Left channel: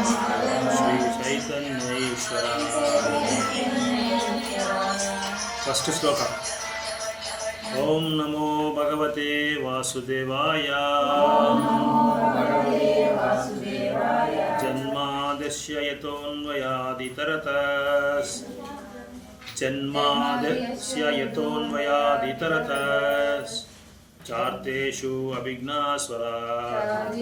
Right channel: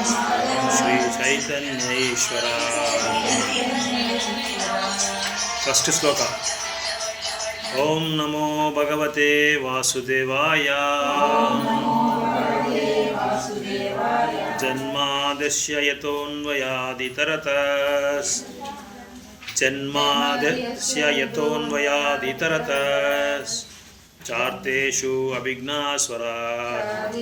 श्री चैतन्य ईश्वरा। फर्स्ट श्लोक। ओम नमो भगवते वासुदेवाय। जन्माद्यस्य यतोऽन्वयादितरतस् चार्तेषु अभिज्ञास्वरात्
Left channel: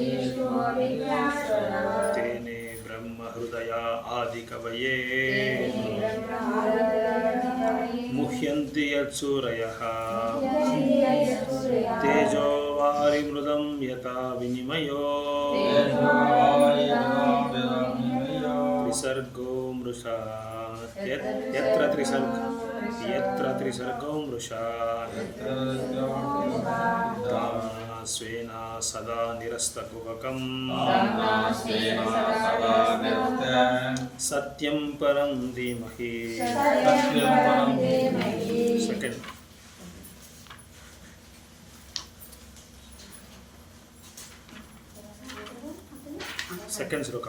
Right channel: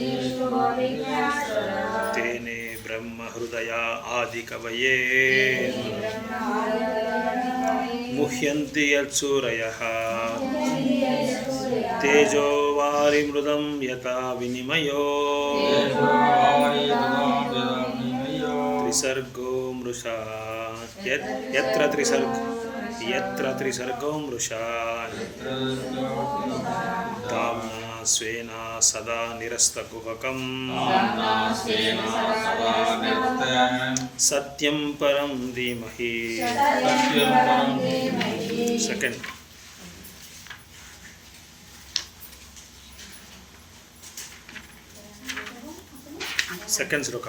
तेने ब्रह्म हृदया आदिकवये मुह्यन्ति यत्सूरयः तेजो वारिमृदं यथा विनिमयो त्रिसर्गो मृषा यत्र त्रिसर्गो मृषा धाम्ना स्वेन सदा निरस्तकुहकं सत्यं परं धीमहि। सेकंड। सेकंड श्लोक।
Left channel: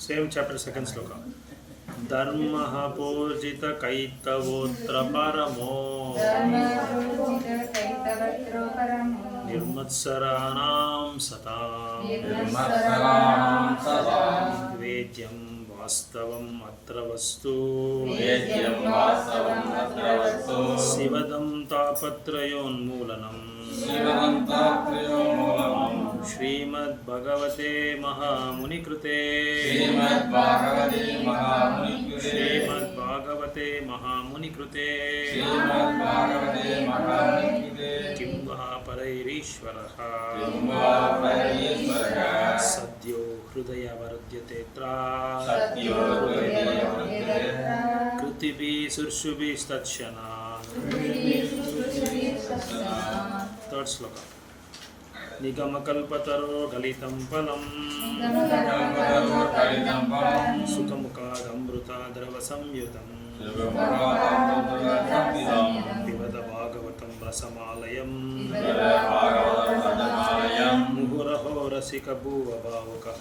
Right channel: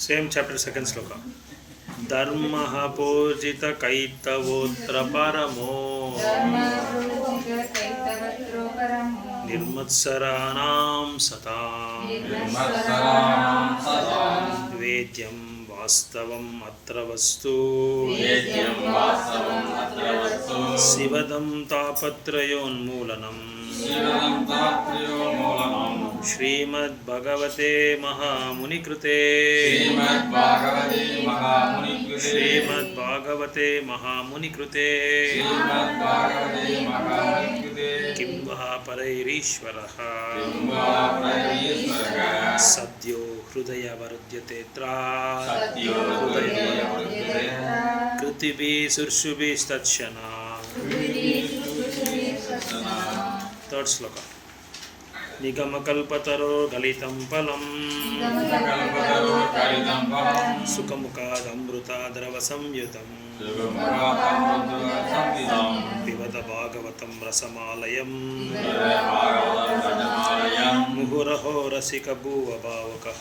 सेम चैप्टर सेकंड श्लोक। धर्मः पूजित कैतवोऽत्र परमो निर्मत्सराणां सतां वेद्यं वास्तवम् अत्र वस्तु शिवदं तापत्रयोन्मूलनम् श्रीमद्भगवते महामुनिकृते किं वा परैरीश्वरः सद्यो हृदयवर्ध्यतेऽत्र कृतिभिः सुर्षुभिस्तत्क्षणात्। थर्ड श्लोक। निगमकल्पतरोर्गलितं फलम् सुखमुखादमृताद्रवसंयुतं पिबत भागवतं रसमालयम् मुहुरहो रसिकभुवभावुकः।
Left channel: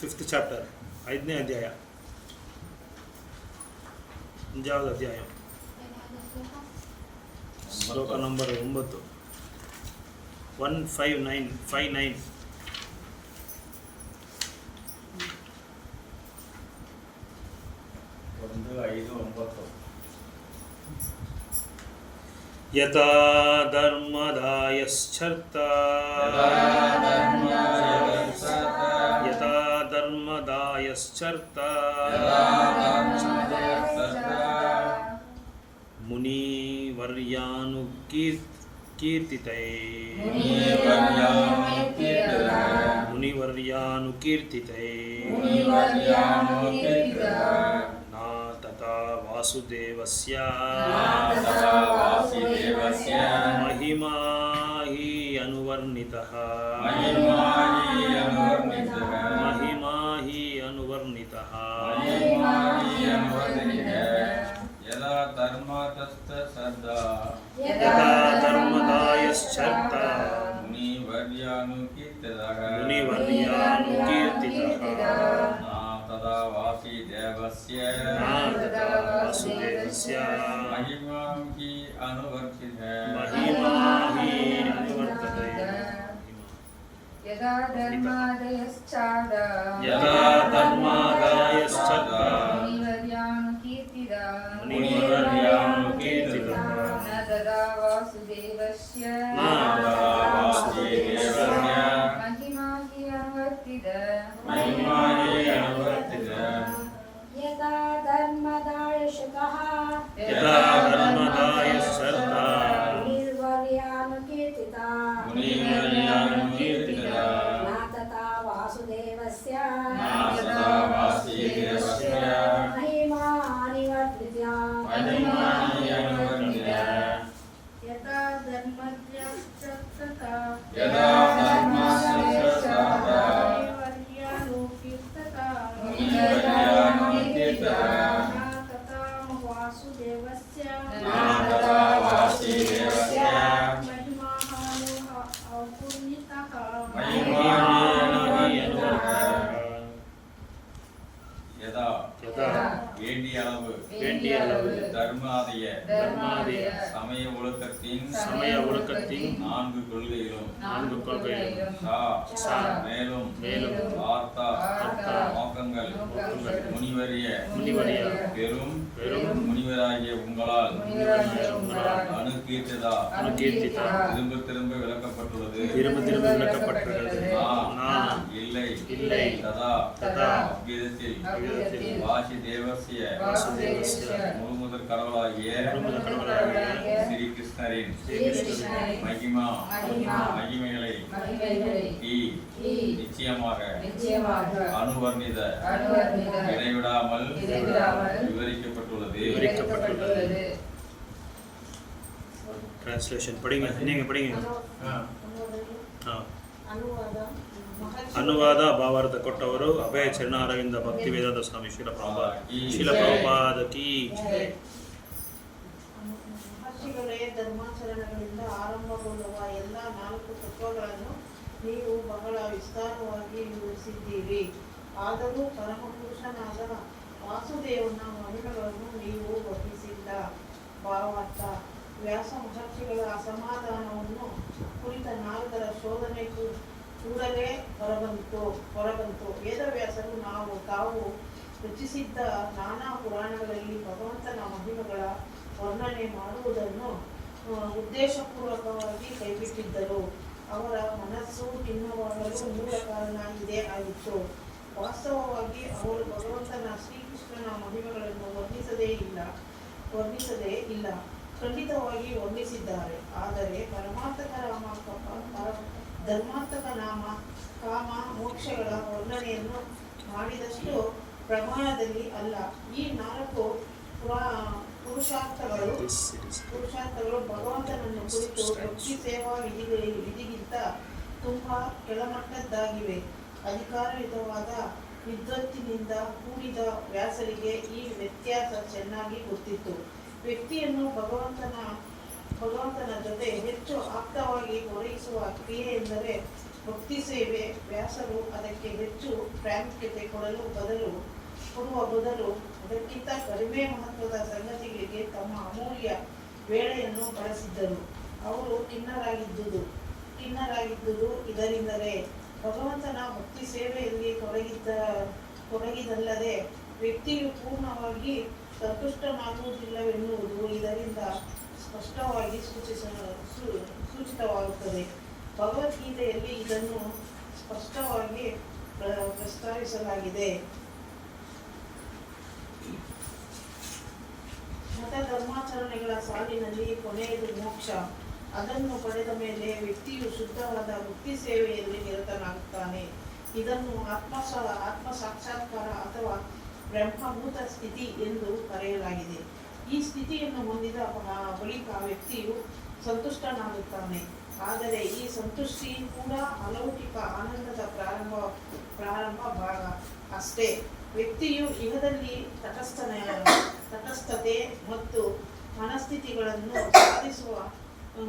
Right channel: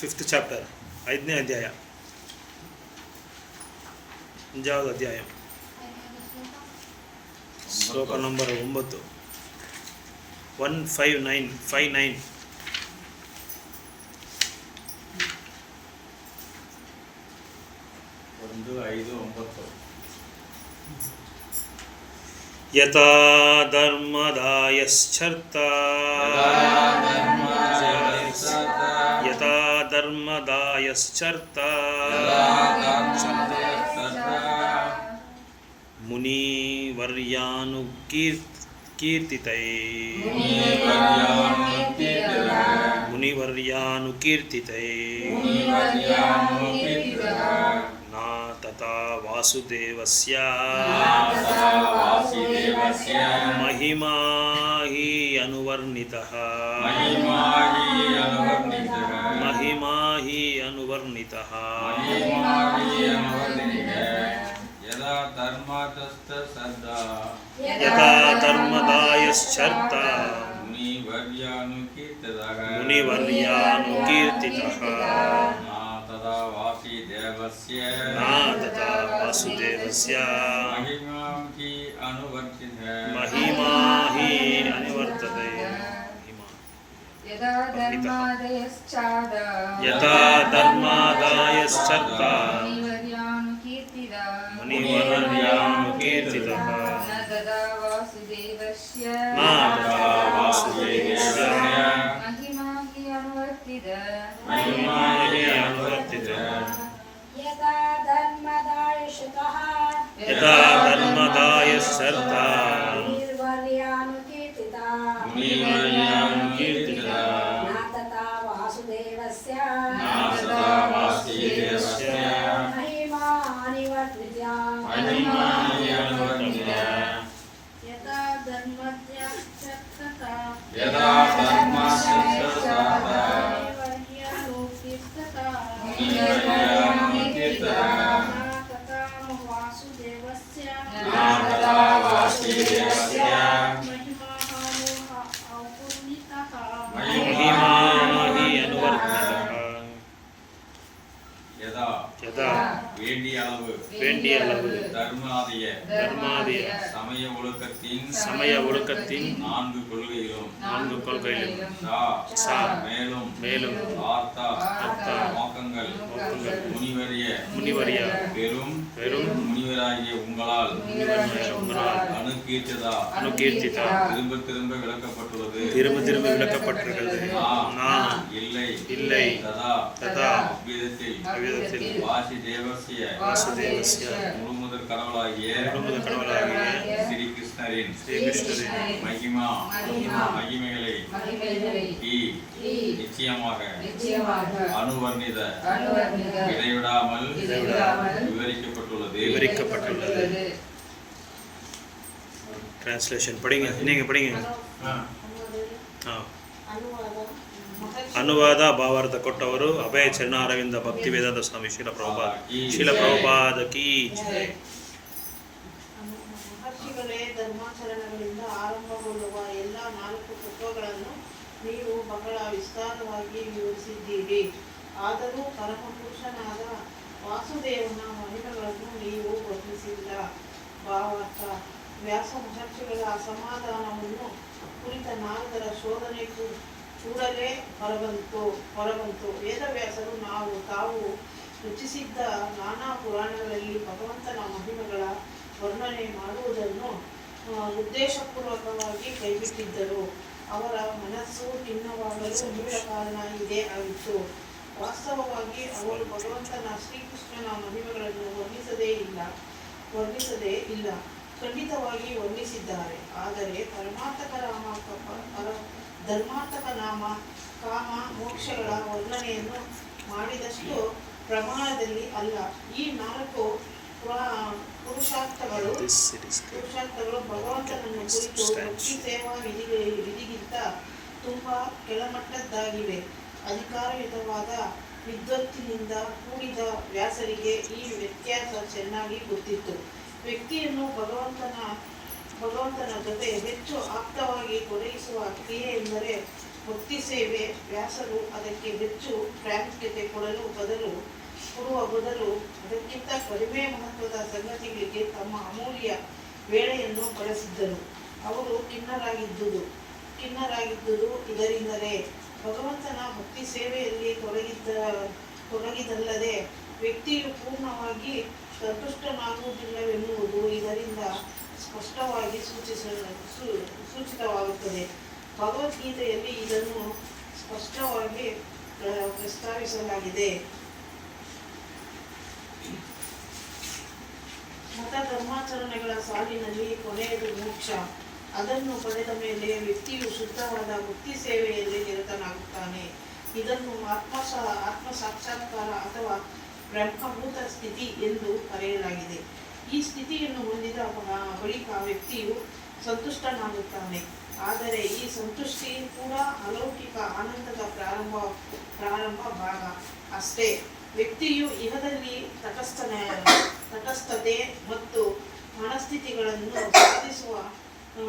फिफ्थ चैप्टर ऐदನೇ अध्याय अंजावद अध्याय श्लोक नंबर 9 159 यथा धर्मदायश्चर्ता मुनिवर्यानुकीर्तितये ना तथा वासुदेवस्य महिमा हि अनुवर्णितः यथा धर्मदायश्चर्ता मुनिवर्यानुकीर्तितः ना तथा वासुदेवस्य महिमा हि अनुवर्तते। यथा धर्मादायश्चर्ता मुनिवर्यानुकीर्तितः ना तथा वासुदेवस्य महिमा हि अनुवर्तिते। यथा धर्मदायश्चर्ता मुनिवर्यानुकीर्तितः न तथा वासुदेवस्य महिमा अनुवर्तिते। यथा धर्मदायश्चर्ता वासुदेवस्य महिमा महिमा हि अनुवर्तितः यदा यदा வேண்டிய அளவு தர்மாதிய சமய ஒழுக்கத்தின் நான்கு கொள்கையிலும் சா மேலும் ஆர்த்தா நோக்கங்கள் முனிவரிய பெரும் முனிவராகிய உங்களால் அனுகீர்த்திதா திரும்ப விளக்கப்பட்டுள்ளது நான் இல்லை ததா அவ்விதத்தில் வாசுதேவஸ்ய முழுமுதற் கடவுளாகிய ஸ்ரீ கிருஷ்ணரின் மகிமைகளை நிச்சயமாக அனுவர்ணித இடைவிடாமல் விவரிக்கப்பட்டுள்ளது. டிரான்ஸ்லேஷன் படிங்க, நீங்க படிங்க. ಅನುವಾದ ಭಾವಾರ್ಥ ಕೊಟ್ಟವರು ಅಭಯ ಚರಣಾರವಿಂದ ಭಕ್ತಿ ವೇದಾಂತ ಸ್ವಾಮಿ ಶೀಲ ಪ್ರಭುಪಾದ ಕೀ ಜೈ. ಮಹರ್ಷಿಗಳೇ, ಧರ್ಮಾಚರಣೆಗಳಿಂದ ಆರಂಭಗೊಳ್ಳುವ ಎಲ್ಲ 4 ತತ್ವಗಳನ್ನು ನೀವು ಬಹಳ ವಿಸ್ತಾರವಾಗಿ ವಿವರಿಸಿದ್ದೀರಿ. ಆದರೂ ಪರಮಪುರುಷನಾದ ವಾಸುದೇವನ ಮಹಿಮೆಗಳನ್ನು ನೀವು ವರ್ಣಿಸಿಲ್ಲ. ಭಾವಾರ್ಥ: ವ್ಯಾಸ ಮಹರ್ಷಿಗಳ ಅಸಮಾಧಾನವನ್ನು ಕುರಿತ ನಾರದರ ಶೋಧನೆ ಕೂಡಲೇ ಹೊರಬಂತು. ವೇದವ್ಯಾಸರು ತಾವು ರಚಿಸಿದ್ದ ನಾನಾ ಪುರಾಣಗಳಲ್ಲಿ ಭಗವಂತನ ಮಹಿಮೆಗಳ ವರ್ಣನೆ ಮಾಡುವುದನ್ನು ಉದ್ದೇಶಪೂರ್ವಕವಾಗಿ ಕೈಬಿಟ್ಟಿದ್ದರು. ಅವರ ಮನಸ್ಸು ಖಿನ್ನವಾಗಲು ಮೂಲ ಕಾರಣ ಇದೇ ಆಗಿತ್ತು. ವಾಸ್ತವವಾಗಿ ಅವರು ಭಗವಂತನ ಶ್ರೀಕೃಷ್ಣನ ಮಹಿಮೆಗಳನ್ನು ವರ್ಣಿಸದೇ ಇಲ್ಲ, ಖಂಡಿತವಾಗಿ ವರ್ಣಿಸಿದ್ದಾರೆ. ಆದರೆ ಧರ್ಮಾರ್ಥಕ ನಾಮ ಕಾಮ ಮೋಕ್ಷಗಳ ವರ್ಣನೆಯನ್ನು ಮಾಡಿದಷ್ಟು ಪ್ರಮಾಣದಲ್ಲಿ ಅಲ್ಲ. ಈ 4 ಪುರುಷಾರ್ಥಗಳು ಭಗವಂತನನ್ನು ಕುರಿತು ಭಕ್ತಿ ಸೇವಾ ವಿಧಿಗಿಂತ ತುಂಬಾ ಕೆಳಮಟ್ಟದ್ದಾಗಿವೆ. ಅಧಿಕಾರಯುತವಾದ ವಿದ್ವತ್ತಿನಿಂದ ಕೂಡಿದ ವ್ಯಾಸರಿಗೆ ಈ ವ್ಯತ್ಯಾಸ ಚೆನ್ನಾಗಿ ಗೊತ್ತಿತ್ತು. ವ್ಯಕ್ತಿಯನ್ನು ಭಗವಂತನ ಜೊತೆ ಹೆಚ್ಚು ಆಪ್ತವಾಗಿ ತೊಡಗಿಸುವ ಕ್ರಿಯೆ ಎಂದರೆ ಭಕ್ತಿ ಸೇವೆ. ವ್ಯಾಸರು ಅದಕ್ಕೆ ಹೆಚ್ಚು ಪ್ರಾಮುಖ್ಯತೆ ಕೊಡುವ ಬದಲು ಅದಕ್ಕಿಂತ ಕಡಿಮೆ ಮಹತ್ವದ ಸಂಗತಿಗಳಿಗೆ ತಮ್ಮ ಅಮೂಲ್ಯ ವೇಳೆಯನ್ನು ಬಳಸಿದ್ದರು. ಅವರು ಖಿನ್ನರಾಗಿದ್ದುದು ಇದರಿಂದಲೇ. ಭಗವಂತನ ಭಕ್ತಿ ಸೇವೆಯಲ್ಲಿ ತೊಡಗಿದಲ್ಲದೆ ವ್ಯಕ್ತಿಯು ಪೂರ್ಣವಾಗಿ ಸಂತುಷ್ಟನಾಗುವುದಿಲ್ಲವೆನ್ನುವುದು ಇದರಿಂದ ಸ್ಪಷ್ಟವಾಗಿ ಸೂಚಿತವಾಗುತ್ತದೆ. ಭಗವದ್ಗೀತೆಯಲ್ಲಿ ಇದನ್ನು ಸ್ಪಷ್ಟವಾಗಿ ಪ್ರಸ್ತಾವಿಸಲಾಗಿದೆ. ಮತ ಧರ್ಮಾಚರಣೆಗಳ ಸಾಲಿನಲ್ಲಿ ಕೊನೆಯದು ಮೋಕ್ಷ. ಅದನ್ನು ಪಡೆದ ಮೇಲೆ ವ್ಯಕ್ತಿಯು ಶುದ್ಧವಾದ ಭಕ್ತಿ ಸೇವೆಯಲ್ಲಿ ನಿರತನಾಗುತ್ತಾನೆ. ಇದನ್ನು ಆತ್ಮ ಸಾಕ್ಷಾತ್ಕಾರ ಅಥವಾ ಬ್ರಹ್ಮಭೂತ ಸ್ಥಿತಿ ಎಂದು ಕರೆಯಲಾಗಿದೆ. ಈ ಸ್ಥಿತಿಯನ್ನು ಹೊಂದಿದ ಬಳಿಕ ವ್ಯಕ್ತಿಯು ಸಂತುಷ್ಟನಾಗುತ್ತಾನೆ. ಆದರೆ ಈ ಸಂತುಷ್ಟಿ ಕೂಡ ಅಲೌಕಿಕ ಆನಂದದ ಪ್ರಾರಂಭ ಭಾಗ ಅಷ್ಟೇ. ವ್ಯಕ್ತಿಯು ಇಹದಲ್ಲಿ ತಟಸ್ಥತೆ ಮತ್ತು ಮನಸ್ಥಿತಿಗಳನ್ನು ಸಾಧಿಸುವ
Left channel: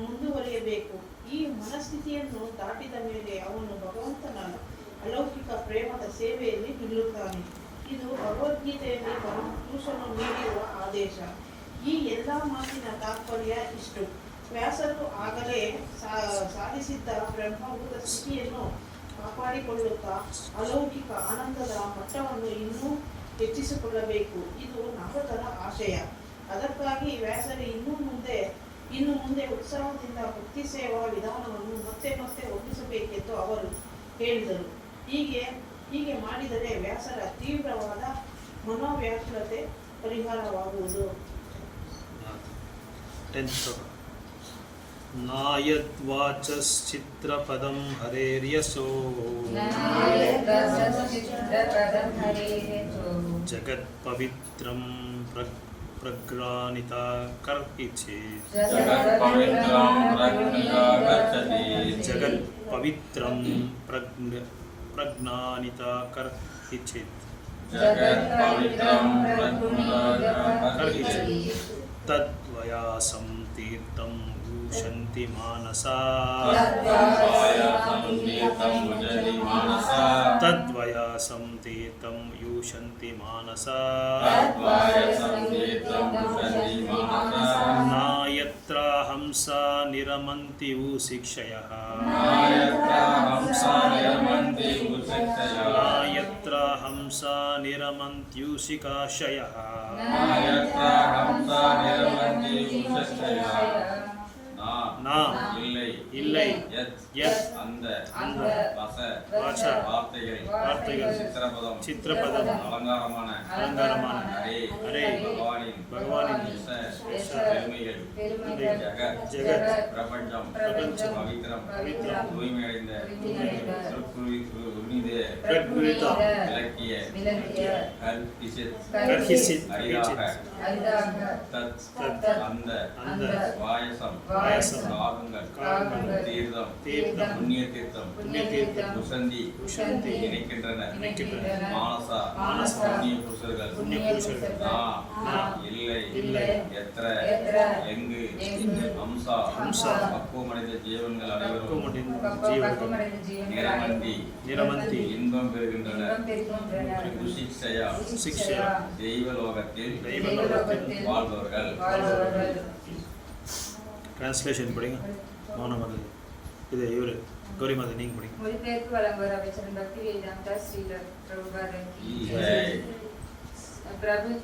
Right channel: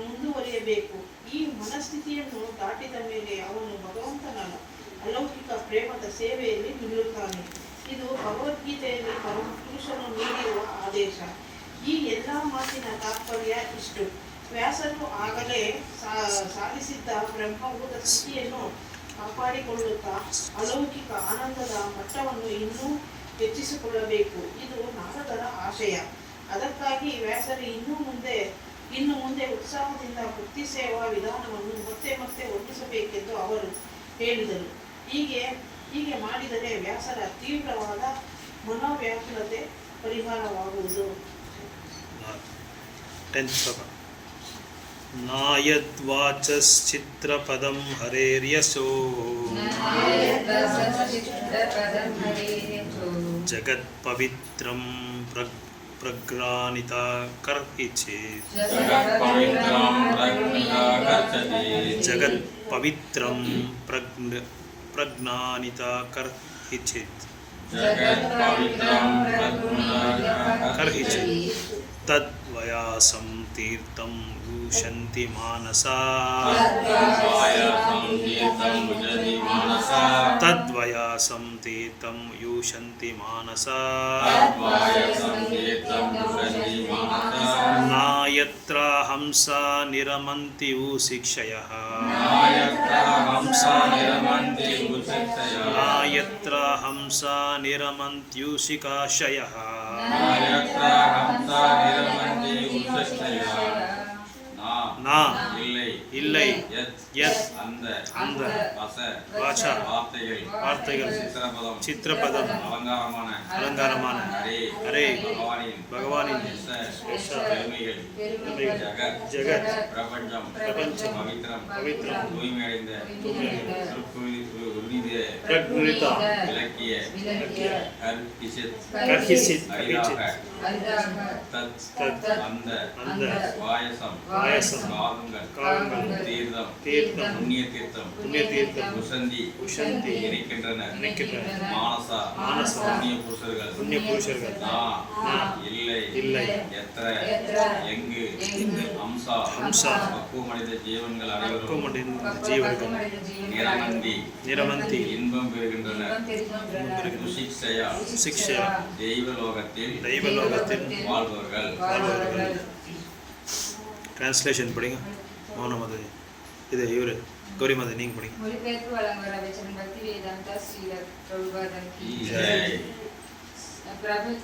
ಮುಂದುವರಿಯಬೇಕು. ಈ ಮನಸ್ಥಿತಿಯನ್ನು ದಾಟಿದ ಮೇಲೆ ಅವನು ಭಗವಂತನ ಅಲೌಕಿಕ ಪ್ರೇಮದ ಸೇವೆಯಲ್ಲಿ ನಿಲ್ಲುತ್ತಾನೆ. ಇದು ಭಗವದ್ಗೀತೆಯಲ್ಲಿ ಪರಮಪುರುಷನು ನೀಡಿರುವ ಆದೇಶ. ಈ ಎಲ್ಲ ಮಾತಿನ ತಾತ್ಪರ್ಯ ಇಷ್ಟು: ವ್ಯಾಸರು ಆಗಲೇ ಸಾಧಿಸಿದ್ದ ಬ್ರಹ್ಮಭೂತ ಸ್ಥಿತಿಯನ್ನು ಕಾಪಾಡಿಕೊಳ್ಳುತ್ತಾ ಅಲೌಕಿಕ ಆನಂದದ ಮಟ್ಟವನ್ನು ಇನ್ನೂ ಹೆಚ್ಚಿಸಿಕೊಳ್ಳಬೇಕು. ಇದು ನಾರದರ ಆಶಯ. ಅದಕ್ಕಾಗಿ ವ್ಯಾಸರು ಇನ್ನು ಮುಂದೆ ಉತ್ಸಾಹದಿಂದ ಭಕ್ತಿ ಸೇವಾ ವಿಧಾನವನ್ನು ಮತ್ತೆ ವರ್ಣಿಸಬೇಕೆಂದು ಅವರು ಹೇಳಿದರು. ಹೀಗೆ ಮಾಡಿದರೆ ವ್ಯಾಸರ ತೀವ್ರವಾದ ಮನೋವ್ಯಾಕುಲತೆ ಪರಿಹಾರವಾಗುವುದು. ನಾಯದ್ವಾಚಶ್ಚಿತ್ರಪದಂ ಹರೇರ್ಯಶೋ ಜಗತ್ಪವಿತ್ರಂ ಪ್ರಜ್ಞಾನಿತ ಕರ್ಹಿಚೇತ್ ಜಗತ್ಪವಿತ್ರಂ ಪ್ರಜ್ಞಾನಿತ ಕರ್ಹಿಚೇತ್ ತದ್ವಯಾಸಂ तीर्थं यूषन्ति मानसा तद्वायासं तीर्थं भुजति मानसा तद्वयासं तीर्थं यूषन्ति मानसा तद्वायासं तीर्थं भुजति मानसा नायत्र हंसा निरमन्ति शिक्षयः नायत्र हंसा निरमन्ति उषक्षयः नायत्र हंसा निरमन्त्यूषिकाशयः नायत्र हंसा निरमन्ति उषक्षयः ना இல்லை இல்லை யத் அந்த அந்த வச வாச வார்த்தைகள் சித்திரபதம் சித்திரபதம் அலங்காரமான ஹரே ஹரே பகவானின் எஸ் பெருமைகள் ஜெகத் பிரபஞ்சம் பிரபஞ்சம் பவித்திரம் தூய்மையடைந்த பிரக்ருதித விளக்கிய கர்ஹிசித் அரிதாக தத் அந்த அந்த வாயசம் வாயசம் காகங்கள் தீர்த்தம் தீர்த்தம் புண்ணிய தீர்த்தம் புண்ணிய தீர்த்தம் உசந்தி உஷந்தி இணைக்கின்றனர் மானசா மானசா புண்ணிய புருஷர்கள் இல்லை இல்லை எத்திர எங்கு ஹம்சா பக்குவமடைந்த ஜீவன்கள் அனைவரும் ஜீவர்கள் நிரமந்தி இன்பம் பெறுகின்றனர் சிக்ஷயா தெய்வலோகத்தில் வாழ்பவர்கள் டிரான்ஸ்லேஷன் படிங்க மௌனமதி இது இவர் கௌரி மாதவி நீங்கள் படிங்க மொழிபெயர்ப்பு வழங்குவர் அமைச்சர் பக்தி வேதாந்தா ஸ்ரீல பிரபுபாதன் கி ஜெய்.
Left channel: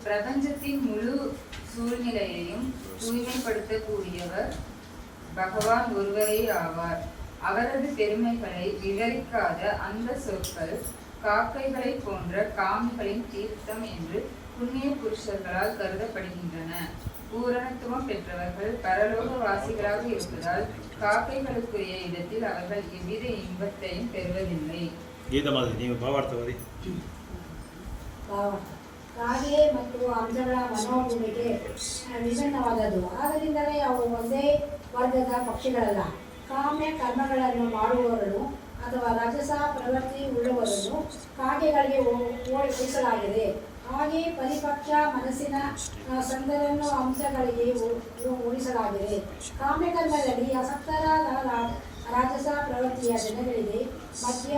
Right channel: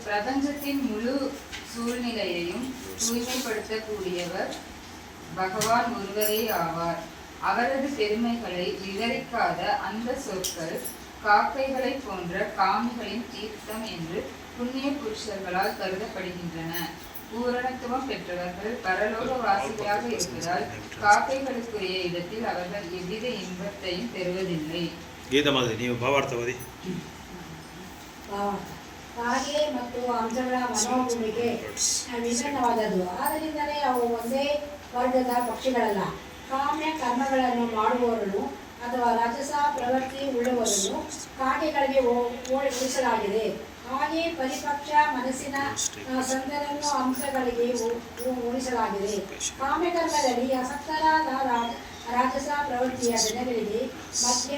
பிரபஞ்சத்தின் முழு சூழ்நிலையையும் தூய்மைப்படுத்தக்கூடியவர் பகவான் ஒருவரே ஆவார். அவரது பெருமைகளை விவரிக்காத அந்த சொற்கள் காக்கைகளை போன்ற காமிகளின் தீர்த்தம் என்று புண்ணிய புருஷர்களால் கருதப்படுகின்றன. பூரணத்துவம் பெற்றவர்கள் பரலோக வாசிகளாக இருப்பதால் காக்கைகளுக்குரிய இடத்தில் அவர்கள் எவ்வித இன்பத்தையும் பெறுவதில்லை. ಗೀತಾ ಮಾಧವಿ ನೀವು ಭಾವಾರ್ಥವಾದಿ ಕಾಗೆ ಮತ್ತು ಅಂಶಗಳ ಮನೋಭೂಮಿಕೆ ವಿಭಿನ್ನವಾದದ್ದು. ಆದ್ದರಿಂದಲೇ ಅವು ಒಂದೇ ವರ್ಗದ ಪಕ್ಷಿಗಳಲ್ಲ. ಕಾಮ್ಯ ಕರ್ಮಗಳನ್ನು ಮಾಡುವವರನ್ನು ಅಥವಾ ರಾಜಸ ಪ್ರವೃತ್ತಿ ಉಳ್ಳವರನ್ನು ಕಾಗೆಗಳಿಗೆ ಉಳಿಸಲಾಗಿದೆ. ಹಾಗೆ ಪರಿಪಕ್ಷ ಮನಸ್ಸಿನ ಸಂದರನ್ನು ಅಂಶಗಳಿಗೆ ಉಳಿಸಲಾಗಿದೆ. ಕಾಮ್ಯಕರ್ಮದಲ್ಲಿ ಆಸಕ್ತರಾದ ರಾಜಸ ಪ್ರವೃತ್ತಿಯ ಜನಗಳಿಗೆ ಮದ್ಯ,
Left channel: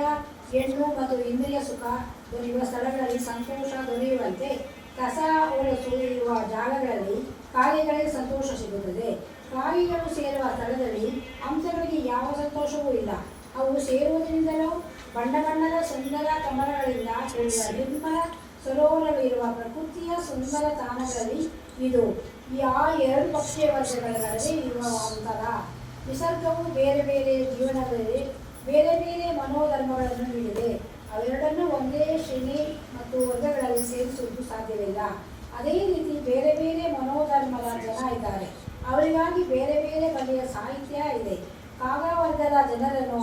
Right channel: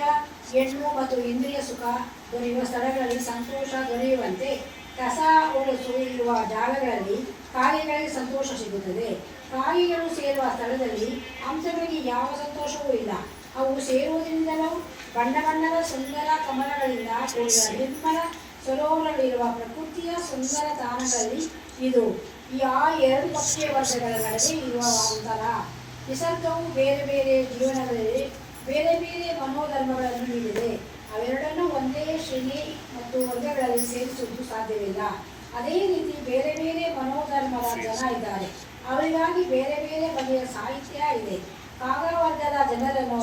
ಹೆಣ್ಣು ಮತ್ತು ಇಂದ್ರಿಯ ಸುಖ ದೊರೆಯುವ ಸ್ಥಳಗಳಲ್ಲಿ ಸಂತೋಷ ದೊರೆಯುವಂತೆ ಕಸ ಒಳಸು ಇರುವ ಜಾಗಗಳಲ್ಲಿ ಕಾಗೆಗಳಿಗೆ ಸಂತೋಷ ಸಿಗುತ್ತದೆ. ಕಾಗೆಗಳು ಸೇರುವ ಸ್ಥಳದಲ್ಲಿ ಅಂಶಗಳಿಗೆ ಯಾವ ಸಂತೋಷವೂ ಇಲ್ಲ. ಅವು ಸೇರುವುದರಿಂದಲೂ ಬಣ್ಣ ಬಣ್ಣದ ಸುಂದರ ಕಮಲಗಳಿಂದ ಕೂಡಿದ ನಿರ್ಮಲ ಸರೋವರವಿರುವ ಪ್ರಕೃತಿಯ ಸುಂದರ ತಾಣಗಳಲ್ಲಿ ಇದು ಆ ಎರಡು ಪಕ್ಷಿಯ ವರ್ಗಗಳ ನಡುವೆ ಇರುವ ಅಂತರ. ನಿಸರ್ಗವು ಬೇರೆ ಬೇರೆ ಜೀವನಗಳಲ್ಲಿ ಬೇರೆ ಬೇರೆ ಮನೋಧರ್ಮಗಳನ್ನು ನೀಡಿದೆ. ಅವೆರಡನ್ನೂ ಒಂದೇ ಶ್ರೇಣಿ ಮತ್ತು ವರ್ಗಗಳಲ್ಲಿ ಸೇರಿಸುವುದು ಸಾಧ್ಯವಿಲ್ಲ. ಅದೇ ರೀತಿ ಬೇರೆ ಬೇರೆ ಮನೋಧರ್ಮದ ಜನ ಇದ್ದಾರೆ. ಅವರಿಗಾಗಿ ಬೇರೆ ಬೇರೆ ಬಗೆಯ ಸಾಹಿತ್ಯ ಇದೆ. ಕಾಗ ವರ್ಗದ ಜನರನ್ನು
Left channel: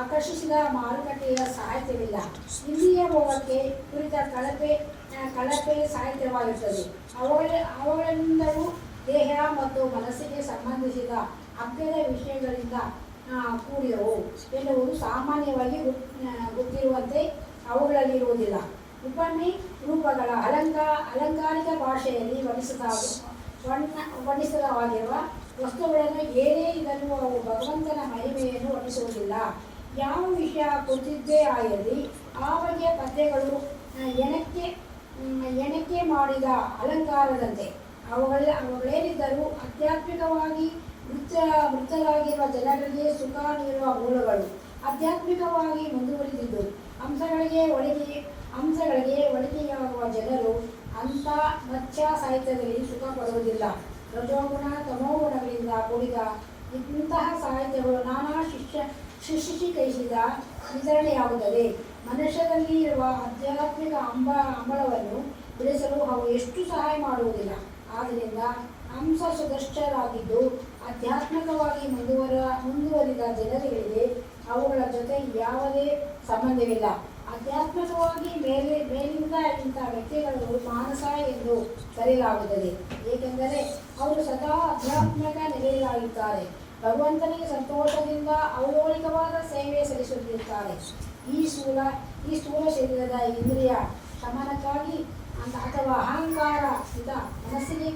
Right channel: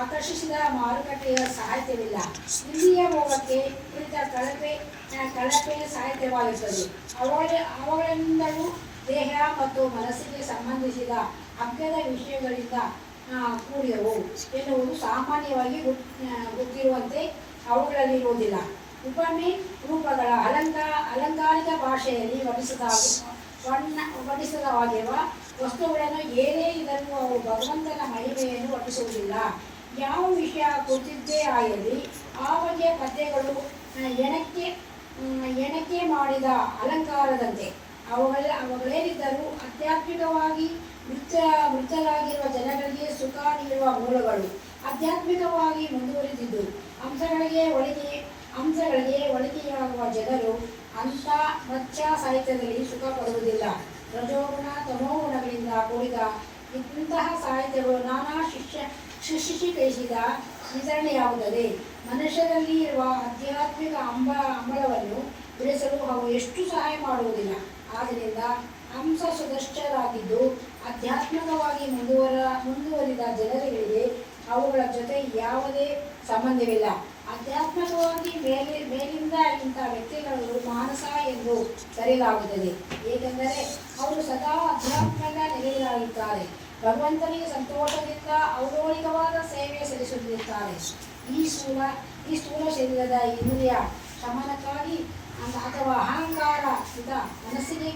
ಆಕರ್ಷಿಸಿದ ಮಾರುಕಟ್ಟೆಯ ಸಾಹಿತ್ಯವಿಲ್ಲ. ಇಂದ್ರಿಯ ಭೋಗಕ್ಕೆ ಕುರಿತ ಕಳಪೆ ಸಾಹಿತ್ಯವಾಗಿರುತ್ತದೆ. ಅವುಗಳಿಂದಲೂ ದೇಹ ಮತ್ತು ಮನಸ್ಸಿಗೆ ಸಂಬಂಧಿಸಿದ ಅಗ್ಗದ ವಿಷಯಗಳಿಂದ ಕೂಡಿದವು ಎನ್ನುವುದು ಸಾಮಾನ್ಯವಾಗಿ ಗೊತ್ತಿರುವಂತೆ ಅವುಗಳಲ್ಲಿರುವುದಿಲ್ಲ. ಉಪಮೆ ರೂಪಗಳ ಅಲಂಕಾರಿಕ ಭಾಷೆಯಲ್ಲಿ ವರ್ಣಿಸದವಾಗಿರುವ ವಸ್ತುಗಳನ್ನು ಏನೇ ಇದನ್ನು ಅವು ಭಗವಂತನ ಮಹಿಮೆಯನ್ನು ವರ್ಣಿಸುವುದಿಲ್ಲ. ಯಾವ ವಿಷಯ ಕುರಿತಿದ್ದೇ ಆಗಿರಲಿ ಆ ಬಗೆಯ ಪದ್ಯಗಳು ಎಣಕೆ ಮಾಡಿದ ಅಲಂಕಾರದಂತೆ ಅವುಗಳೇನಿದ್ದರೂ ಆಧ್ಯಾತ್ಮಿಕವಾಗಿ ಮೃತರಾಗಿರುವ ಜನಗಳಿಗೆ ಸುಖ ನೀಡುವ ಮೂಲಗಳು. ಆಧ್ಯಾತ್ಮಿಕವಾಗಿ ಮುಂದುವರಿದಿದ್ದು ಅಂಶಗಳಿಗೆ ಒಳಿಕೆಯಾಗುವ ಜನರು ಅಂಥ ಮತ್ಸ್ಯ ಸಾಹಿತ್ಯದಲ್ಲಿ ಸುಖ ಪಡುವುದಿಲ್ಲ. ರಜೋಗುಣ ತಮೋಗುಣಗಳಿಂದ ಕೂಡಿದ ಇಂತಹ ಸಾಹಿತ್ಯಗಳು ನಾನಾ ಶಿಕ್ಷಿಕೈಸಿದ ವಿತರಣೆಯಾಗುತ್ತದೆ. ಮನುಷ್ಯರಲ್ಲಿ ಇರುವ ಆಧ್ಯಾತ್ಮಿಕ ಅಂಬಳವನ್ನು ಬೆಳೆಸಲು ಅವು ಎಷ್ಟು ಸಹಾಯ ಮಾಡುವುದಿಲ್ಲ. ಆದ್ದರಿಂದ ಅಂಶ ಸುದೃಷ್ಟರಾಗಿದ್ದು ಆಧ್ಯಾತ್ಮಿಕವಾಗಿ ಮುಂದುವರಿದ ಜನರಿಗೆ ಅವುಗಳ ಜೊತೆ ಯಾವುದೇ ಸಂಬಂಧವಿಲ್ಲ. ಆಧ್ಯಾತ್ಮಿಕವಾಗಿ ಮೇಲಿಂದ ಇಂಥ ವ್ಯಕ್ತಿಗಳು ಮಾನಸ ಎಂದು ಕರೆಯಲಾಗುತ್ತದೆ. ಏಕೆಂದರೆ ಅವರು ಸದಾ ಆಧ್ಯಾತ್ಮಿಕ ನೆಲೆಯಾಗಿದ್ದಾರೆ. ಭಗವಂತನಿಗೆ ಸಂತೋಷದಿಂದ ಔಲೋಲಿಕವಾದ ಸೇವೆ ಸಲ್ಲಿಸುತ್ತಿರುತ್ತಾರೆ. ಈ ಸ್ಥೂಲ ಶರೀರದ ಇಂದ್ರಿಯ ಶಮನಕ್ಕಾಗಿ ಅಥವಾ ಅಹಂಕಾರ ಮನಸ್ಸಿಗೆ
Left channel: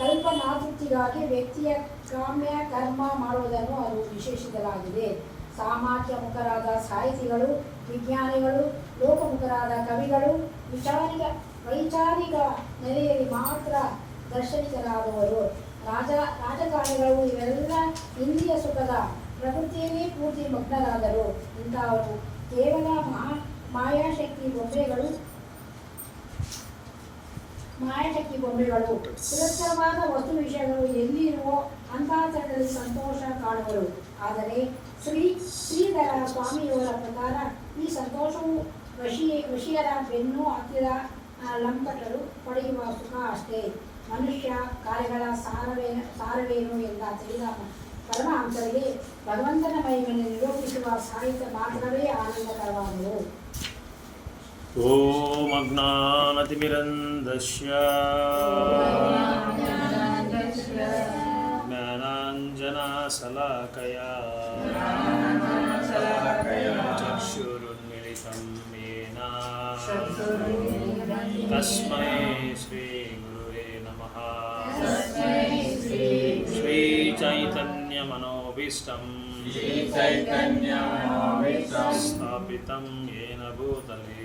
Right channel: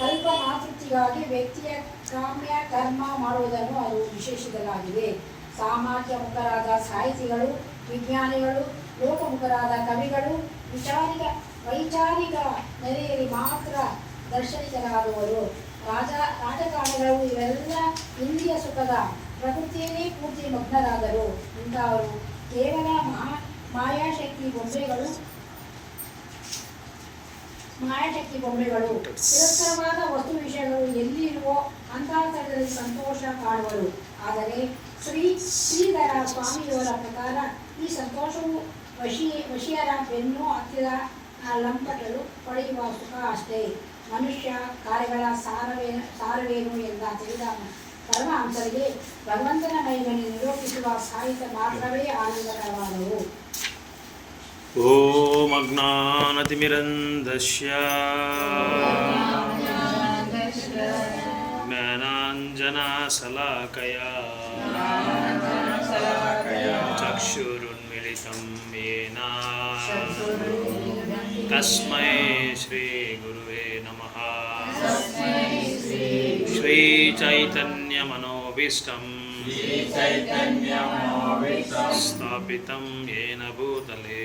ಕಲ್ಪನಾತೃಪ್ತಿಗಾಗಿ ವ್ಯಕ್ತಿಯ ಕಾಮ್ಯ ಕರ್ಮ ಮಾಡುವುದನ್ನು ಅದು ವಿಶೇಷಿಸಲಾಗಿದೆ. ಸಾಮಾಜಿಕ ಮುಖರಾದ ಸಾಹಿತಿಗಳು, ವಿಜ್ಞಾನಿಗಳು, ಲೋಕಮುಖರಾದ ಕವಿಗಳು, ವೈಚಾರಿಕ ನೆಲೆಯಲ್ಲಿ ಮಾತ್ರ ದರ್ಶನಿಕರಾದವರು. ರಾಜಕಾರಣಿಗಳು ಇವೆಲ್ಲ ಇಂದ್ರಿಯ ಸುಖದ ಪ್ರಕೃತಿಯನ್ನೇ ಪೂರ್ತಿ ಮಗ್ನರಾದರು. ಇಂಥವರು ಕೇವಲ ಮಾಯಾಶಕ್ತಿ ಬೊಂಬೆಗಳು. ತಿರಸ್ಕರವಾದ ವಸ್ತು ವಿಷಯಗಳು ಎಲ್ಲಿರುವೋ ಅಂತಹ ಸ್ಥಳದಲ್ಲಿ ಸಂತೋಷ ಕಾಣುವರು. ಆದರೆ ಶ್ರೀಧರ ಸ್ವಾಮಿಯವರ ಪ್ರಕಾರ ಈ ಸಂತೋಷವು ವಶಿಯರ ಬೆನ್ನು ಹತ್ತಿದ ಲಂಪಟರು ಪಡೆಯುವ ಸುಖ ಅಷ್ಟೇ. ಮನುಷ್ಯ ಕಾರ್ಯಗಳ ಸಾರವೇನು ಎಲ್ಲ ತಿಳಿದ ಪರಮಹಂಸರಿಗೆ ಭಗವಂತನ ಮಹಿಮೆಯನ್ನು ನಿರೂಪಿಸುವ ಸಾಹಿತ್ಯ ಮಾತ್ರವೇ ಆನಂದಕರವಾದವು. ಓಂ ಅಜ್ಞಾನತಿಮಿರಂಧಸ್ಯ ಜ್ಞಾನಾಂಜನಶಲಾಕಯಾ ಚಕ್ಷುರುನ್ಮಿಲಿತಂ ಯೇನ ತಸ್ಮೈ ಶ್ರೀಗುರುವೇ ನಮಃ. ಶ್ರೀಚೈತನ್ಯಮನೋಭೀಷ್ಟಂ ಸ್ಥಾಪಿತಂ ಯೇನ ಭೂತಲೇ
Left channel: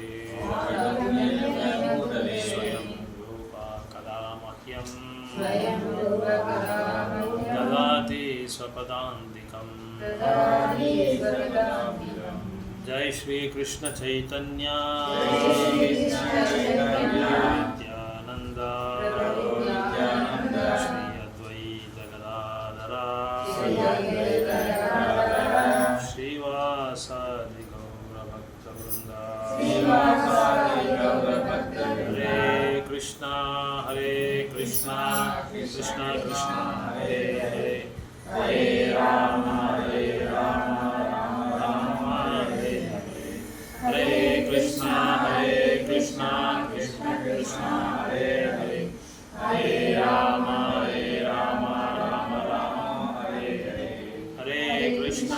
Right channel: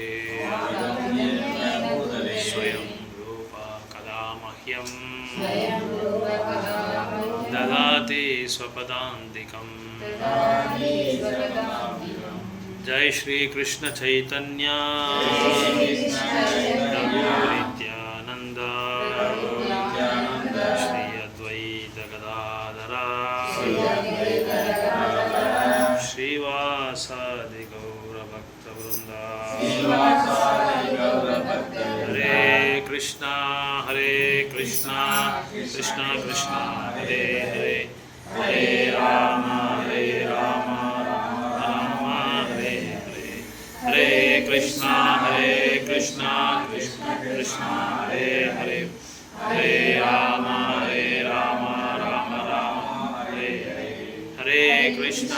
ಸ್ವಯಂ ರೂಪ ಕದಾ ಮಹ್ಯಂ ದದಾತಿ ಸ್ವಪದಾಂತಿಕಂ. ಜೈ ಶ್ರೀ ಕೃಷ್ಣ ಚೈತನ್ಯ ನಿತ್ಯಾನಂದ ಶ್ರೀ ಅದ್ವೈತ ಗದಾಧರ ಶ್ರೀವಾಸಾದಿ ಗೌರ ಭಕ್ತ ವೃಂದ. ಹರೇ ಕೃಷ್ಣ ಕೃಷ್ಣ ಕೃಷ್ಣ ಹರೇ ಹರೇ, ಹರೇ ರಾಮ ರಾಮ ಹರೇ ಹರೇ. ಹರೇ ಕೃಷ್ಣ ಕೃಷ್ಣ ಕೃಷ್ಣ ಹರೇ ಹರೇ, ಹರೇ ರಾಮ ರಾಮ ಹರೇ ಹರೇ. ಹರೇ ಕೃಷ್ಣ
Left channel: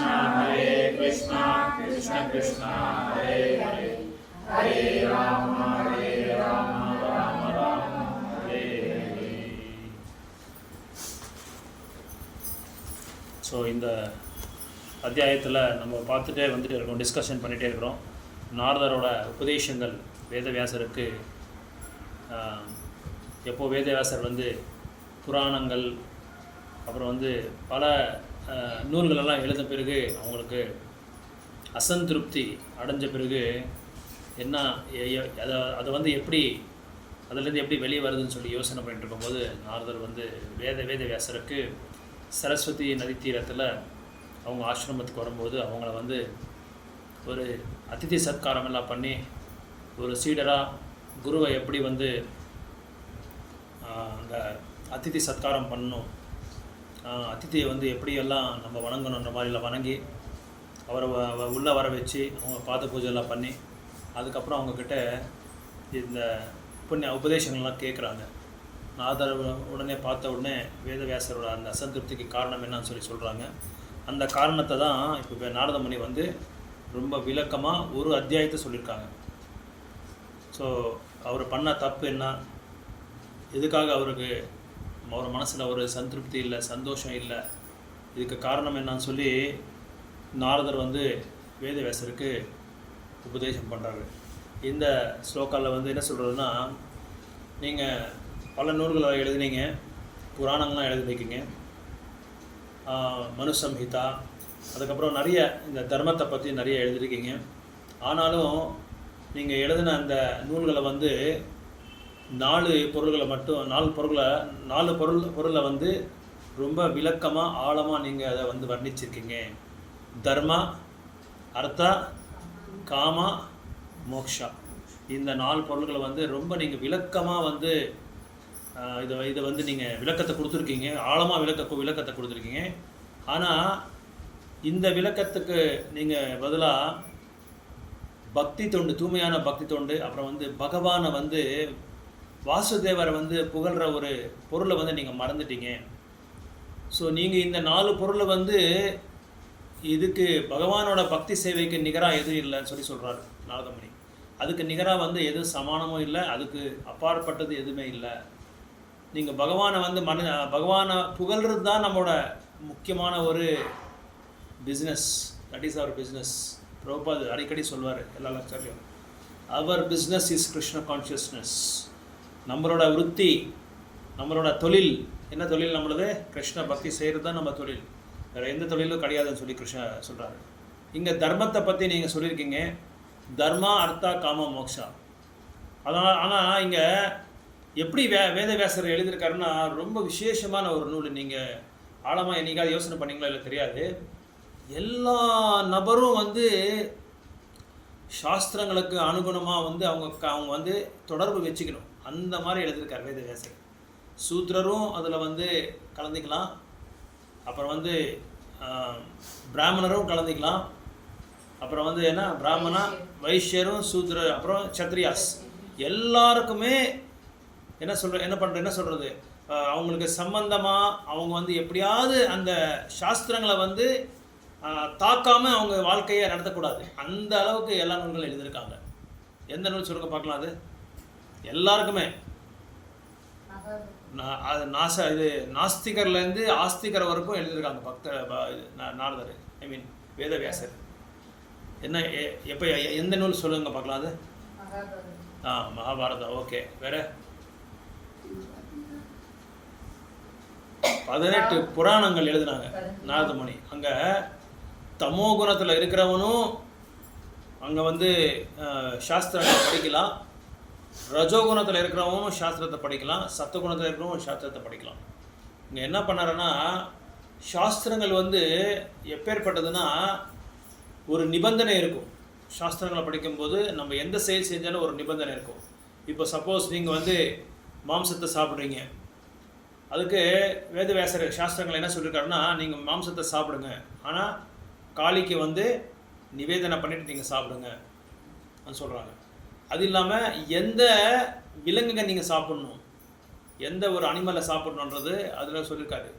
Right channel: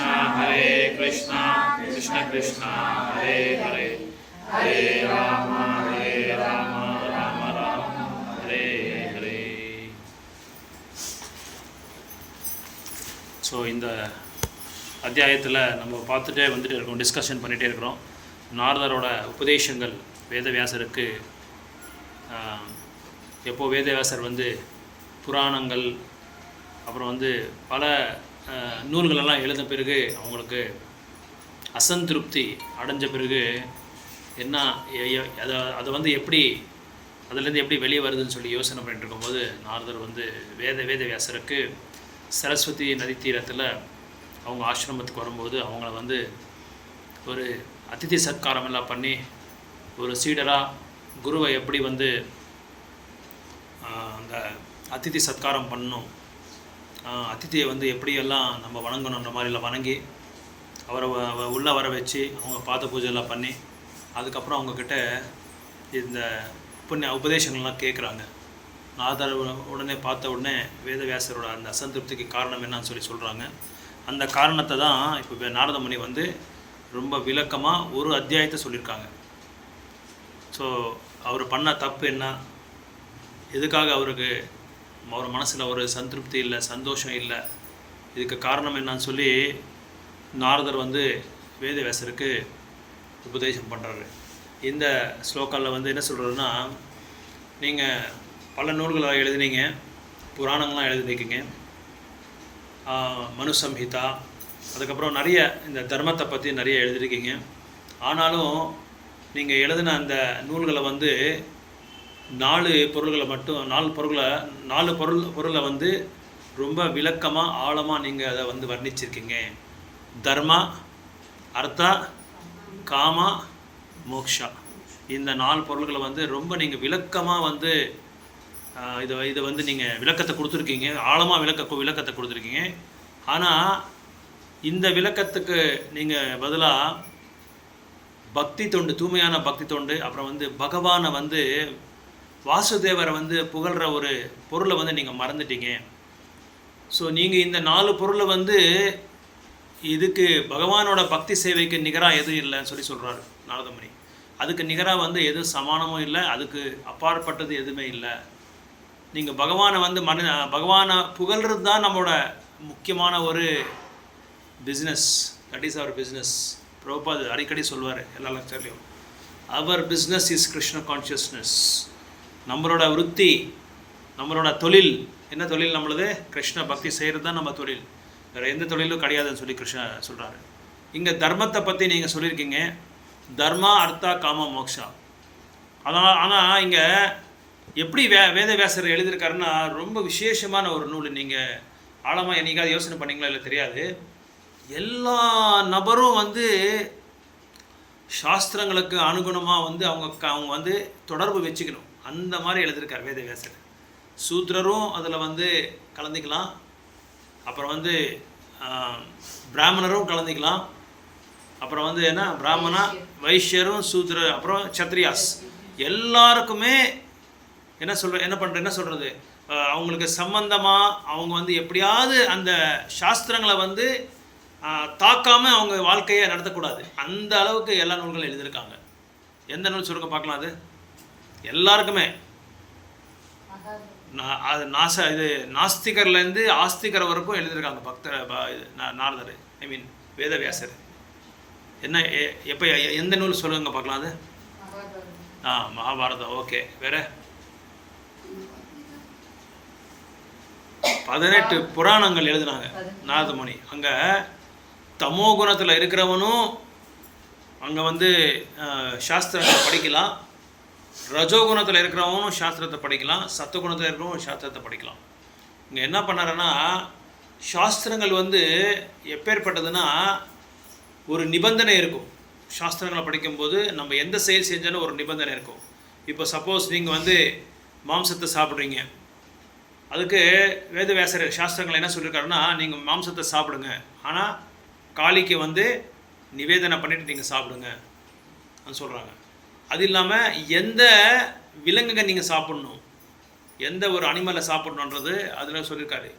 ಕೃಷ್ಣ ಕೃಷ್ಣ ಹರೇ ಹರೇ, ಹರೇ ರಾಮ ರಾಮ ಹರೇ ಹರೇ. ஸோ இந்த அத்தியாயத்தில் நம்ம பார்த்துட்டே வந்துட்டு இருக்கோம், டிஸ்கஷன் பண்ணிகிட்டே இருக்கிறோம். நாரதரோட உபதேசங்கள் வேதவியாசருக்கு எப்போ வேதவியாசர் வந்து புராணங்கள் அப்புறம் வந்து பல நூல்களெல்லாம் எழுத பிறகு அவங்களுக்கு அசந்திருப்தி அடைஞ்ச பிறகு என்ன அதை வந்து எப்படி அதுலேருந்து எப்படி வெளியே வருதுன்னு சொல்லி யோசனை பண்ணிட்டு இருக்கும்போது நாரதர் வந்து வேதவியாசருக்கு சரஸ்வதி நதி தீரத்தில் அவங்க ஆசிரமத்துக்கு வரும்போது அவங்கள வந்து ஒரு அதிதி சத்காரம் எல்லாம் பண்ணி ஒரு சீடராக குருவை எப்படி வந்து அந்த அதிதி சத்காரம் பண்ணணும், அதிதியை வந்து எப்படியெல்லாம் நம்ம வணங்கணுன்ற மாதிரிலாம் வணங்கி அவரை உள்ளே வர வச்சு அவங்க பாத பூஜைலாம் பண்ணி அதுக்கப்புறம் அவங்கக்கிட்ட இந்த உபதேசங்கள்லாம் கேட்குறாங்க. நாரதர் உடனே பார்த்த உடனே வேதவியாசரோட அந்த அசந்திருப்திக்கு காரணம் என்னன்னு சொல்லி சொல்கிறாங்க. அந்த காரணத்தை தான் இப்போ நாரதமுனி வந்து ரொம்ப விளக்கமாக ஒரு அத்தியாயத்தை சொல்லியிருக்காங்க. ஸோ அவர் பண்ண தப்பு என்ன, எதுக்காக அவர் மனசில் ஒரு சந்திருப்தி இல்லை, சந்தோஷம் இல்லை, இதுக்கு காரணம் என்னன்னு சொல்லி நாரதர் வந்து வேதவியாசருக்கு உபதேசம் பண்ணுறாரு. இந்த ஸ்லோக்காவில் வந்து என்ன சொல்கிறதுன்னா, நீங்கள் பல நூல்களை எழுதினீங்க, புராணங்கள்லாம் எழுதிருக்கீங்க, மனுசம்ஹிதா, அதுக்கப்புறம் நிறைய இந்த தர்மத்தை பற்றி நிறைய எழுதியிருக்கீங்க. ஆனாலும் நீங்கள் எழுதின அந்த நூல்களை வந்து 4 பொருளை வந்து ரொம்ப விளக்கமாக ஆழமாக நீங்கள் அதை வந்து வர்ணிச்சிருக்கீங்க. தர்மா, அர்த்தா, காமா, மோக்ஷா, இந்த 4 பொருள்களை வந்து ரொம்ப நீங்கள் விளக்கமாக வந்து இதை வந்து நீங்கள் விளக்கத்தை கொடுத்துருக்கீங்க, ஆழமாக விளக்கத்தை கொடுத்துருக்கீங்க. ஆனால் இந்த விளக்கத்துக்கு நீங்கள் பதிலாக பக்தி தொண்டு, தூய்மையான பக்தி தொண்டு, அப்புறம் வந்து பகவானை வந்து வாசுதேவரை வந்து புகழ்கிற ஒரு பொருளை வந்து நீங்கள் மறந்துட்டீங்க. ஸோ நீங்கள் இந்த 4 பொருளை வந்து இதுக்கு பகவானோட பக்தி சேவைக்கு நிகராக எதுவும் இல்லைன்னு சொல்லி சொல்கிறாரு நாரதமுனி. அதுக்கு நிகராக வந்து எதுவும் சமானமும் இல்லை, அதுக்கு அப்பாற்பட்டது எதுவுமே இல்லை. நீங்கள் பகவானை வந்து பகவானை புகழ்கிறது தான் நம்மளோட முக்கியமான ஒரு business. That is our business. Prabhupada அடிக்கடி சொல்வார் எல்லா லெக்சர்லையும், our business is Krishna consciousness. நம்மளோட விருத்தி, நம்மளோட தொழில் என்ன தொழில்? நம்மளது கிருஷ்ண பக்தி செய்கிறது தான் நம்ம தொழில். வேறு எந்த தொழிலும் கிடையாதுன்னு சொல்லி கிருஷ்ண சொல்கிறாரு. இங்கே தர்மத்தை பற்றி நீங்கள் சொல்லியிருக்கீங்க, தர்மா அர்த்தா காம மோக்ஷா. ஆனால் இங்கே எப்படி வேதவியாசர் எழுதியிருக்காருன்னா ரொம்ப விசேஷமான ஒரு நூல். நீங்கள் ஆழமாக என்னைக்காவது யோசனை பண்ணிங்களா இல்லை தெரியாது. எல்லா நபரும் வந்து சாஸ்திரங்களுக்கு அனுகுணமாக வந்து அவங்க வந்து தொடர்பு வச்சுக்கணும். அந்த மாதிரி எழுதியிருக்கார் வேதவியாசர். சூத்ரரும் அதில் வந்து கலந்துக்கலாம், அப்புறம் வந்து பிராமணரும் கலந்துக்கலாம், அப்புறம் வந்து என்ன பிராமணா வைஷ்யரும் சூத்ர அப்புறம் சத்ரியாஸ் எல்லாருக்குமே என்ன சொல்கிறது அவங்களுக்கு சம்பந்தமாக அவங்க வந்து எப்படியாவது அந்த சாஸ்திரங்களை வந்து தாக்காமல் அவங்க வாழ்க்கையை நடத்தக்கூடாது. அந்த அளவுக்கு எல்லா நூல்களும் எழுதியிருக்காங்க. எந்த நூல் சொல்லுங்க பார்க்கலாம். அது எல்லாருக்குமே அது இது நாஸ்திகர்லேருந்து ஆஸ்திகர் வரைக்கும் எழுதியிருக்காங்க நாரதர், ஐ மீன் வேதவியாசர். என்ன எப்போ எந்த நூல் சொல்லுங்க பார்க்கலாம். அது மகாபாரதம். ஓகே, வேறு 18 புராணங்கள் எழுதினாங்க நாரதமுனி. அங்கே தமோ குணத்தில் இருக்கிறவனும் அங்கே வந்து சாஸ்திரத்தை படிக்கலாம், ரஜோகுணத்தில் இருக்கிறவனும் சாஸ்திரத்தை படிக்கலாம், சத்துவகுணத்தில் இருக்கிறவனும் சாஸ்திரத்தை படிக்கலாம். இங்கே என்ன பண்ணாருன்னா சாஸ்திரங்கள் வந்து எப்பேற்பட்டதுன்னா ஒரு நிபந்தனை இருக்கும். சாஸ்திரங்களை படிக்கும்போது நம்ம எந்த செயல் செஞ்சாலும் ஒரு நிபந்தனை இருக்கும். இப்போ சப்போஸ் நீங்கள் வந்து மாம்சத்தை சாப்பிட்றீங்க, அதுக்கு வேதவியாசர் சாஸ்திரங்கள் என்ன சொல்லியிருக்காருன்னா நீங்கள் மாம்சத்தை சாப்பிடுங்க, ஆனால் காளிக்கு வந்து நிவேதனை பண்ணிவிட்டு நீங்கள் சாப்பிடுங்க அது சொல்கிறாங்க. அது இல்லாமல் எந்த விலங்குங்க நீங்கள் சாப்பிட்ணும், எந்த ஒரு அனிமலை சாப்பிட்ணுன்றது அதில் சொல்லியிருக்காரு.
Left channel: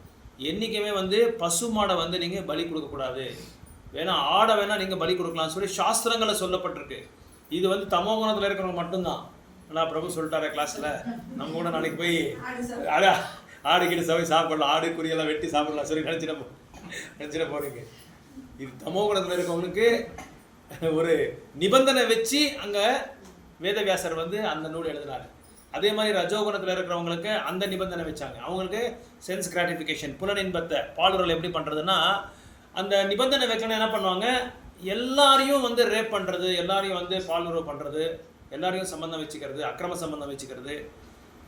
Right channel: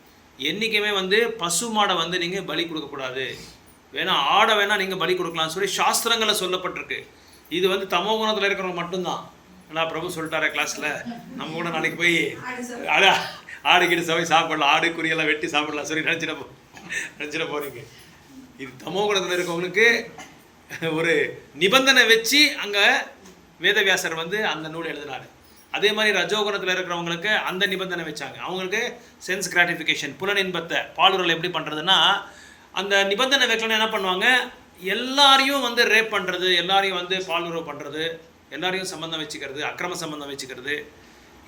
என்றைக்குமே வந்து பசு மாடை வந்து நீங்கள் பலி கொடுக்கக்கூடாது, வேணால் ஆடை வேணால் நீங்கள் பலி கொடுக்கலாம்னு சொல்லி சாஸ்திரங்களை சொல்லப்பட்டிருக்கு. இது வந்து தமோ குணத்தில் இருக்கிறவங்க மட்டும்தான். ஆனால் பிரபு சொல்லிட்டாரே கிளாஸில், நம்ம கூட நாளைக்கு போய் ஆடுகிட்டு சவை சாப்பிடலாம், ஆடு குறியெல்லாம் வெட்டி சாப்பிடலாம் சொல்லி நினச்சிட போகிறீங்க. இது தமோ குணத்தில் இருக்கவங்களுக்கு ஒரு நிபந்தனை வச்சு அங்கே வேதவியாசர் வந்து அந்த நூல் எழுதினார். அதே மாதிரி ரஜோகுணத்தில் இருக்கிறவங்களுக்கு அந்த நிபந்தனை வச்சாங்க. அவங்களுக்கு சென்ஸ் கிராட்டிஃபிகேஷன், புலனின்பத்தை பாலுறல் எப்படி பண்ணுறதுன்னா அந்த நிபந்தனை வைக்கணும். என்ன பண்ணுவாங்க, எல்லாரையும் வந்து ரேப் பண்ணுறது, எல்லாரையும் வந்து பாலுறவு பண்ணுறது, எல்லாரையும் சம்பந்தம் வச்சுக்கிறது, அக்கிரம சம்பந்தம் வச்சுக்கிறது,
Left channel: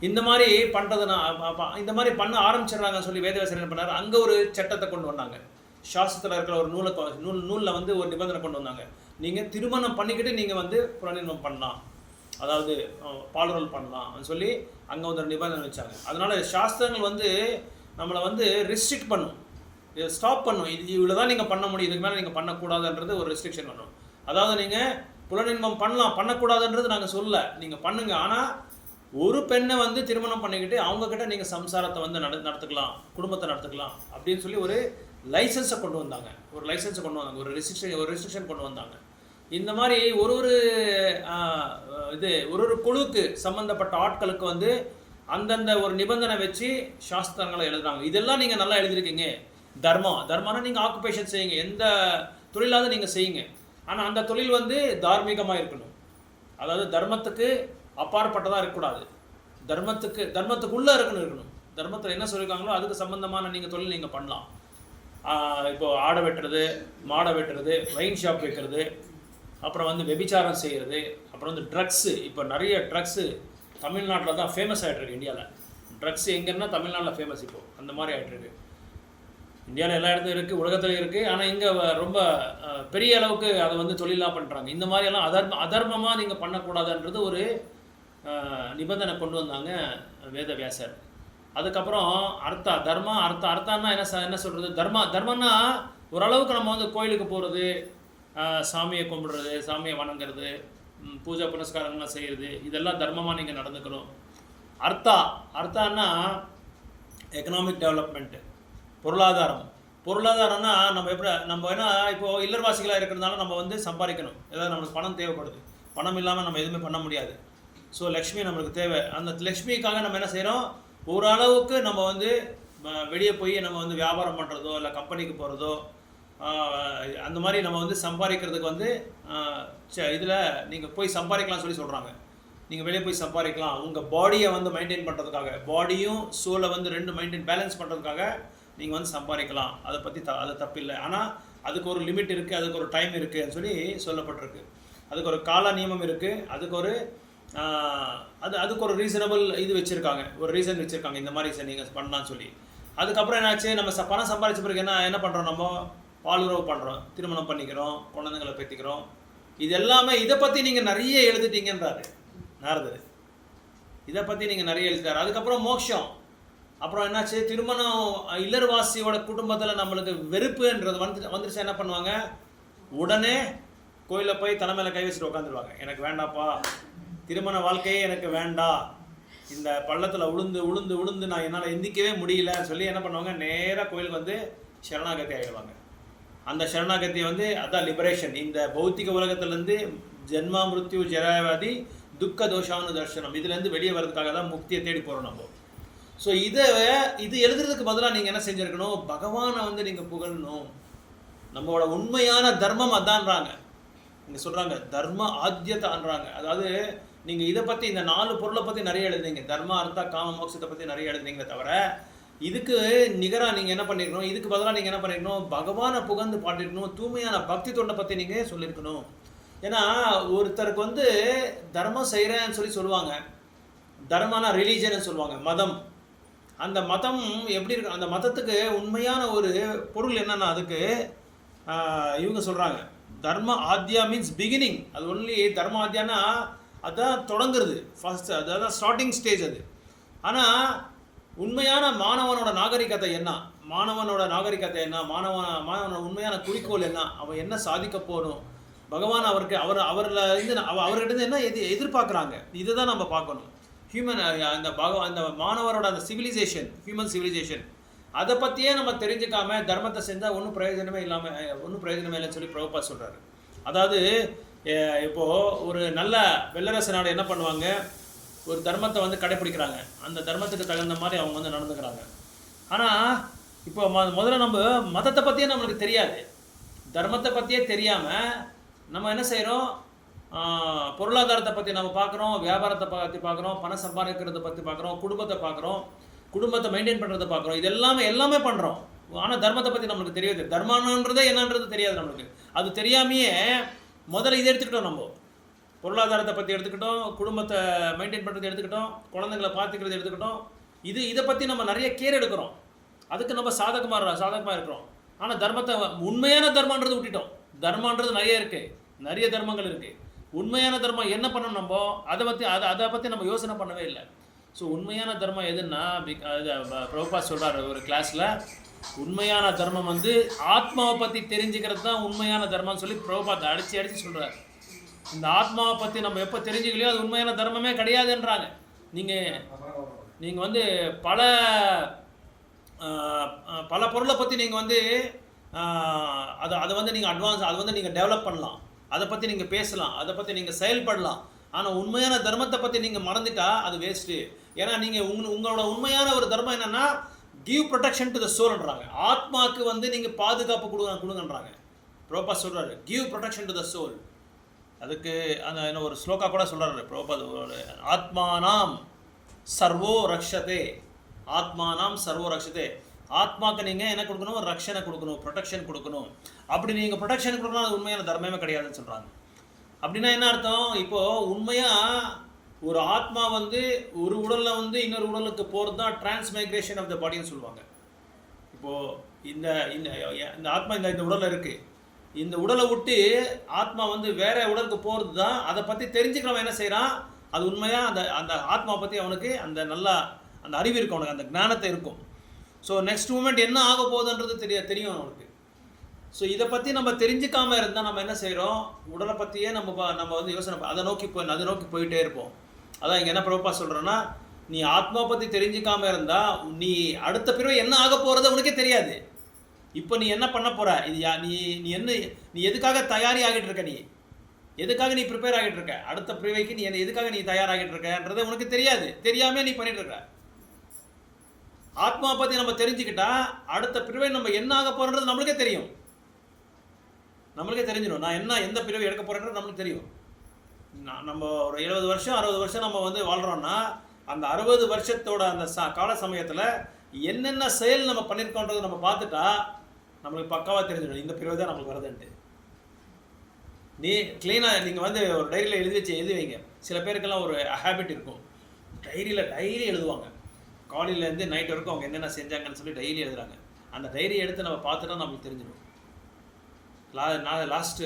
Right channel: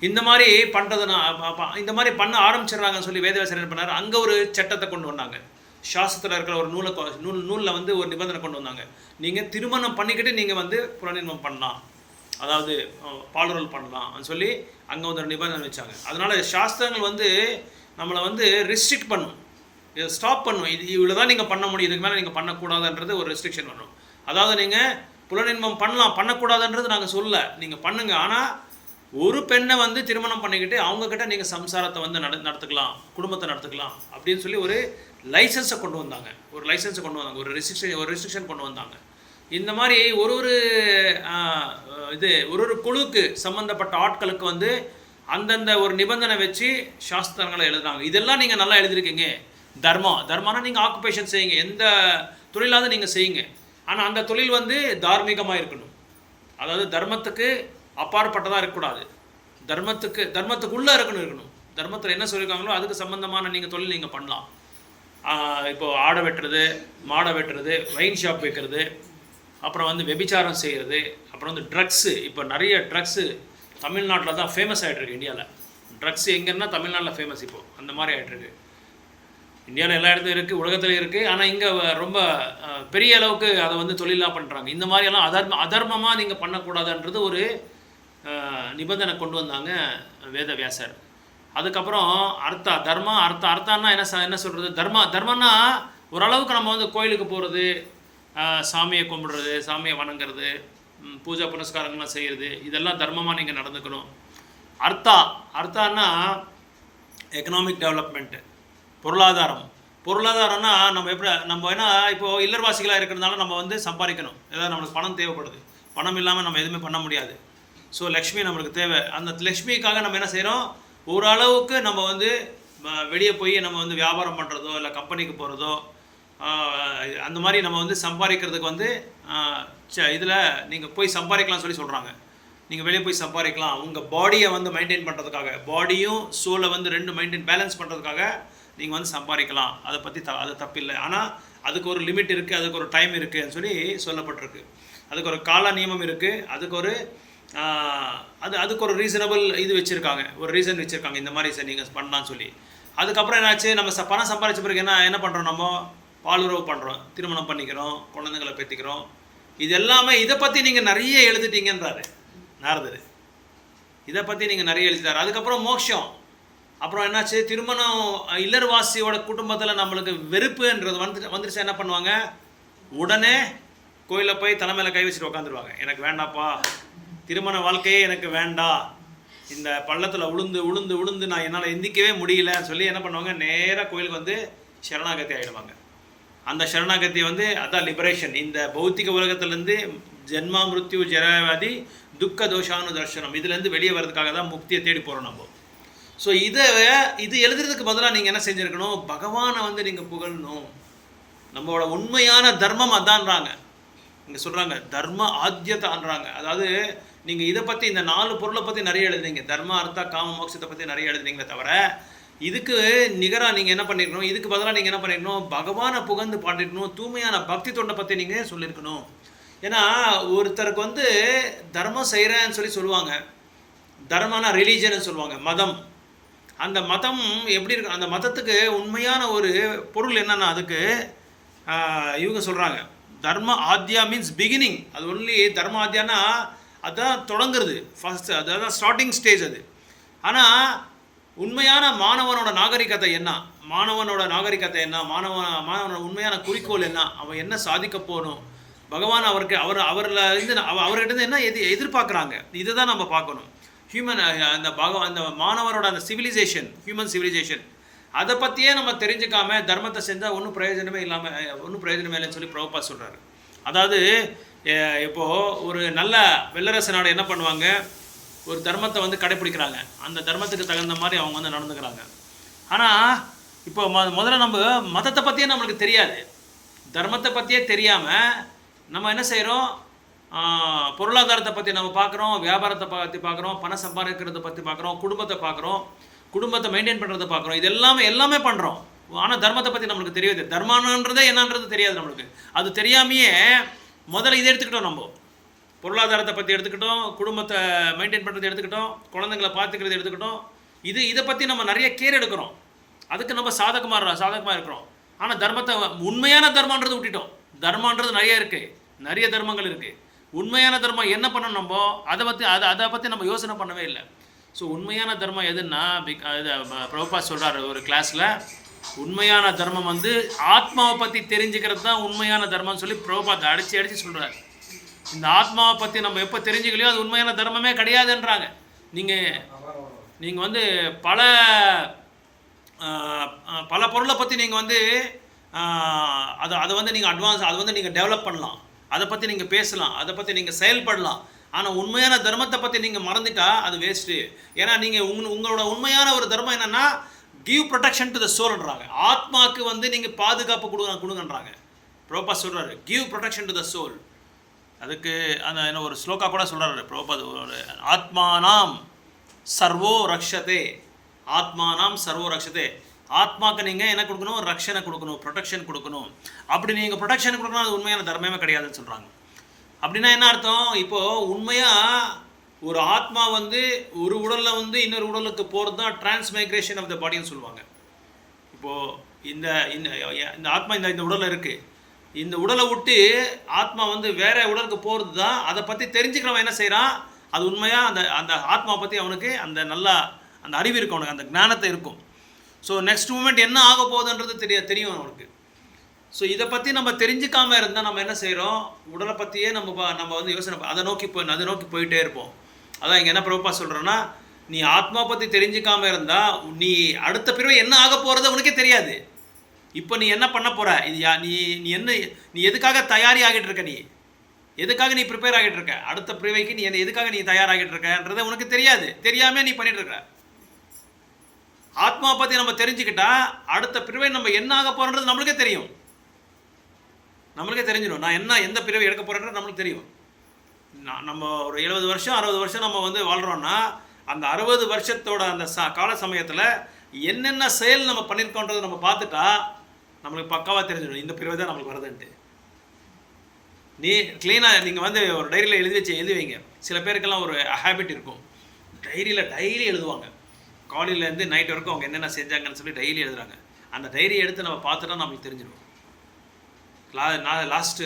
இந்த மாதிரி பண்ணுறதுனா இந்த மாதிரி பண்ண ஆரம்பிச்சிடுறாங்கன்னு சொல்லி வேதவியாசர் என்ன பண்ணார், அங்கே ஒரு சட்டத்தை கொண்டு வந்தாங்க. சாஸ்திரத்தில் இருக்கிற ஒரு நூலில் வந்து ஒரு நிபந்தனை கொண்டு வந்தாங்க. நீங்கள் திருமணம் பண்ணிக்கிட்டு நீங்கள் வந்து புலனின்பம் பண்ணலாம், அதாவது பாலுறல் பண்ணலாம் சொல்லி அங்கே வந்து ஒரு நிபந்தனை வச்சாங்க. அதனால் சாஸ்திரங்கள் வந்து நம்மளை வந்து ரெஸ்ட்ரிக்ட் பண்ணும், இதை ஸ்டாப் பண்ணும். இது இவ்வளோ தான் நீங்கள் பண்ண முடியும், இதுக்கு மேலே நீங்கள் பண்ணக்கூடாதுன்றது ஒரு ரெஸ்ட்ரிக்ஷன் வரும். அதாவது நீங்கள் புலனின்பம் பண்ணலாம், பண்ணக்கூடாதுன்றது நாங்கள் சொல்ல, நீங்கள் பண்ணுங்கள். ஆனால் ஒரு பெண்ணை வந்து திருமணம் பண்ணிக்கிட்டு அவங்கக்கிட்ட நீங்கள் சம்சாரத்தை வந்து நடத்துக்கலாம், குடும்பத்தை நடத்துக்கலாம் அப்படின்னு சொல்லி ஒரு லைசன்ஸை கொண்டு வந்தாங்க. ஒரு ரெஸ்ட்ரிக்ஷன் கொண்டு வந்தாங்க. இந்த மாதிரி ஒரு குழுக்கு சம்மந்தப்பட்ட ஆட்களுக்கு வந்து அந்தந்த ஒரு நிபந்தனை வச்சு சாஸ்திரங்களை எழுதுறாங்க. இதெல்லாம் நீங்கள் நல்லா எழுதியிருக்கீங்க. தர்மம்னா நீங்கள் ஆக்குபேஷன் செய்யுங்க, எந்த தொழிலாவது நீங்கள் செய்யுங்க, ஆனால் அந்த தொழில் வந்து தார்மீகமாக இருக்கணும். அதாவது தர்மத்துக்கு அப்பாற்பட்டதாக இருக்கக்கூடாது, தர்மத்துக்குள்ளே இருக்கணும். தர்மத்தில் என்ன சொல்லியிருக்காங்களோ அதுக்கு சம்மந்தமான நீங்கள் தொழில் நீங்கள் பண்ணலாம். இப்போது ஆடை வெட்டுறது, மாடை வெட்டுறது, வைன் ஷாப் வைக்கிறது, அப்புறம் வந்து வெபிச்சாரம் செய்கிறது, அப்புறம் வந்து ட்ரக்ஸு. இப்போ நிறைய ட்ரக்ஸு தமிழ்நாட்டில் தான் ஃபேமஸ் ஆகிட்டுருக்கு. இந்தியாவில் ட்ரக்ஸ் எங்கன்னா தமிழ்நாட்டில் ஃபேமஸ். இப்போது அந்த மாதிரி ஆகிட்டுருக்கு. இந்தியாவில் எல்லா இடத்துலையும் இருக்குது, உலகத்துலையும் இருக்குது. ஆனால் இங்கே ரொம்ப பெரிய அளவுக்கு அதை வந்து தொழிலாக பண்ணுறாங்க. இந்த மாதிரியெல்லாம் அதர்மமாக நீங்கள் பண்ணக்கூடாதுன்றது ஒரு நிபந்தனை கொண்டு வந்தாங்க வேதவியாசர். அதுக்கப்புறம் அர்த்தான்னா என்ன சொல்கிறது, தர்மன்னா ஓரளவுக்கு நம்ம வந்து கோயிலுக்கு போகிறது, சாமியை கும்பிடுறது, சாமியை வணங்குறது, பூஜை புனஸ்காரங்கள்லாம் செய்கிறது, இதெல்லாம் தர்மமாக நீங்கள் நடந்துக்கணும். அர்த்தான்னா எக்கனாமிக் டெவலப்மெண்ட்டு, பொருளாதாரம்னா நம்ம என்ன இப்போது இல்லர்வாசிகளாக இருக்கிறதுனால நம்ம வந்து சம்பாதிக்கணும், ஏதாவது நம்மளுக்கு பணம் தேவைப்படுது, பணம் இல்லாமல் நம்ம எதுவுமே பண்ண முடியாது. ஸோ லக்ஷ்மி நம்மளுக்கு தேவை. அந்த லக்ஷ்மிக்காக நம்ம என்ன செய்கிறோம், ஓரளவுக்கு நம்ம வந்து வெளியே போய் நம்ம வந்து வியாபாரம் பண்ணுறதோ இல்லை கம்பெனிக்கு போகிறதோ அந்த மாதிரி நம்ம வந்து சம்பாதிக்கிறதுக்கு வந்து இதில் நீங்கள் போய் சம்பாதிக்கலாம்னு சொல்லி சொல்கிறாங்க. நீங்கள் வெளியே போய் சம்பாதிக்கலாம். உங்கள் பாடியை வந்து மெயின்டைன் பண்ணுறதுக்காக, பாடியும் சோலை வந்து ரெண்டு மெயின்டைன் பேலன்ஸ் பண்ணுறதுக்காக நீங்கள் வந்து சம்பாதிக்கலாம். அதை பற்றி அது தப்பில்லை. ஆனால் அதுக்கு ஒரு லிமிட் இருக்குது, அதுக்கு ஒரு டைம் இருக்குதுன்னு சொல்லி சொல்லப்பட்டிருக்கு. அதுக்கு ஒரு கால நியமம் இருக்குது, அதுக்கு ஒரு அதுக்கு ஒரு ரீசனபிள் இது வச்சுருக்காங்க, ஒரு ரீசன் வச்சுருக்காங்க இந்த மாதிரி நீங்கள் பண்ணலான்னு சொல்லி. அதுக்கப்புறம் என்னாச்சு, நம்ம பணம் சம்பாதிச்ச பிறகு என்ன பண்ணுறோம், நம்ம பாலுறவு பண்ணுறோம், திருமணம் பண்ணிக்கிறோம், குழந்தைங்களை பெற்றிக்கிறோம். இது எல்லாமே இதை பற்றி நீங்கள் நிறைய எழுதிட்டீங்கன்றாரு நாரதர். இதை பற்றி நீங்கள் நிறைய எழுதிட்டார். அதுக்கப்புறம் மோட்சம். அப்புறம் என்னாச்சு, திருமணம் இல்லறவாசியோட குடும்பத்தில் நம்மளுக்கு வெறுப்புன்றது வந்துருச்சு. என்ன பண்ணுவாங்க, உடனே கோயிலில் போய் தலைமையில் கை வச்சுட்டு உட்காந்துருவாங்க. எனக்கு வேண்டாப்பா, திருமண வாழ்க்கையே எனக்கு வேண்டாம், இந்த பள்ளத்தில் உளுந்து நான் என்னால் எந்திக்கவே முடியலன்னு சொல்லி என்ன பண்ணுவாங்க, நேராக கோயிலுக்கு வந்து சரணாகதி ஆகிடுவாங்க. அந்த சரணாகதி வந்து அதான் லிபரேஷன். இந்த பௌத்திக உலகத்துலேருந்து ஜென்மா மிருத்யு ஜராவாதி துக்க தோஷானு தர்ஷனம், இதுலேருந்து வெளியே வர்றதுக்காக தான் முக்தியை தேடி போகிறோம் நம்ம. ஸோ இது எழுதுறதுக்கு பதிலாக நீங்கள் என்ன செஞ்சுருக்கணும், பகவானை வந்து நீங்கள் புகழணும். நம்மளோட உண்மையான தர்மம் அதான்றாங்க. இங்கே சொல்கிறாங்க தர்ம ஆத்தியத்தான்றாங்க. அதாவது நீங்கள் இதை பற்றி இந்த 4 பொருளை பற்றி நிறைய எழுதுனீங்க, தர்ம அர்த்த காம மோட்சத்தை பற்றி நிறைய எழுதுனீங்களே தவிர இதுக்கு நிகராக நீங்கள் என்ன பண்ணியிருக்கணும், இதுக்கு பதிலாக நீங்கள் என்ன பண்ணியிருக்கணும், பகவானை புகழ்ந்து பாட்டிருக்கணும், தூய்மையான பக்தி தொண்டை பற்றி நீங்கள் சொல்லியிருக்கணும். ஏன்னா ஒருத்தருக்கு வந்து தர்மம் செய்கிறேன்னு சொல்லுவாங்க, தர்மனா ரிலீஜன்னு சொல்லுவாங்க, மதம். அந்த மதம் எப்படி இருக்கு, அந்த மதத்துக்கு உண்மையான ஒரு பொருள் என்னன்னா, அதுக்கு இவங்க சொல்கிறாங்க தர்ம ஆத்யா மீன்ஸ் பிகினிங். அது ஒன்லி தர்ம ஆத்யானா அதுதான் தொடங்குறது, ஃபஸ்ட்டு அதுதான் ஸ்டார்டிங் ஸ்டேஜ் அது. ஆனால் உண்மையான மாணவனோட நாகரிகத்தை என்ன, மாணவனோட மாணவனோட உண்மையான குறிக்கோள் என்ன, அவன் என்ன சாதிக்க போகணும், பகவான் அவரில் இருந்து அவர்கிட்ட என்ன எதிர்பார்க்குறாங்க, இதை தான் நம்ம பார்க்கணும். ஹியூமன் அந்த மாணவரோட அந்த சிவிலைசேஷன், ஹியூமன் சிவிலைசேஷன், அதை பற்றியே நம்ம தெரிஞ்சுக்காம தர்மத்தை செஞ்சால் ஒன்றும் பிரயோஜனமே இல்லைன்னு சொல்லி பிரபுபாத் சொல்கிறாரு. அதாவது இப்போது ஒரு நல்ல வெள்ளரச நாடு என்ன பண்ணுவாங்க, ஒரு தர்மத்தை வந்து கடைப்பிடிக்கிறாங்க, அந்த தர்மத்துக்கு தகுந்த மாதிரி அவங்க வந்து நடந்துக்கிறாங்க. ஆனால் இப்போ முதல்ல நம்ம மதத்தை பற்றியே நம்மளுக்கு தெரியாது, தர்மத்தை பற்றியே தெரியாமல் நம்ம என்ன செய்கிறோம், பொருளாதாரத்தை பற்றி நம்ம பார்க்குறோம், வியாபாரத்தை பற்றி பார்க்குறோம், பணம் சம்பாதிக்கிறத பற்றி பார்க்குறோம், குடும்பத்தை பார்க்குறோம், குடும்பத்தை மெயின்டைன் பண்ணுறதை பார்க்குறோம், இது எல்லாமே பண்ணுறோம். ஆனால் தர்மத்தை பற்றி நம்மளுக்கு தெரியாது, தர்மன்றதே என்னன்றது தெரியாது நம்மளுக்கு. அது தெரியாமையே முதல்ல இதை எடுத்துக்கிட்டோம், நம்ம பொருளாதாரத்தை பற்றி எடுத்துக்கிட்டோம், குடும்பத்தை மெயின்டைன் பண்ணுறது எடுத்துக்கிட்டோம், குழந்தைங்களை பார்த்துக்கிறது எடுத்துக்கிட்டோம். இதை பற்றி நம்ம நிறைய கேர் எடுக்கிறோம், அதுக்கு நம்ம சாதகமாக இருக்கிறோம். ஆனால் தர்மத்தை, உண்மையான தர்மன்றது விட்டுட்டோம். தர்மன்றது நிறைய தர்மங்கள் இருக்குது. உண்மையான தர்மம் என்ன பண்ணணும், நம்ம அதை பற்றி நம்ம யோசனை பண்ணவே இல்லை. ஸோ உண்மையான தர்மம் எதுன்னா, பிரபுபாத் சொல்கிறார் ஒரு கிளாஸில், உண்மையான தர்மம் வந்து ஆத்மாவை பற்றி தெரிஞ்சுக்கிறது தான் உண்மையான தர்மம்னு சொல்லி பிரபுபாத் அடித்து சொல்கிறார். இந்த ஆத்மாவை பற்றி நம்ம எப்போ தெரிஞ்சுக்கலையோ அது உண்மையான தர்மமே கிடையாதுன்றாங்க. நீங்கள் வந்து பல பொருளை பற்றி நீங்கள் வந்து அதை வந்து நீங்கள் அதை வந்து நீங்கள் டெவலப் பண்ணலாம், அதை பற்றி நீங்கள் பேசலாம், அதை பற்றி நீங்கள் செயல்படலாம். ஆனால் உண்மையான தர்மத்தை பற்றி நீங்கள் மறந்துட்டா அது வேஸ்ட்டு. ஏன்னா நீங்கள் உங்களோட உண்மையான ஒரு தர்மம் என்னென்னா கிவ் ப்ரொடெக்ஷன் டு த சோல்ன்றாங்க. ஆத்மாவுக்கு வந்து நீங்கள் பாதுகாப்பு கொடுங்கன்றாங்க. பிரபுபாத் சொல்கிறாரு give protection to the soul. அதுக்கு அந்த என்ன ஒரு ஸ்லோகா கூட சொல்கிறாரு பிரபுபாத், ஒரு ஆத்மானாம் சர்வோ ரக்ஷதே, ஆத்மானாம் சர்வோ ரக்ஷதே. ஆத்மாவுக்கு நீங்கள் என்ன கொடுக்கணும், ரக்ஷனை கொடுக்கணும், ப்ரொடெக்ஷன் கொடுக்கணும். அப்படி நீங்கள் ப்ரொடெக்ஷன் கொடுக்கணும், அது உண்மையான தர்மமே கிடையாதுன்னு சொல்கிறாங்க. அப்படின்னா என்ன அர்த்தம், இப்போது உண்மையாக ஒரு ஆத்மா வந்து ஒரு உடலில் வந்து இன்னொரு உடலுக்கு போகிறது தான் டிரான்ஸ்மைக்ரேஷன் ஆஃப் த பாடின்னு சொல்லுவாங்க. இப்போது இந்த ஆத்மா இந்த உடலில் இருக்குது, இந்த உடலை விட்டு ஆத்மா வந்து வேறு உடலுக்கு போகிறது தான். அதை பற்றி தெரிஞ்சுக்கிறவன் என்ன செய்கிறான், அது உண்மையாக அந்த ஆத்மாவை பற்றி அவனுக்கு அந்த அறிவு இருக்கும், அவனுக்கு அந்த ஞானத்தை இருக்கும். ஸோ நெக்ஸ்ட் மூமெண்ட் என்ன ஆக போகுதுன்றது தெரியும் அவனுக்கு. ஸோ இதை பற்றி நம்ம தெரிஞ்சுக்காமல் இருந்தால் நம்ம என்ன செய்கிறோம், உடலை பற்றியே நம்ம வந்து யோசனை அதை நோக்கி போயிட்டே இருப்போம். அதான் இங்கே என்ன பிரபுபாத் சொல்கிறேன்னா, நீ ஆத்மா பற்றி தெரிஞ்சுக்காமல் இருந்தால் நீ அடுத்த பிறவை என்ன ஆக போகிறது உனக்கே தெரியாது. இப்போ நீ என்ன பண்ண போகிற, நீ எதுக்காக தயாரி ஆகிட்டு இருக்க, எதுக்காக நீ ப்ரிப்பேர் ஆகிட்டு இருக்க, அடுத்த பிறவைக்கு எதுக்காக நீ தயாராகிட்டு இருக்கன்றதை உனக்கு தெரியாது. தெரியாமல் நீ பண்ணிட்டு இருக்க. ஆத்மாவை பற்றி நம்ம தெரிஞ்சுக்கிட்டா அடுத்த பிறவை நம்ம என்ன ஆக போகிறோன்றது நம்மளுக்கே தெரியும். நம்மளுக்கே தெரிஞ்சிடும். நான் என்ன எந்த பிறவி எடுக்க போகிறேன்றது நம்மளுக்கு தெரியும். நம்ம ஒரு 70 வருஷம் 60 வருஷம் நம்ம வந்து வாழ்கிறோன்னா அந்த 60 வருஷத்தோட அந்த கால சமயத்தில் என்னென்ன செயல் நம்ம பண்ணியிருக்கோன்றதை நம்ம பார்த்துட்டா நம்மளுக்கு பக்காவாக தெரிஞ்சிடும் இந்த பிறவை தான் நம்மளுக்கு வருதுன்ட்டு. நீ க்ளீனாக நீங்கள் வந்து ஒரு டைரியில் எழுதி வைங்க. சில பேருக்கெல்லாம் ஒரு ஹேபிட் இருக்கும், டைரியில் டெய்லி எழுதுவாங்க. காலையிலேருந்து நைட் வரைக்கும் அவங்க என்னென்ன செஞ்சாங்கன்னு சொல்லி டெய்லி எழுதுறாங்க. அந்த டைரி எடுத்து நம்ம பார்த்துட்டா நம்மளுக்கு தெரிஞ்சிடும். நான் லாஸ்ட்டு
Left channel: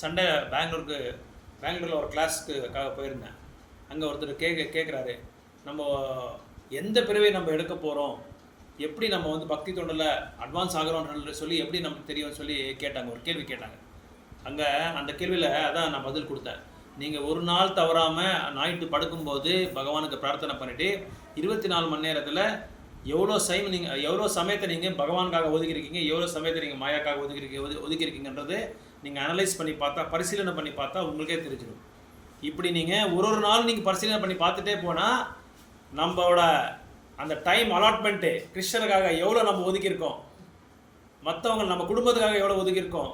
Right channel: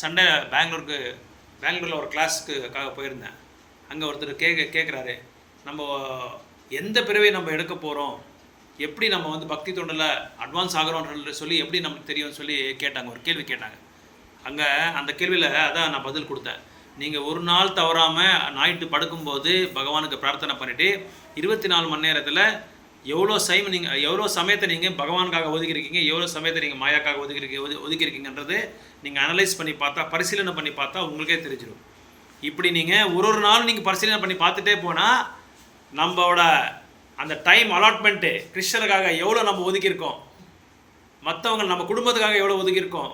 சண்டே பெங்களூரில் ஒரு கிளாஸ்க்காக போயிருந்தேன். அங்கே ஒருத்தர் கேட்குறாரு, நம்ம எந்த பிறவை நம்ம எடுக்க போகிறோம், எப்படி நம்ம வந்து பக்தி தொண்டில் அட்வான்ஸ் ஆகிறோன்ற சொல்லி எப்படி நமக்கு தெரியும்னு சொல்லி கேட்டாங்க. ஒரு கேள்வி கேட்டாங்க. அங்கே அந்த கேள்வியில் அதான் நான் பதில் கொடுத்தேன். நீங்கள் ஒரு நாள் தவறாமல் நைட்டு படுக்கும்போது பகவானுக்கு பிரார்த்தனை பண்ணிவிட்டு 24 மணி நேரத்தில் எவ்வளோ சமயத்தை நீங்கள் பகவானுக்காக ஒதுக்கியிருக்கீங்க, எவ்வளோ சமயத்தை நீங்கள் மாயாக்காக ஒதுக்கியிருக்கீங்கன்றது நீங்கள் அனலைஸ் பண்ணி பார்த்தா, பரிசீலனை பண்ணி பார்த்தா உங்களுக்கே தெரிஞ்சிடும். இப்படி நீங்கள் ஒரு நாள் நீங்கள் பரிசீலனை பண்ணி பார்த்துட்டே போனால் நம்மளோட அந்த டைம் அலாட்மெண்ட்டு கிருஷ்ணருக்காக எவ்வளோ நம்ம ஒதுக்கியிருக்கோம், மற்றவங்க நம்ம குடும்பத்துக்காக எவ்வளோ ஒதுக்கியிருக்கோம்,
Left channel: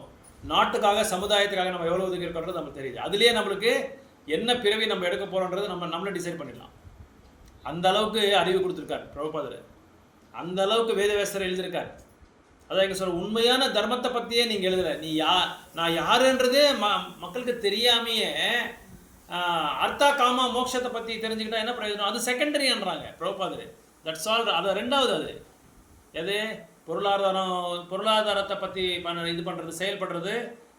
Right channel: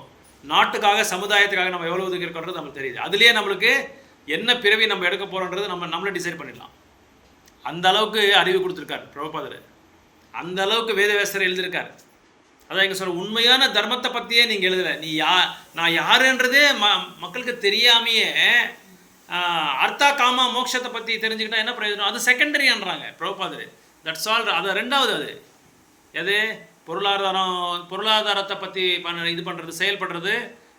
நாட்டுக்காக சமுதாயத்துக்காக நம்ம எவ்வளோ ஒதுக்கியிருக்கோன்றது நமக்கு தெரியுது. அதுலேயே நம்மளுக்கு என்ன பிறவி நம்ம எடுக்க போகிறோன்றது நம்மளே டிசைட் பண்ணிடலாம். அந்த அளவுக்கு அறிவு கொடுத்துருக்கார் பிரபுபாதர். அந்த அளவுக்கு வேதவியாசர் எழுதியிருக்கார். அதான் எங்கள் சொல்ல உண்மையான தர்மத்தை பற்றியே நீங்கள் எழுதலை. நான் யாருன்றதே மக்களுக்கு தெரியாமையே அர்த்தா காமா மோட்சத்தை பற்றி தெரிஞ்சுக்கிட்டா என்ன பிரயோஜனம்? அது செகண்டரின்றாங்க பிரபுபாதர். That's all. அது ரெண்டாவது. அது எது? பொருளாதாரத்தை பற்றி இது பண்ணுறது, செயல்படுறது,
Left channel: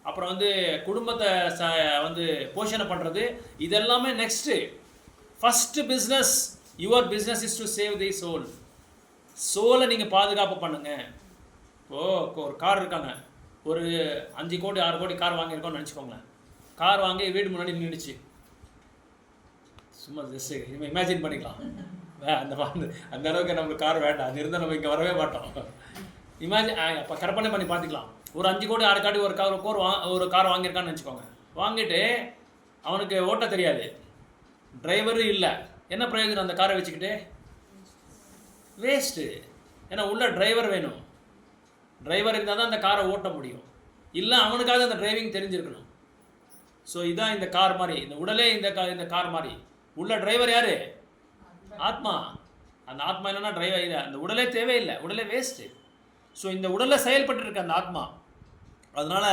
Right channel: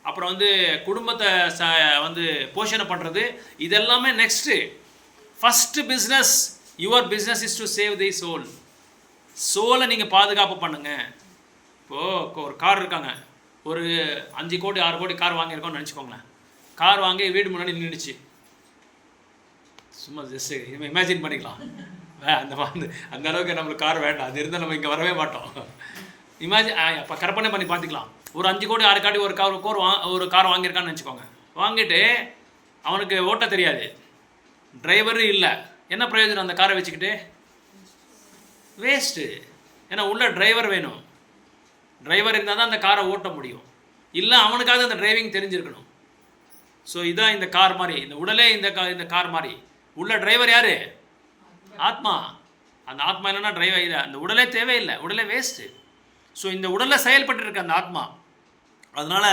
அப்புறம் வந்து குடும்பத்தை வந்து போஷணை பண்ணுறது, இதெல்லாமே next. First business, your business is to save the soul. சோலை நீங்கள் பாதுகாப்பு பண்ணுங்கள். இப்போது ஒரு கார் இருக்காங்க, ஒரு 5 கோடி 6 கோடி கார் வாங்கியிருக்கோம்னு நினச்சிக்கோங்களேன். கார் வாங்கி வீடு முன்னாடி நின்றுச்சு. சும்மா ஜஸ்ட் இமேஜின் பண்ணிக்கலாம். அந்த அளவுக்கு நம்மளுக்கு கார் வேண்டாம், அது இருந்தால் நம்ம இங்கே வரவே மாட்டோம். அப்போ கற்பனை பண்ணி பார்த்துக்கலாம். ஒரு 5 கோடி 6 கோடி ஒரு கார் வாங்கியிருக்கான்னு நினச்சிக்கோங்க. வாங்கிட்டு அவனுக்கு ஓட்ட தெரியாது, டிரைவரும் இல்லை. என்ன பிரயோஜனம் அந்த காரை வச்சுக்கிட்டு? வேஸ்ட்டு. ஏன்னா உள்ள டிரைவர் வேணும். டிரைவர் இருந்தால் தான் அந்த காரை ஓட்ட முடியும். இல்லை அவனுக்காக அந்த டிரைவிங் தெரிஞ்சிருக்கணும். ஸோ இதான் இந்த கார் மாதிரி, இந்த உடலே இந்த கார் மாதிரி. உள்ள டிரைவர் யார்? ஆத்மா. அந்த ஆத்மா இல்லைன்னா டிரைவர் இல்லை. அந்த உடலே தேவையில்லை, உடலே வேஸ்ட்டு. ஸோ இந்த உடலில் செயல்பட்டு இருக்கு அந்த ஆத்மா. அதனால்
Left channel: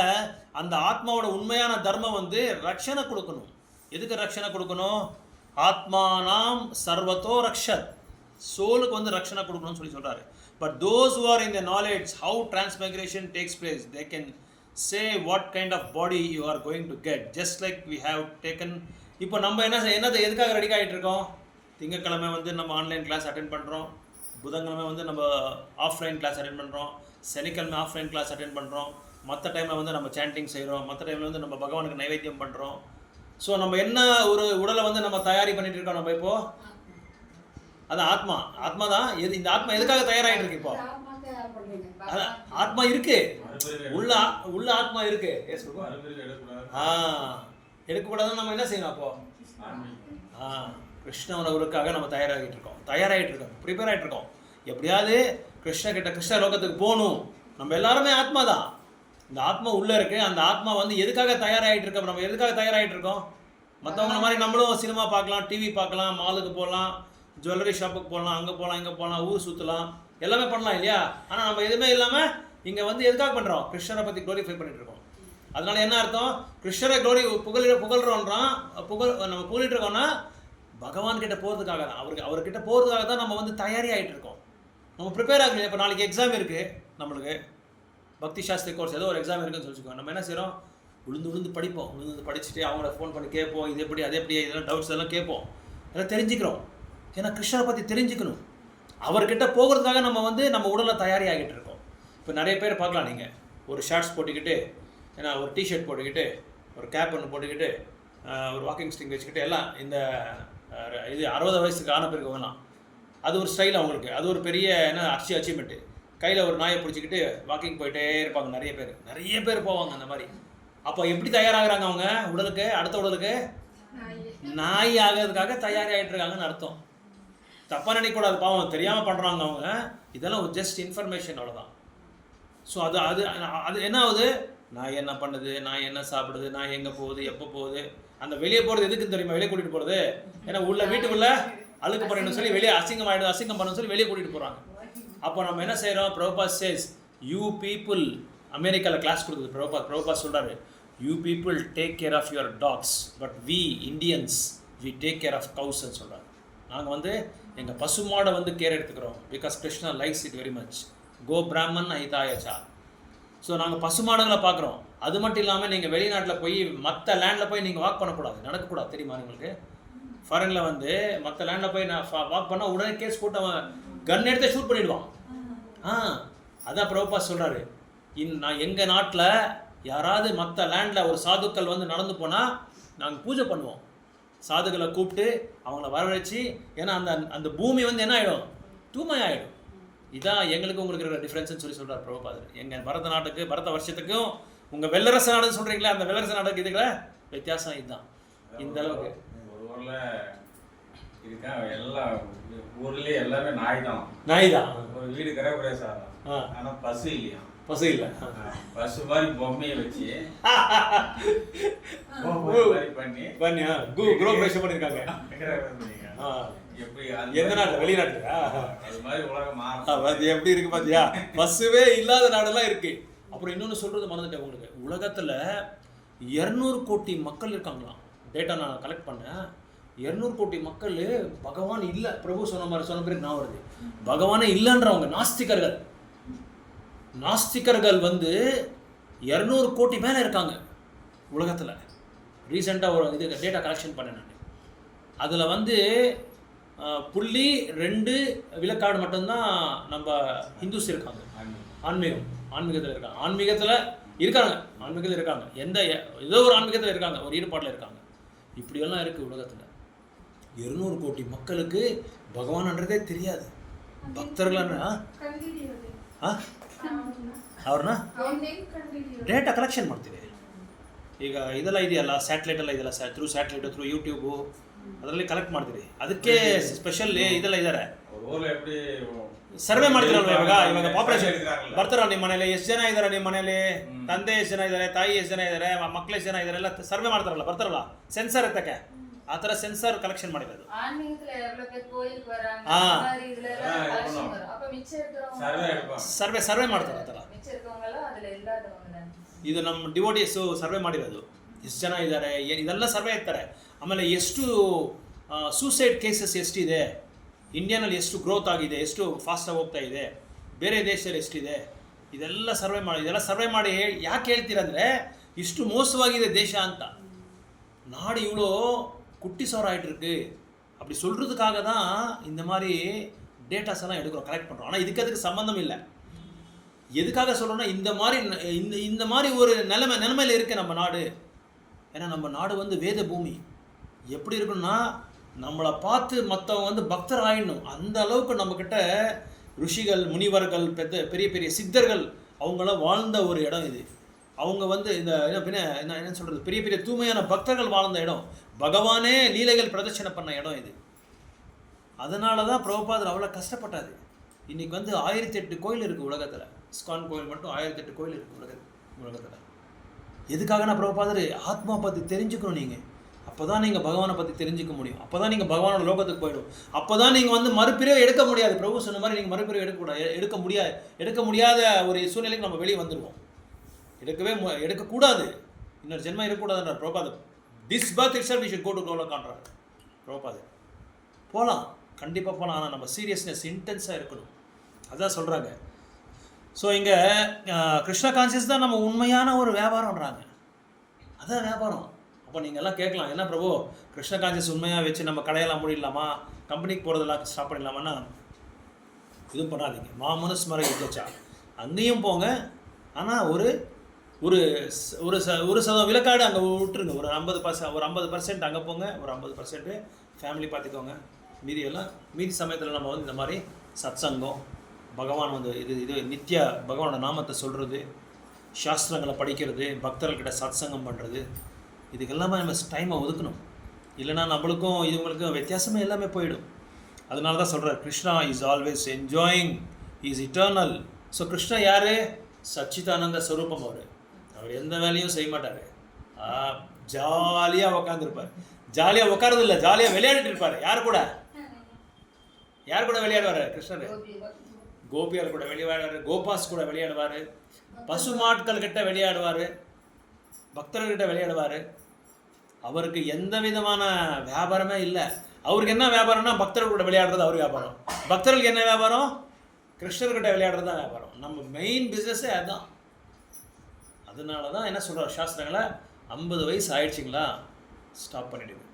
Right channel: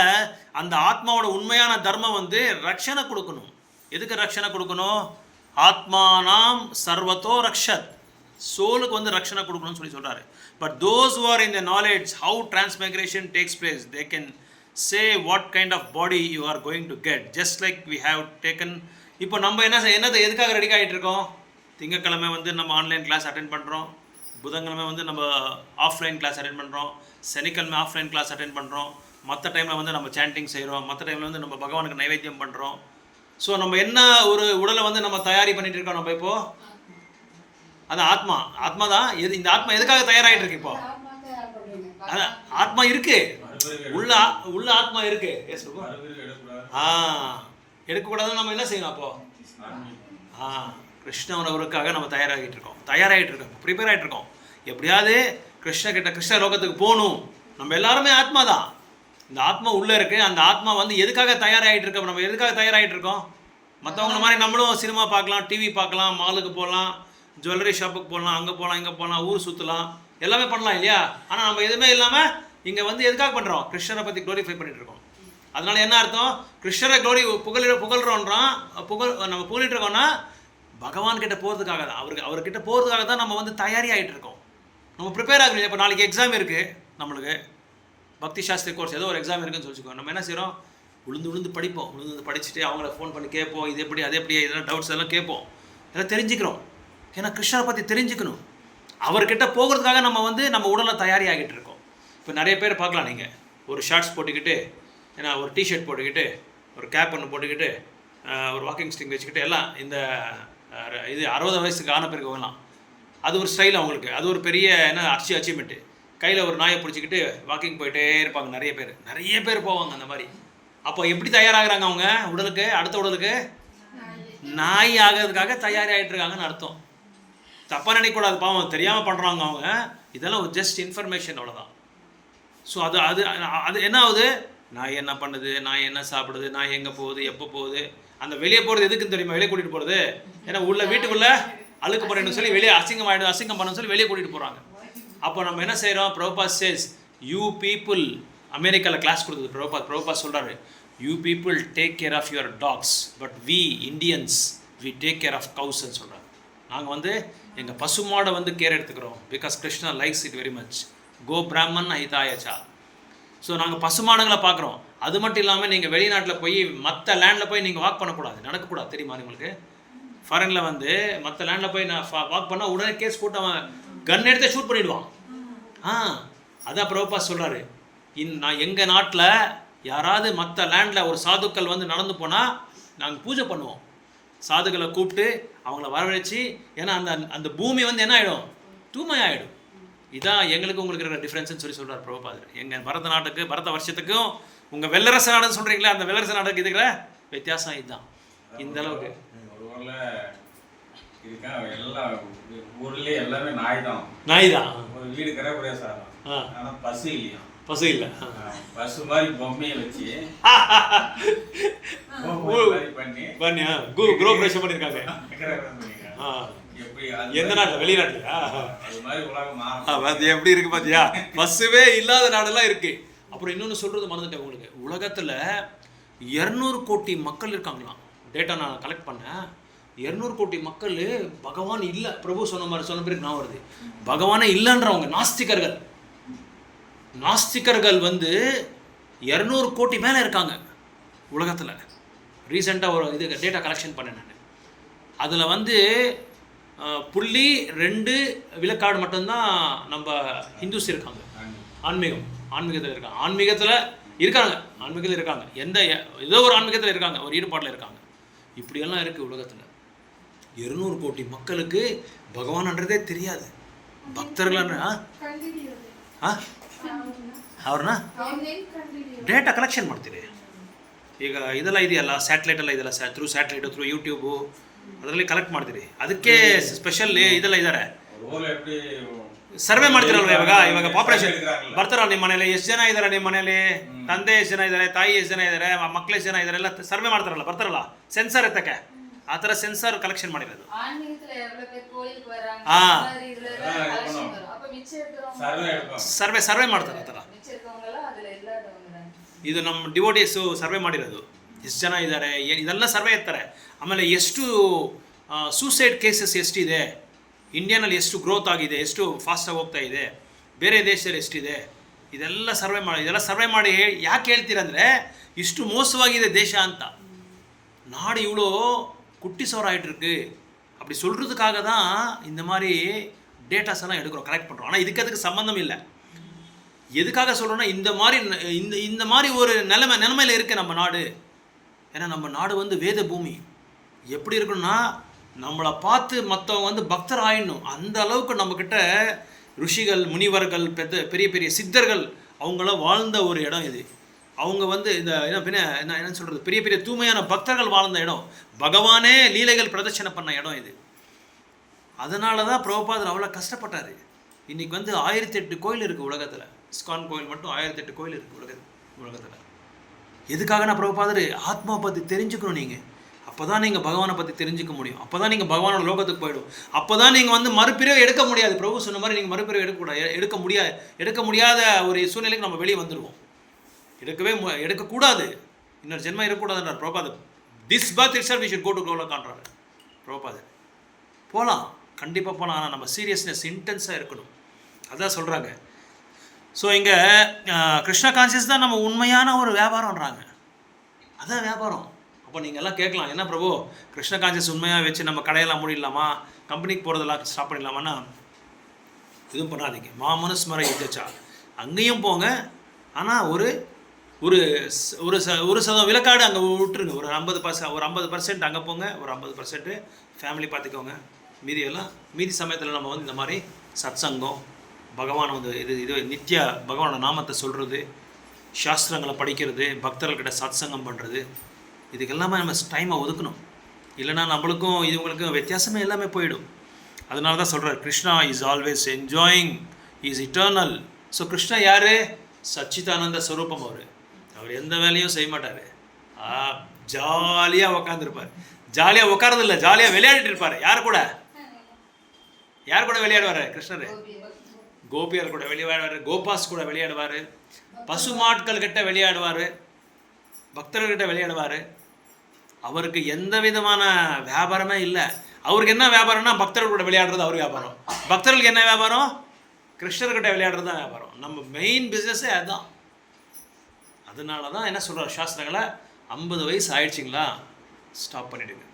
அந்த ஆத்மாவோட உண்மையான தர்மம் வந்து ரக்ஷனை கொடுக்கணும். எதுக்கு ரக்ஷனை கொடுக்கணும்? ஆத்மானாம் சர்வத்தோ ரக்ஷத். சோலுக்கு வந்து ரக்ஷனை கொடுக்கணும்னு சொல்லி சொல்கிறாரு. But those who are in the knowledge how transmigration takes place, they can say what kind of body you are going to get, just like we have taken. இப்போ நம்ம என்னதை எதுக்காக ரெடி ஆகிட்டு இருக்கோம்? திங்கக்கிழமை வந்து நம்ம ஆன்லைன் கிளாஸ் அட்டென்ட் பண்ணுறோம், புதன்கிழமை வந்து நம்ம ஆஃப்லைன் கிளாஸ் அட்டென்ட் பண்ணுறோம், சனிக்கிழமை ஆஃப்லைன் கிளாஸ் அட்டென்ட் பண்ணுறோம், மற்ற டைமில் வந்து நம்ம சாண்டிங் செய்கிறோம், மற்ற டைமில் வந்து நம்ம பகவானுக்கு நைவேத்தியம் பண்ணுறோம். ஸோ நம்ம என்ன ஒரு உடலை வந்து நம்ம தயாரி பண்ணிட்டு இருக்கோம் நம்ம இப்போது? அது ஆத்மா தான். இந்த ஆத்மா எதுக்காக தயாராகிட்டு இருக்கு? இப்போ அதான் ஆத்மா இருக்கு, உள்ள ஆத்மா இருக்கு. எடுக்கக்கூடாதுன்னு நம்ம என்ன செய்யணும் அப்போ? கிருஷ்ணவரவுக்காக நம்ம தயாராகிட்டு இருக்கோம், ப்ரிப்பேர் ஆகிட்டு இருக்கோம். எப்படியாவது கிருஷ்ண லோகத்துக்கு போகணும். நம்ம எல்லாருமே ஆத்மா தான். இந்த ஆத்மா உள்ளே இருக்குது. அந்த ஆத்மா வந்து எதுக்காக தயாராகிட்டு இருக்கோம்? நம்ம எதுக்காக தயாராகிட்டு இருக்கோம்? மற்றவங்கள மாதிரி நம்மளும் சினிமா பார்க்கலாம், டிவி பார்க்கலாம், மாலுக்கு போகலாம், ஜுவல்லரி ஷாப்புக்கு போகலாம், அங்கே போகலாம், இங்கே போகலாம், ஊர் சுற்றலாம், எல்லாமே பண்ணலாம் இல்லையா? ஆனால் நம்ம எதுவுமே இல்லாமல் இங்கே வந்து எதுக்காக பண்ணுறோம்? கிருஷ்ணரை பற்றி க்ளோரிஃபை பண்ணிகிட்டு இருக்கோம். அதனால் என்ன அர்த்தம்? கிருஷ்ணரை புகழ்கிறோன்றான். நம்ம புகழிட்டு இருக்கோம்னா பகவான்கிட்ட போகிறதுக்காக தான், அவர்கிட்ட போகிறதுக்காக தான் நம்ம வந்து தயாரி ஆகிட்டு இருக்கோம். நம்ம ப்ரிப்பேர் ஆகணும். இப்போ நாளைக்கு எக்ஸாம் இருக்குது, நம்மளுக்கு பக்தி சாஸ்திரி கோர்ஸ் ஏதோ ஒரு எக்ஸாம் இருக்குன்னு சொல்லிச்சுக்கோங்க. நம்ம என்ன செய்கிறோம்? விழுந்து படிப்போம். படிச்சுட்டு அவங்கள ஃபோன் பண்ணி கேட்போம், இது எப்படி அது எப்படி, இதெல்லாம் டவுட்ஸ் எல்லாம் கேட்போம், எல்லாம் தெரிஞ்சுக்கிறோம். ஏன்னா கிருஷ்ணரை பற்றி தெரிஞ்சுக்கணும். அவர்கிட்ட போகிறதுக்காக நம்ம வந்து நம்ம உடலை தயாரி ஆகிட்டு இருக்கோம். இப்போ நிறைய பேர் பார்க்கலாம், நீங்கள் ஒரு ஷார்ட்ஸ் போட்டுக்கிட்டு, ஏன்னா ஒரு டிஷர்ட் போட்டுக்கிட்டு, ஒரு கேப் ஒன்று போட்டுக்கிட்டு, ஒரு வாக்கிங் ஸ்டிக் வச்சுக்கிட்டு, எல்லாம் இந்த இது 60 வயசுக்கு ஆன பிறகு போகலாம். அது ஒரு ஸ்டைல் அவங்களுக்கு, அது ஒரு பெரிய அச்சீவ்மெண்ட்டு. கையில் ஒரு நாயை பிடிச்சிக்கிட்டு வாக்கிங் போயிட்டே இருப்பாங்க. நிறைய பேர் போவாங்க அந்த மாதிரி. அப்போ எப்படி தயாராகிறாங்க அவங்க உடலுக்கு? அடுத்த உடலுக்கு நாய் ஆகிறதுக்காக தயாராகிட்டு இருக்காங்கன்னு அர்த்தம். தப்பாக நினைக்கக்கூடாது, பாவம் தெரியாமல் பண்ணுறாங்க அவங்க. இதெல்லாம் ஒரு ஜஸ்ட் இன்ஃபர்மேஷன், அவ்வளோதான். ஸோ அது அது அது என்ன ஆகுது, நான் என்ன பண்ணுது, நான் என்ன சாப்பிடுது, நான் எங்கே போகுது, எப்போ போகுது. அந்த வெளியே போகிறது எதுக்குன்னு தெரியுமா? வெளியே கூட்டிகிட்டு போகிறது. ஏன்னா வீட்டுக்குள்ளே அழுக்கு பண்ணணும்னு சொல்லி வெளியே அசிங்கம் பண்ணணும்னு சொல்லி வெளியே கூட்டிகிட்டு போகிறாங்க. அப்போ நம்ம என்ன செய்கிறோம்? பிரபுபாத் சேஸ் யூ பீப்புள், அமெரிக்காவில் கிளாஸ் கொடுத்தது பிரபுபாத் சொல்கிறாரு, you people take care of your dogs, but we Indians we take care of கவுஸ்ன்னு சொல்கிறாங்க. நாங்கள் எங்கள் பசுமாடை கேர் எடுத்துக்கிறோம். Because Krishna likes it very much. கோ பிராமன் ஹிதாயச்சா. ஸோ நாங்கள் பசுமாடுங்களை பார்க்குறோம். அது மட்டும் இல்லாமல் நீங்கள் வெளிநாட்டில் போய் மற்ற லேண்டில் போய் நீங்கள் வாக் பண்ணக்கூடாது, நடக்கக்கூடாது. தெரியுமா உங்களுக்கு? ஃபாரினில் மற்ற லேண்டில் போய் நான் வாக் பண்ணால் உடனே கேஸ் போட்டு அவன் கன் எடுத்து ஷூட் பண்ணிவிடுவான். அதான் பிரபுபாத் சொல்கிறாரு, நான் எங்கள் நாட்டில் யாராவது மற்ற லேண்டில் ஒரு சாதுக்கள் நடந்து போனால் நாங்கள் பூஜை பண்ணுவோம். சாதுக்களை கூப்பிட்டு அவங்கள வரவழைச்சி, ஏன்னா அந்த பூமி என்ன ஆகிடும்? தூய்மையாகிடும். இதான் எங்களுக்கு உங்களுக்கு இருக்கிற டிஃப்ரென்ஸ்னு சொல்கிறார் பிரபுபாதர். எங்கள் பரத வருஷத்துக்கும் உங்கள் வெள்ளரச நாடுன்னு சொல்கிறீங்களா, அந்த வெள்ளரச நாடுக்கு இருக்கிற வித்தியாசம் இதுதான். இந்த அளவுக்கு ஒரு ஊரில் இருக்கா, எல்லா ஊர்லேயே எல்லாமே நாய் தான். ஒரு வீடு கிரகப்பிரவேசம், ஆனால் பசு இல்லையா? பசு இல்லை. பசு மாதிரி பொம்மையை வச்சு பண்ணி குரோபரேஷன் பண்ணியிருக்காங்க. எந்த நாட்டில்? வெளிநாட்டுலையா? எப்படி இருக்கு பார்த்தியா? பஸ்ஸுவே இல்லாத நாடெல்லாம் இருக்கு. அப்புறம் இன்னொன்று சொல்கிறது மறந்துட்டேன் உங்களுக்கு. உலகத்தில் 200 கோடி மக்கள் இருக்காங்களாம். டேட்டா நான் கலெக்ட் பண்ணேன். 200 கோடி மக்கள் பகவான் இல்லை. பிரபு சொன்ன பிறகு நான் வருது, பகவானே இல்லைன்றவங்க நாஸ்திகர்கள் 200 கோடி மேலே இருக்காங்க உலகத்தில். ரீசெண்டாக ஒரு டேட்டா கலெக்ஷன் பண்ணேன் நான். அதில் 0.2 விழுக்காடு மட்டும்தான் நம்ம ஹிந்துஸ் இருக்காங்க. ஆன்மீகத்தில் இருக்காங்க. ஏதோ ஒரு ஆன்மீகத்தில் இருக்காங்க, ஒரு ஈடுபாட்டில் இருக்காங்க. இப்படியெல்லாம் இருக்குது உலகத்தில். 200 கோடி மக்களுக்கு பகவான்ன்றதே தெரியாது. பக்தர்களான ಅವ್ರನ್ನ ಡೇಟಾ ಕಲೆಕ್ಷನ್ ಮಾಡ್ತೀರಿ. ಈಗ ಇದೆಲ್ಲ ಇದೆಯಲ್ಲ, ಸ್ಯಾಟಲೈಟ್ ಎಲ್ಲ ಇದೆಲ್ಲ, ಥ್ರೂ ಸ್ಯಾಟಲೈಟ್, ಥ್ರೂ ಯೂಟ್ಯೂಬು, ಅದರಲ್ಲಿ ಕಲೆಕ್ಟ್ ಮಾಡ್ತೀರಿ. ಅದಕ್ಕೆ ಸ್ಪೆಷಲ್ ಇದೆಲ್ಲ ಇದ್ದಾರೆ, ಸರ್ವೆ ಮಾಡ್ತೀರಲ್ವ. ಇವಾಗ ಪಾಪ್ಯುಲೇಷನ್ ಬರ್ತಾರಲ್ಲ ನಿಮ್ಮ ಮನೇಲಿ, ಎಷ್ಟು ಜನ ಇದ್ದಾರೆ ನಿಮ್ಮ ಮನೇಲಿ, ತಂದೆ ಎಷ್ಟು ಜನ ಇದ್ದಾರೆ, ತಾಯಿ ಎಷ್ಟು ಜನ ಇದ್ದಾರೆ, ಮಕ್ಕಳು ಎಷ್ಟು ಜನ ಇದ್ದಾರೆ, ಎಲ್ಲ ಸರ್ವೆ ಮಾಡ್ತಾರಲ್ಲ, ಬರ್ತಾರಲ್ಲ ಸೆನ್ಸರ್ ಎತ್ತಕ್ಕೆ. ಆ ಥರ ಸೆನ್ಸರ್ ಕಲೆಕ್ಷನ್ ಮಾಡಿರೋದು. ಸರ್ವೆ ಮಾಡ್ತಾರೆ ಆ ಥರ. ಇದು ನಮ್ಮ ಡಿವೋಟೀಸು ಸರ್ವೆ ಮಾಡಿರೋದು. ಎಷ್ಟು ಜನ ಇದ್ದಾರೆ ಇದೆಲ್ಲ ಸರ್ವೆ ಇರ್ತಾರೆ. ಆಮೇಲೆ ಎಷ್ಟು ಸೂಸೈಡ್ ಕೇಸಸ್ ಎಷ್ಟಿದೆ, ಇಂಡಿಯಾನಲ್ಲಿ ಎಷ್ಟು ಗ್ರೋತ್ ಆಗಿದೆ, ಎಷ್ಟು ಫಾಸ್ಟಾಗಿ ಹೋಗ್ತಾ ಇದೆ, ಬೇರೆ ದೇಶದಲ್ಲಿ ಎಷ್ಟಿದೆ, ಇದೆಲ್ಲ ಸರ್ವೆ ಮಾಡಿ ಯಾಕೆ ಹೇಳ್ತೀರಂದರೆ ಇಷ್ಟು ಮೋಸವಾಗಿದೆ ದೇಶ ಅಂತ. நாடு இவ்வளோ குட்டிசோர் ஆகிட்டுருக்கு அப்படி சொல்கிறதுக்காக தான் இந்த மாதிரி டேட்டாஸ் எல்லாம் எடுக்கிறோம், கலெக்ட் பண்ணுறோம். ஆனால் அதுக்கு சம்மந்தம் இல்லை. எதுக்காக சொல்கிறோன்னா, இந்த மாதிரி ஒரு நிலைமையில் இருக்குது நம்ம நாடு. ஏன்னா நம்ம நாடு வேத பூமி. எப்படி இருக்கணும்னா, நம்மளை பார்த்து மற்றவங்க பக்தர் ஆயிடணும். அந்த அளவுக்கு நம்மக்கிட்ட ருஷிகள், முனிவர்கள், பெரிய பெரிய சித்தர்கள் அவங்களாம் வாழ்ந்த ஒரு இடம் இது. அவங்க இந்த என்ன சொல்கிறது, பெரிய பெரிய தூய்மையான பக்தர்கள் வாழ்ந்த இடம், பகவானே லீலைகள் பிரதட்சணை பண்ண இடம் இது. அதனால தான் பிரபுபாதர் அவ்வளோ கஷ்டப்பட்டார். இன்றைக்கி 1008 கோயில் இருக்குது உலகத்தில். இஸ்கான் கோயில் மட்டும் 1008 கோயில் இருக்குது உலகத்தில். எதுக்காக நான் பிரபுபாதர் ஆத்மா பற்றி தெரிஞ்சுக்கணும். நீங்கள் அப்போ தான் நீங்கள் பகவானை பற்றி தெரிஞ்சுக்க முடியும். அப்போ தான் நீங்கள் பகவானோட லோகத்துக்கு போயிடும். அப்போ தான் நீங்கள் மறுபிறவை எடுக்க முடியாது. பிரபு சொன்ன மாதிரி நீங்கள் மறுபிறவை எடுக்க முடியாத ஒரு சூழ்நிலைக்கு நம்ம வெளியே வந்துடுவோம். எடுக்கக்கூடாது, இன்னொரு ஜென்மம் இருக்கக்கூடாதுன்றார் பிரபுபாதர். This birth itself we should go to கோலோகான்றார் பிரபுபாதர். போகலாம், கண்டிப்பாக போகலாம். ஆனால் நம்ம சீரியஸ்னஸ் இன்டென்ஸாக இருக்கணும். அதான் சொல்கிறாங்க. ஸோ இங்கே கிருஷ்ண கான்சியஸ் தான் நம்ம உண்மையான ஒரு வியாபாரம்ன்றாங்க. அதான் வியாபாரம். அப்போ நீங்கள் எல்லாம் கேட்கலாம், என்ன பிரபு கிருஷ்ண கான்சியஸ் உண்மையாக வச்சு நம்ம கடையெல்லாம் மூடிடலாமா, கம்பெனிக்கு போகிறதெல்லாம் ஸ்டாப் பண்ணிடலாமான்னா, இதுவும் பண்ணாதீங்க. மாமனுஸ்மர யுத்தச்சா, அங்கேயும் போங்க. ஆனால் ஒரு 1% விலக்காடு அங்கே விட்டுருங்க. ஒரு 50% அங்கே போங்க, ஒரு 50% ஃபேமிலி பார்த்துக்கோங்க. மீதி சமயத்தில் நம்ம இந்த மாதிரி சத்சங்கம், பகவான் இது நித்திய பகவானோட நாமத்தை சொல்கிறது, சாஸ்திரங்களை படிக்கிறது, பக்தர்கள்கிட்ட சத்சங்கம் பண்ணுறது, இதுக்கெல்லாமே நம்ம டைமை ஒதுக்கணும். இல்லைனா நம்மளுக்கும் இதுங்களுக்கும் வித்தியாசமே எல்லாமே போயிடும். அதனால தான் சொல்கிறார் Krishna is always enjoying, is eternal. So Krishna யார்? சச்சிதானந்த ஸ்வரூபம். அவர் எந்த வேலையும் செய்ய மாட்டார், ஜாலியாக உக்காந்துருப்பார். ஜாலியாக உட்காரது இல்லை, ஜாலியாக விளையாடிட்டு இருப்பார். யார் கூட விளையாடுவார் கிருஷ்ணர்? கோபியார் கூட விளையாடுவார், கோபாஸ் கூட விளையாடுவார், பசுமாட்கள் கிட்ட விளையாடுவார், பக்தர்கிட்ட விளையாடுவார். அவருக்கு எந்த விதமான வியாபாரமே இல்லை. அவருக்கு என்ன வியாபாரம்னா பக்தர்கள் கூட விளையாடுறது அவர் வியாபாரம். பக்தர்களுக்கு என்ன வியாபாரம்? கிருஷ்ணர்கிட்ட விளையாடுறது தான் வியாபாரம். நம்ம மெயின் பிஸ்னஸே அதுதான். அதனால தான் என்ன சொல்கிறார் சாஸ்திரங்களை, 50 வயசு ஆயிடுச்சிங்களா ஸ்டாப் பண்ணிவிடுங்க.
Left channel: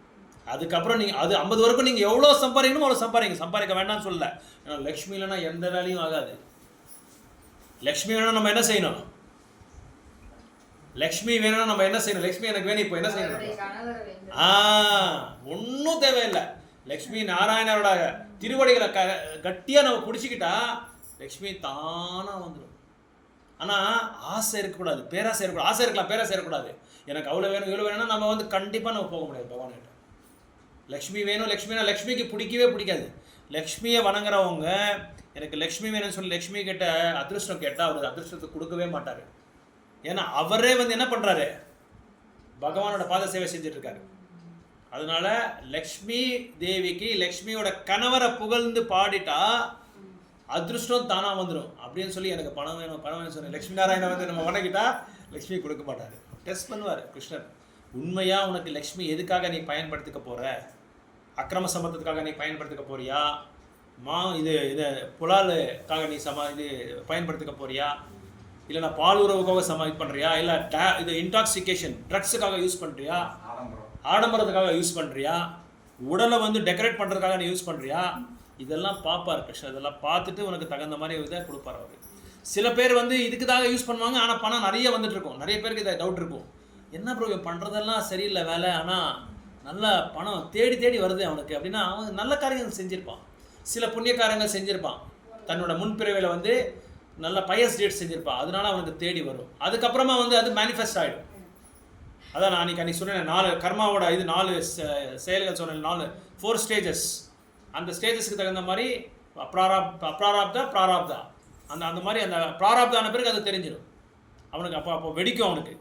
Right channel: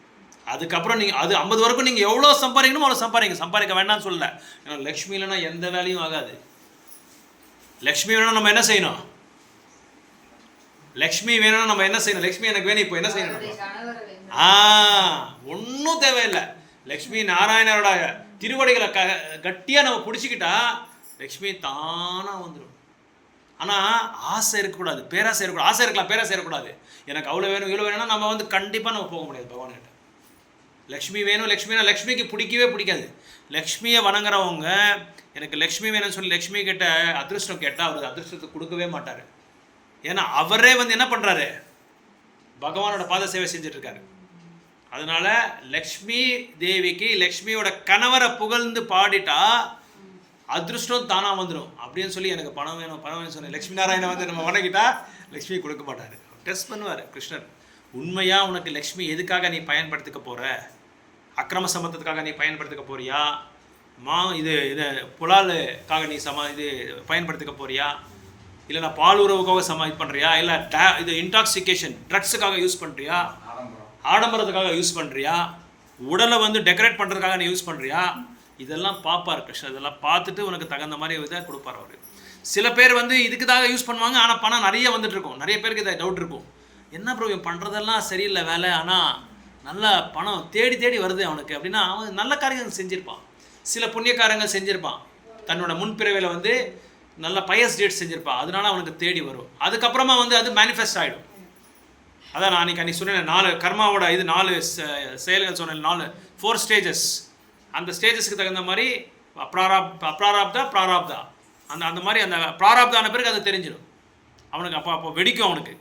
அதுக்கப்புறம் நீங்கள் அது 50 வரைக்கும் நீங்கள் எவ்வளோ சம்பாதிக்கணுமோ அவ்வளோ சம்பாதிக்க வேண்டாம்னு சொல்லலை. ஏன்னா லக்ஷ்மி இல்லைன்னா எந்த வேலையும் ஆகாது. லக்ஷ்மி வேணும்னா நம்ம என்ன செய்யணும்? லக்ஷ்மி வேணும்னா நம்ம என்ன செய்யணும்? லக்ஷ்மி எனக்கு வேணும், இப்போ என்ன செய்யணும்? ஒன்றும் தேவையில்லை. லக்ஷ்மி நாராயணரோட திருவடிகளை கட்டியாக நம்ம பிடிச்சிக்கிட்டா லக்ஷ்மி தானாக வந்துடும். ஆனால் ஆசை இருக்கக்கூடாது, பேராசை இருக்கக்கூடாது. ஆசை இருக்கலாம், பேராசை இருக்கக்கூடாது. எனக்கு அவ்வளோ வேணும் இவ்வளோ வேணும்னா நம்ம வந்து கண்டிப்பாக நம்ம போக முடியாது பகவான்கிட்ட. லக்ஷ்மி வேணும், லக்ஷ்மிக்கு பிடிக்கவே பிடிக்காது. லக்ஷ்மியை வணங்குறவங்க எனக்கு லக்ஷ்மி வேணும்னு சொல்லி லக்ஷ்மி கிட்ட அதிர்ஷ்டம் கேட்டால் அவர் அதிர்ஷ்டத்தை கொடுக்கவே மாட்டார். ஏன்னா அவரே வந்து என்ன பண்ணுறாரு? பகவானோட பாத சேவை செஞ்சிட்ருக்காரு. அதனால் லக்ஷ்மி தேவிக்கு லக்ஷ்மியோட கணவரை புகழ்ந்து பாடிட்டா அதிர்ஷ்டம் தானாக வந்துடும். அப்படின்னு சொல்லி எனக்கு பணம் வேணும் சொன்னேன். லக்ஷ்மி நாராயணன் வந்து நம்ம வணங்கிட்டா லக்ஷ்மி கொடுக்க மாட்டார். டெஸ்ட் பண்ணுவார் கிருஷ்ணர். உண்மையாக உனக்கு லக்ஷ்மி எதுக்காக நீ பயன்படுத்திக்க போகிற? அக்கிரம சம்பந்தத்துக்காக நீ பயன்படுத்திக்க போறியா? இது புலாலுக்காக நீ இது பயன்படுத்திக்க போறியா? இல்லை நான் பால் உறவுக்காக இது பண்ணுறியா? இல்லை இது இன்டாக்சிகேஷன் ட்ரக்ஸுக்காக யூஸ் பண்ணுறியா? ஆடம்பரத்துக்காக யூஸ் பண்ணுறியா? உடலை வந்து டெக்கரேட் பண்ணுறதுக்காக நீ யூஸ் பண்ணுறியா? இதெல்லாம் பார்ப்பார் கிருஷ்ணர். இதெல்லாம் பார்த்துட்டு உனக்கு தகுந்த மாதிரி இதை கொடுப்பார் அவர். சில பேர் வந்து இதுக்குதாக யூஸ் பண்ணுவாங்க, ஆனால் பணம் நிறைய வந்துட்டு இருக்கும். நிறைய பேருக்கு இதை டவுட் இருக்கும், என்ன ப்ரோ இவன் பண்ணுறதெல்லாம் சரியில்லை வேலை, ஆனால் நல்ல பணம் தேடி வருது அவனுக்கு அப்படின்னா அவன் நல்ல காரியங்கள் செஞ்சுருப்பான், சில புண்ணியக்காரங்கள் செஞ்சுருப்பான், தன்னோட முன்பிறவையில் வந்து நல்ல பயஸ் டேட் செஞ்சுருப்பான், அதனால அவனுக்கு தேடி வரும். அதுக்கப்புறமா வந்து அது மேனிஃபெஸ்ட் ஆகிடும். அதான் நான் அன்றைக்கி சொன்னேன், 4 கர்மாவோட 4 செயல்கள் சொன்னேன், 4 ஸ்டேஜஸ். அந்த ஸ்டேஜஸ்க்கு தகுந்த மாதிரி பிராராப்தா அந்த மாதிரி அந்த பிராராப்தான பிறகு அது தெரிஞ்சிடும் அவனுக்கு. அப்போ வெடிக்கும் அவனுக்கு.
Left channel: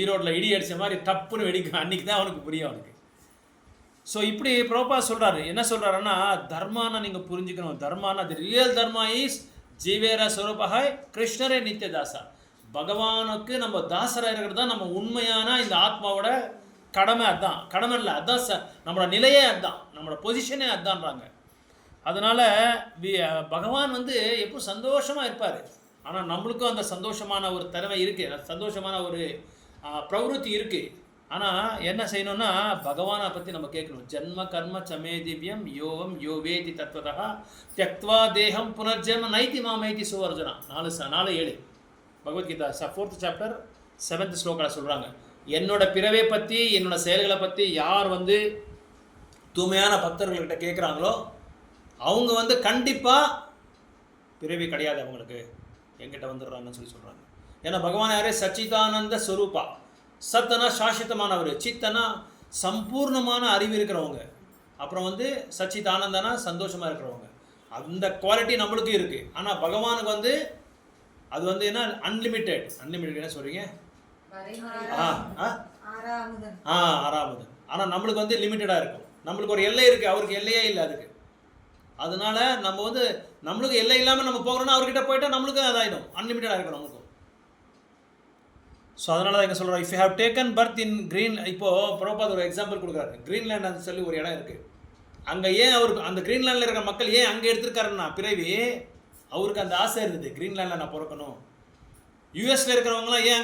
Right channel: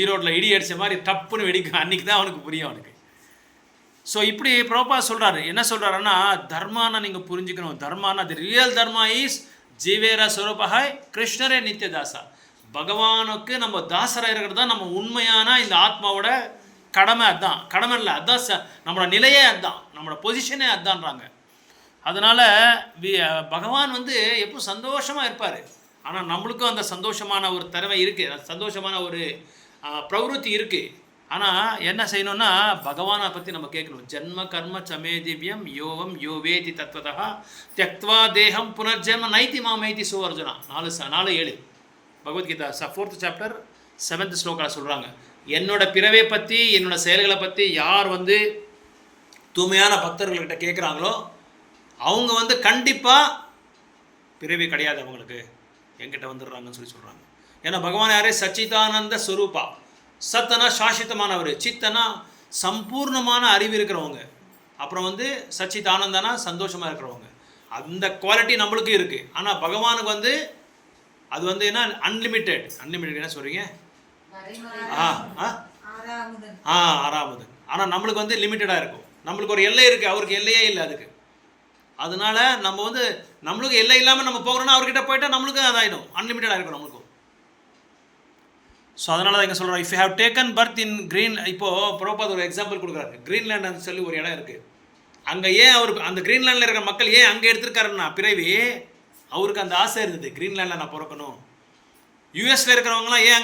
ஈரோட்டில் இடி அடித்த மாதிரி டப்புன்னு வெடிக்கும். அன்றைக்கி தான் அவனுக்கு புரியும் அவனுக்கு. ஸோ இப்படி பிரபுபாத் சொல்கிறாரு. என்ன சொல்கிறாருன்னா, தர்மானா நீங்கள் புரிஞ்சுக்கணும். தர்மானா தி ரியல் தர்மா இஸ் ஜீவேரா ஸ்வரூபஹாய் கிருஷ்ணரே நித்தியதாசா. பகவானுக்கு நம்ம தாசராக இருக்கிறது தான் நம்ம உண்மையான இந்த ஆத்மாவோட கடமை. அதுதான் கடமை இல்லை, அதுதான் நம்மளோட நிலையே, அதுதான் நம்மளோட பொசிஷனே அதுதான்றாங்க. அதனால் பகவான் வந்து எப்போ சந்தோஷமாக இருப்பார். ஆனால் நம்மளுக்கும் அந்த சந்தோஷமான ஒரு திறமை இருக்குது, சந்தோஷமான ஒரு பிரவருத்தி இருக்குது. ஆனால் என்ன செய்யணும்னா பகவானை பற்றி நம்ம கேட்கணும். ஜன்ம கர்ம சமே திவ்யம் யோவம் யோவேதி தத்வதா தியக்த்வா தேகம் புனர்ஜென்ம நைத்தி மாமைத்தி சுவர்ஜனா 4:7 பகவத்கீதா 4th chapter 7th ஸ்லோகாவில் சொல்கிறாங்க. என்னோட பிறவை பற்றி என்னோட செயல்களை பற்றி யார் வந்து தூய்மையான பக்தர்கள்கிட்ட கேட்குறாங்களோ அவங்க வந்து கண்டிப்பாக பிறவி கிடையாது அவங்களுக்கு, என்கிட்ட வந்துடுறாங்கன்னு சொல்கிறாங்க. ஏன்னா பகவான் யாரே சச்சிதானந்த ஸ்வரூபா. சத்தனா சாஸ்வதமானவர், சித்தனா சம்பூர்ணமான அறிவு இருக்கிறவங்க, அப்புறம் வந்து சச்சிதானந்தனா சந்தோஷமாக இருக்கிறவங்க. அந்த குவாலிட்டி நம்மளுக்கு இருக்குது. ஆனால் பகவானுக்கு வந்து அது வந்து என்ன அன்லிமிட்டெட் என்ன சொல்கிறீங்க? ஆறாவது. ஆனால் நம்மளுக்கு வந்து லிமிட்டடாக இருக்கும். நம்மளுக்கு ஒரு எல்லை இருக்குது, அவருக்கு எல்லையே இல்லை அதுக்கு. அதனால நம்ம வந்து நம்மளுக்கு எல்லை இல்லாமல் நம்ம போகிறோன்னா அவர்கிட்ட போயிட்டால் நம்மளுக்கு அதாயிடும், அன்லிமிட்டடாக இருக்கும் நம்மளுக்கும். ஸோ அதனால தான் எங்கே சொல்கிறோம், if you have taken birth in green. இப்போது பிரபுபாத் ஒரு எக்ஸாம்பிள் கொடுக்குறாரு. க்ரீன்லேண்ட் சொல்லி ஒரு இடம் இருக்குது. அங்கே ஏன் அவருக்கு அந்த க்ரீன்லேண்டில் இருக்கிற மக்கள் ஏன் அங்கே எடுத்துருக்காருன்னா பிறவி அவருக்கு அந்த ஆசை இருந்தது, க்ரீன்லேண்டில் நான் பிறக்கணும். யூஎஸில் இருக்கிறவங்களாம் ஏன்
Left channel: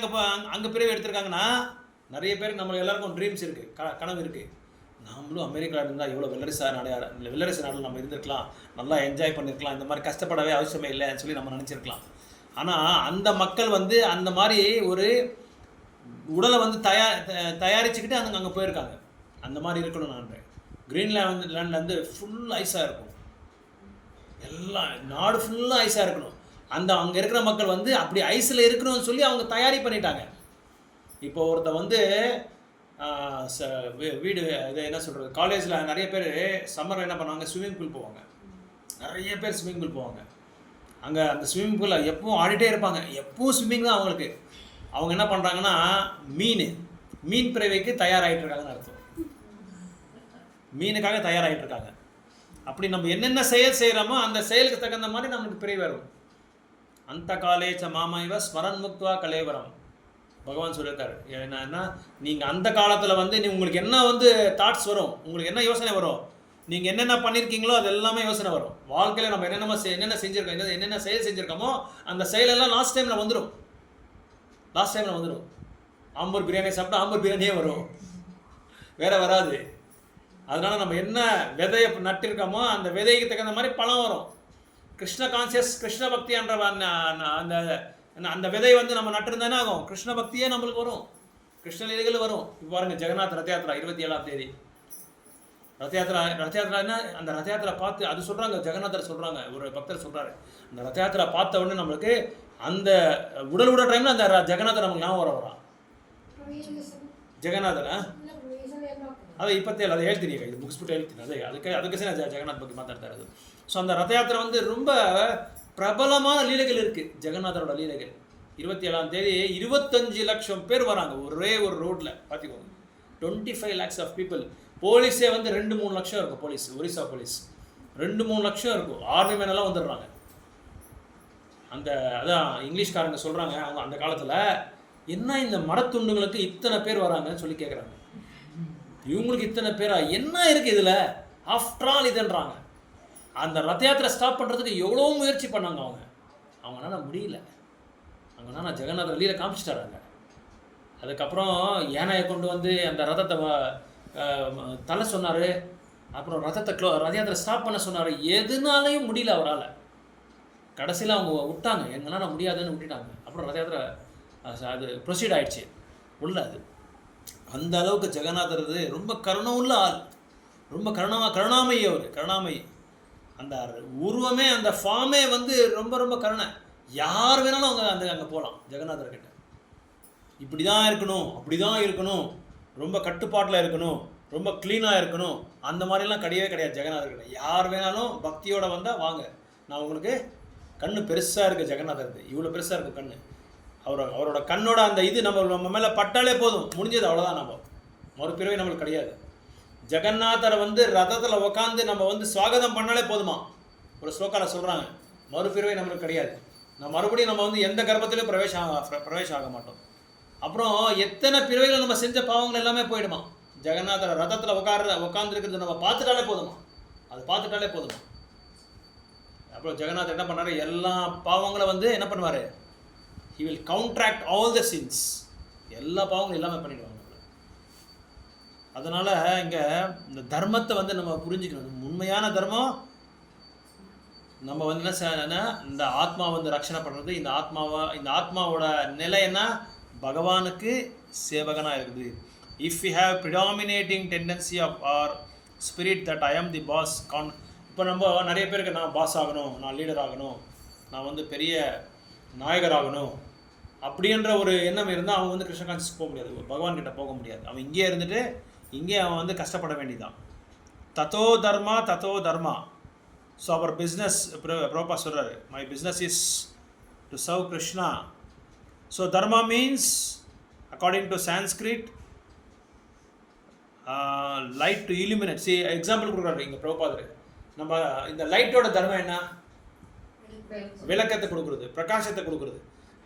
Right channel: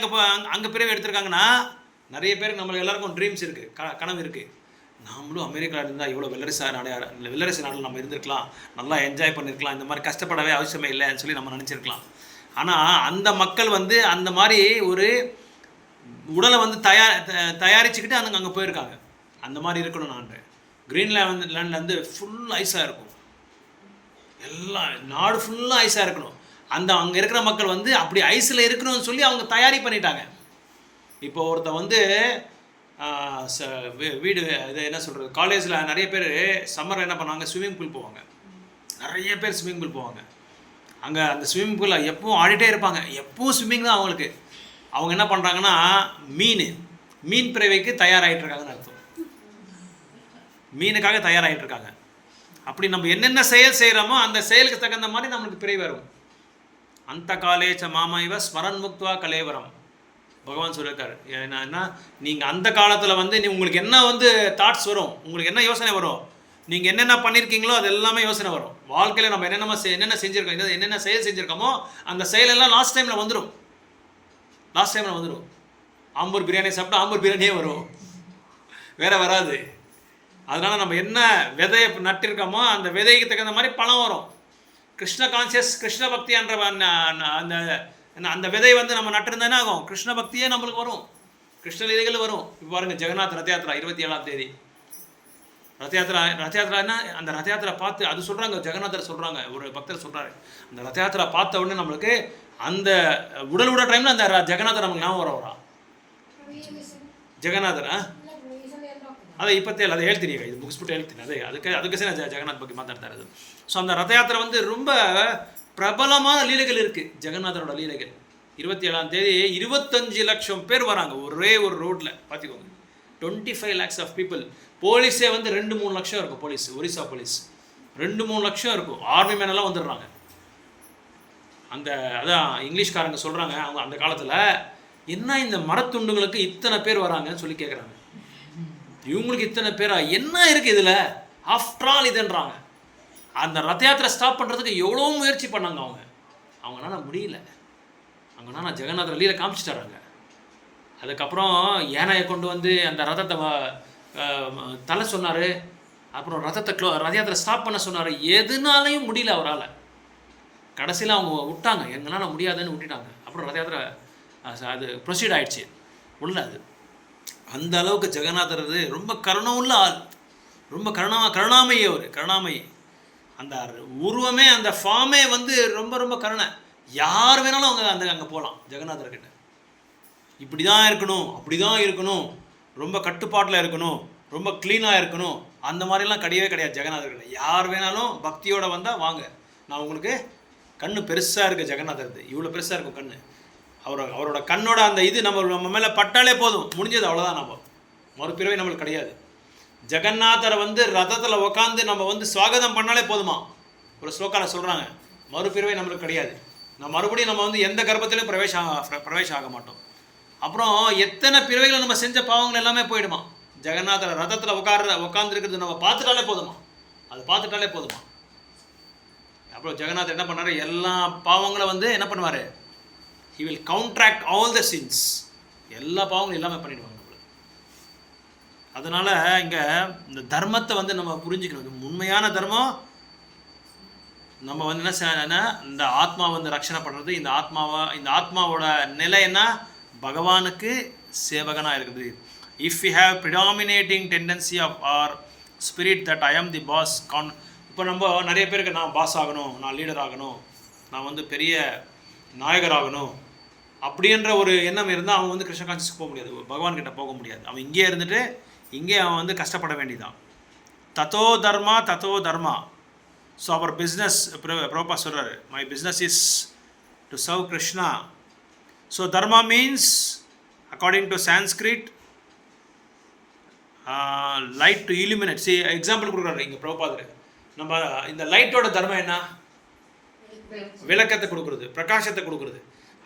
அங்கே பிறவி எடுத்திருக்காங்கன்னா நிறைய பேருக்கு நம்மளுக்கு எல்லாருக்கும் ட்ரீம்ஸ் இருக்குது, கனவு இருக்குது. நாமளும் அமெரிக்காவில் இருந்தால் இவ்வளோ வெள்ளரசு நாட்டில் நம்ம இருந்திருக்கலாம், நல்லா என்ஜாய் பண்ணியிருக்கலாம், இந்த மாதிரி கஷ்டப்படவே அவசியமே இல்லைன்னு சொல்லி நம்ம நினச்சிருக்கலாம். ஆனால் அந்த மக்கள் வந்து அந்த மாதிரி ஒரு உடலை வந்து தயாரிச்சுக்கிட்டு அங்கே போயிருக்காங்க. அந்த மாதிரி இருக்கணும். நான் க்ரீன்லேண்டில் வந்து ஃபுல் ஐஸாக இருக்கும், எல்லாம் நாடு ஃபுல்லாக ஐஸாக இருக்கணும். அங்கே இருக்கிற மக்கள் வந்து அப்படி ஐஸில் இருக்கணும்னு சொல்லி அவங்க தயாரி பண்ணிட்டாங்க. இப்போ ஒருத்தர் வந்து வீடு இது என்ன சொல்கிறது, காலேஜில் நிறைய பேர் சம்மர் என்ன பண்ணுவாங்க, ஸ்விம்மிங் பூல் போவாங்க. நிறைய பேர் ஸ்விம்மிங் பூல் போவாங்க. அங்கே அந்த ஸ்விம்மிங் பூலில் எப்பவும் ஆடிட்டே இருப்பாங்க, எப்பவும் ஸ்விம்மிங் தான் அவங்களுக்கு. அவங்க என்ன பண்ணுறாங்கன்னா மீன் பிறவைக்கு தயாராகிட்டு இருக்காங்கன்னு அர்த்தம். மீனுக்காக தயாராகிட்டு இருக்காங்க. அப்படி நம்ம என்னென்ன செயல் செய்கிறோமோ அந்த செயலுக்கு தகுந்த மாதிரி நம்மளுக்கு பிறவி வரும். அந்த காலேச்ச மாமாய்வ ஸ்மரன் முக்துவா கலேவரம் பகவான் சொல்லியிருக்காரு. ஏன்னா நீங்கள் அந்த காலத்தில் வந்து உங்களுக்கு என்ன வந்து தாட்ஸ் வரும், உங்களுக்கு என்ன யோசனை வரும், நீங்கள் என்னென்ன பண்ணியிருக்கீங்களோ அது எல்லாமே யோசனை வரும். வாழ்க்கையில் நம்ம என்னென்ன செஞ்சுருக்கோம், என்னென்ன செயல் செஞ்சுருக்கோமோ அந்த செயலெல்லாம் லாஸ்ட் டைமில் வந்துடும். ஆம்பூர் பிரியாணி சாப்பிட்டா ஆம்பூர் பிரியாணியே வரும், வேறு வராது. அதனால் நம்ம என்ன விதையை நட்டிருக்கோமோ அந்த விதைக்கு தகுந்த மாதிரி பழம் வரும். கிருஷ்ண கான்சியஸ், கிருஷ்ண பக்தி என்ற அந்த விதை வந்து நம்ம நட்டிருந்தேன்னா ஆகும், கிருஷ்ண பக்தியே நம்மளுக்கு வரும், கிருஷ்ண லீலைகள் வரும். இப்போ பாருங்கள், ஜெகநாத் ரத யாத்திரா 27ஆம் தேதி ரத யாத்திரான்னா அந்த ரத யாத்திரா பார்த்து அது சொல்கிறாங்க, ஜெகநாதர் சொல்கிறாங்க, ஒரு பக்தர் சொல்கிறாரு, அந்த ரத யாத்திரா பார்த்த உடனே நம்மளுக்கு அந்த உடல் விட டைமில் அந்த ஜெகநாதர் நமக்கு ஞாபகம் வரா. ಜಗನ್ನಾಥರ ಅದೇ 27 அதை ಹೇಳ್ತೀನಿ ಈಗ, ಇದು ಮುಗಿಸ್ಬಿಟ್ಟು ಹೇಳ್ತೀನಿ. அதுக்கு நான் ஜெகநாத் பற்றி மாத்தாடுತಾ ಇರೋದು. ஸோ அந்த ரத யாத்திரை வந்து ரொம்ப பிரபலமான லீலைகள் இருக்குது, ஜெகநாதரோட லீலைகள். 27ஆம் தேதி 25 லட்சம் பேர் வராங்க ஒரே ஒரு ரோட்டில், பார்த்துக்கோங்க. 25 lakhs ஆஃப் பீப்புள். போலீஸே வந்து 2-3 லட்சம் இருக்கும். போலீஸ், ஒரிசா போலீஸ் 2-3 லட்சம் இருக்கும். ஆர்மி மேனெல்லாம் வந்துடுறாங்க. அதான் இங்கிலீஷ்காரங்க சொல்கிறாங்க, அவங்க அந்த காலத்தில் என்ன இந்த மரத்துண்டுங்களுக்கு இத்தனை பேர் வராங்கன்னு சொல்லி கேட்குறாங்க. இவங்களுக்கு இத்தனை பேரா, என்ன இருக்குது இதில், ஆஃப்டர் ஆல் இதுன்றாங்க. அந்த ரத யாத்திரை ஸ்டாப் பண்ணுறதுக்கு எவ்வளோ முயற்சி பண்ணாங்க அவங்களால முடியல. அவங்களால ஜெகநாதர் லீலை காமிச்சிட்டாராங்க. அதுக்கப்புறம் யானையை கொண்டு வந்து அந்த ரதத்தை தலை சொன்னார். அப்புறம் ரத யாத்திரை ஸ்டாப் பண்ண சொன்னார். எதுனாலையும் முடியல அவரால். கடைசியில் அவங்க விட்டாங்க, எங்களால் முடியாதுன்னு விட்டுட்டாங்க. அப்புறம் ரத யாத்திரை அது ப்ரொசீட் ஆகிடுச்சு உள்ள. அது அந்த அளவுக்கு ஜெகநாதர் ரொம்ப கருணவுள்ள ஆள், ரொம்ப கருணாமயி. அவர் கருணாமயி. அந்த உருவமே, அந்த ஃபார்மே வந்து ரொம்ப ரொம்ப கருணை. யார் வேணாலும் அவங்க அங்கே போகலாம் ஜெகநாதர்கிட்ட. இப்படி தான் இருக்கணும், அப்படி தான் இருக்கணும், ரொம்ப கட்டுப்பாட்டில் இருக்கணும், ரொம்ப க்ளீனாக இருக்கணும், அந்த மாதிரிலாம் கிடையாது ஜெகநாதர்கிட்ட. யார் வேணாலும் பக்தியோடு வந்தால் வாங்க, நான் உங்களுக்கு கண்ணு பெருசாக இருக்குது ஜெகநாதர், இவ்வளோ பெருசாக இருக்கும் கண்ணு. அவரோட கண்ணோட அந்த இது நம்ம மேலே பட்டாலே போதும், முடிஞ்சது, அவ்வளோதான். நம்ம மறுபிறவை நம்மளுக்கு கிடையாது. ஜெகநாதரை வந்து ரதத்தில் உட்காந்து நம்ம வந்து ஸ்வாகதம் பண்ணாலே போதுமா. ஒரு ஸ்லோக்காவில் சொல்கிறாங்க, மறுபிறவை நம்மளுக்கு கிடையாது. மறுபடியும் நம்ம வந்து எந்த கர்ப்பத்திலையும் பிரவேசம் ஆக மாட்டோம். அப்புறம் எத்தனை பிறவைகளை நம்ம செஞ்ச பாவங்கள் எல்லாமே போயிடுமா. ஜெகநாதர் ரதத்தில் உட்காந்துருக்கிறது நம்ம பார்த்துட்டாலே போதுமா, அது பார்த்துட்டாலே போதுமா. அப்புறம் ஜெகநாதர் என்ன பண்ணார், எல்லா பாவங்களை வந்து என்ன பண்ணுவார், he will counteract all the sins. எல்லா பாவங்களும் எல்லாமே பண்ணிடுவாங்க நம்மள. அதனால் இங்கே இந்த தர்மத்தை வந்து நம்ம புரிஞ்சுக்கணும். உண்மையான தர்மம் நம்ம வந்து என்ன செய்யணும்னா, இந்த ஆத்மா வந்து ரட்சணை பண்ணுறது. இந்த ஆத்மாவோட நிலை என்ன, பகவானுக்கு சேவகனாக இருக்குது. If you have predominating tendency of our spirit that I am the pass இப்போ நம்ம நிறைய பேருக்கு நான் பாஸ் ஆகணும், நான் லீடர் ஆகணும், நான் வந்து பெரிய நாயகராகணும் அப்படின்ற ஒரு எண்ணம் இருந்தால் அவன் வந்து கிருஷ்ண கான்சியஸ்க்கு போக முடியாது, பகவான்கிட்ட போக முடியாது. அவன் இங்கே இருந்துட்டு இங்கே அவன் வந்து கஷ்டப்பட வேண்டியதான். தத்தோ தர்மா. ஸோ அவர் பிஸ்னஸ் ப்ரோபா சொல்கிறாரு, my business is to serve Krishna. So Dharma means according to Sanskrit light to illuminate. Example கொடுக்குறாரு இங்கே ப்ரோபாதர். நம்ம இந்த லைட்டோட தர்மம் என்ன, விளக்கத்தை கொடுக்குறது, பிரகாசத்தை கொடுக்குறது.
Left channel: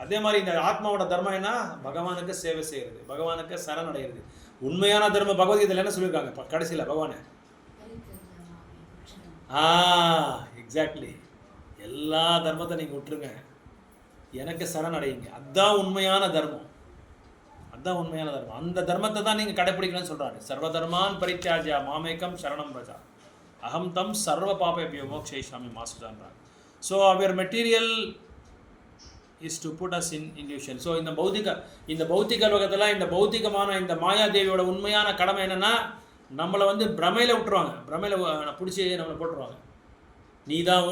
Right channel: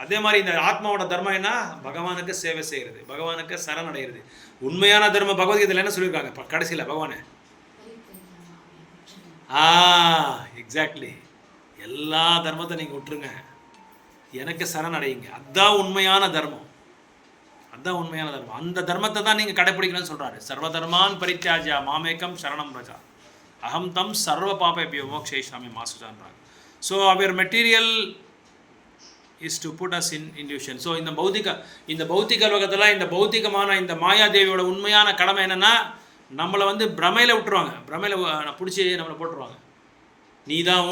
அதே மாதிரி இந்த ஆத்மாவோட தர்மம் என்ன, பகவானுக்கு சேவை செய்கிறது, பகவானுக்கு சரணடைகிறது. உண்மையான தர்மம் பகவத்கீதையில் என்ன சொல்லியிருக்காங்க கடைசியில் பகவானே, எக்ஸாக்ட்லி, எல்லா தர்மத்தை நீங்கள் விட்டுருங்க, எனக்கு சரணடையுங்க, அதுதான் உண்மையான தர்மம், அதுதான் உண்மையான தர்மம். அந்த தர்மத்தை தான் நீங்கள் கடைப்பிடிக்கணும்னு சொல்கிறாரு. சர்வதர்மான் பரித்யாஜ்ய மாமேகம் சரணம் ரஜா அகம் தம் சர்வ பாபேபியோ மோக்ஷயிஷ்யாமி மா சுஜான்றாங்க. So our material is to put us in illusion. So இந்த பௌத்திக லோகத்தில் இந்த பௌத்திகமான இந்த மாயாதேவியோட உண்மையான கடமை என்னென்னா, நம்மளை வந்து பிரமையில் விட்டுருவாங்க, பிரமையில் பிடிச்சி நம்மளை போட்டுருவாங்க. நீ தான்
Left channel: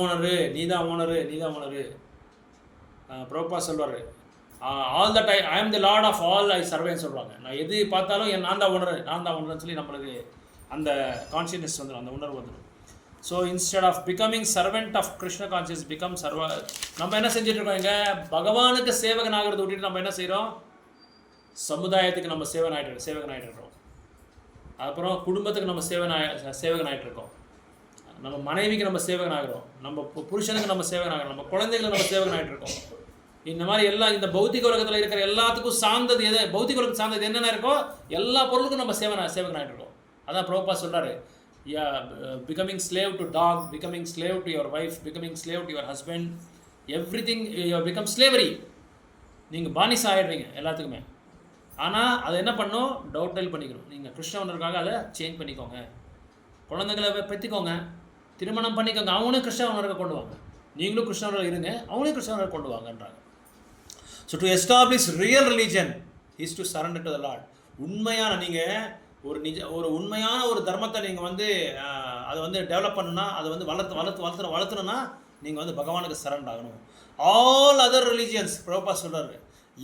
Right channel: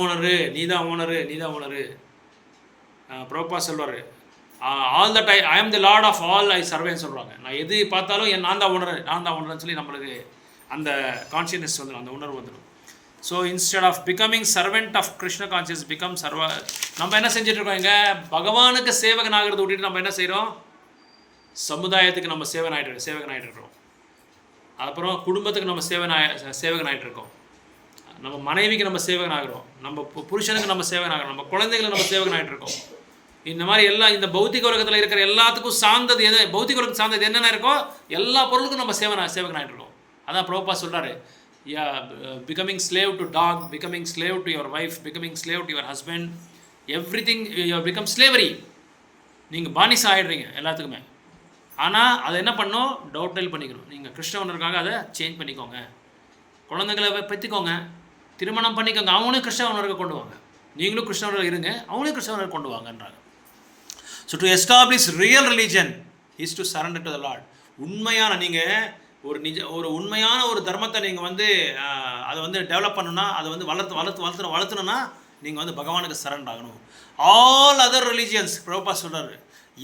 ஓனரு. பிரபுபா சொல்வார், all that I am the Lord of all I சர்வேன்னு சொல்கிறாங்க. நான் எது பார்த்தாலும் நான் தான் உணர்றேன்னு சொல்லி நம்மளுக்கு அந்த கான்ஷியஸ்னஸ் வந்துடும், அந்த உணர்வு வந்துடும். So instead of becoming servant of Krishna conscious become நம்ம என்ன செஞ்சுட்ருக்கோம் இங்கே, பகவானுக்கு சேவகன் ஆகிறத விட்டுட்டு நம்ம என்ன செய்கிறோம், சமுதாயத்துக்கு நம்ம சேவகன் ஆகிட்டு இருக்கிறோம். அப்புறம் குடும்பத்துக்கு நம்ம சேவகன் ஆகிட்டு இருக்கோம். நம்ம மனைவிக்கு நம்ம சேவகன் ஆகிறோம், நம்ம புருஷனுக்கு நம்ம சேவகன் ஆகிறோம், நம்ம குழந்தைகளுக்கு நம்ம சேவகன் ஆகிட்டு இருக்கோம். இந்த மாதிரி எல்லாம் இந்த பௌத்திக உலகத்தில் இருக்கிற எல்லாத்துக்கும் சார்ந்தது எது, பௌத்திக உலகத்துக்கு சார்ந்தது என்னென்ன இருக்கோ எல்லா பொருளுக்கும் நம்ம சேவகன் ஆகிட்டு இருக்கோம். அதான் பிரபுபாத் சொல்கிறாரு, becoming slave to dog, becoming slave to your wife, becoming slave to your husband, everything you become slavery. நீங்கள் பானிஸ் ஆகிடுறீங்க எல்லாத்துக்குமே. ஆனால் அதை என்ன பண்ணணும், டவுட்டைல் பண்ணிக்கணும். நீங்கள் கிருஷ்ணவனருக்காக அதை சேஞ்ச் பண்ணிக்கோங்க. குழந்தைங்களை பெற்றுக்கோங்க, திருமணம் பண்ணிக்கோங்க, அவங்களும் கிருஷ்ணவனருக்கு கொண்டு வாங்க. நீங்களும் கிருஷ்ணவர்கள் இருங்க, அவங்களும் கிருஷ்ணவனர் கொண்டு வாங்கன்றாங்க. So to establish real religion is to surrender to the Lord. உண்மையான நீங்கள் ஒரு உண்மையான ஒரு தர்மத்தை நீங்கள் வந்து அதை வந்து டெவலப் பண்ணணும்னா, அதை வந்து வளர்த்தணும்னா நீங்கள் வந்து பகவானுக்கு சரண்டர் ஆகணும். ஆல் அதர் ரிலீஜியன்ஸ், பிரபுபாத் சொல்கிறாரு,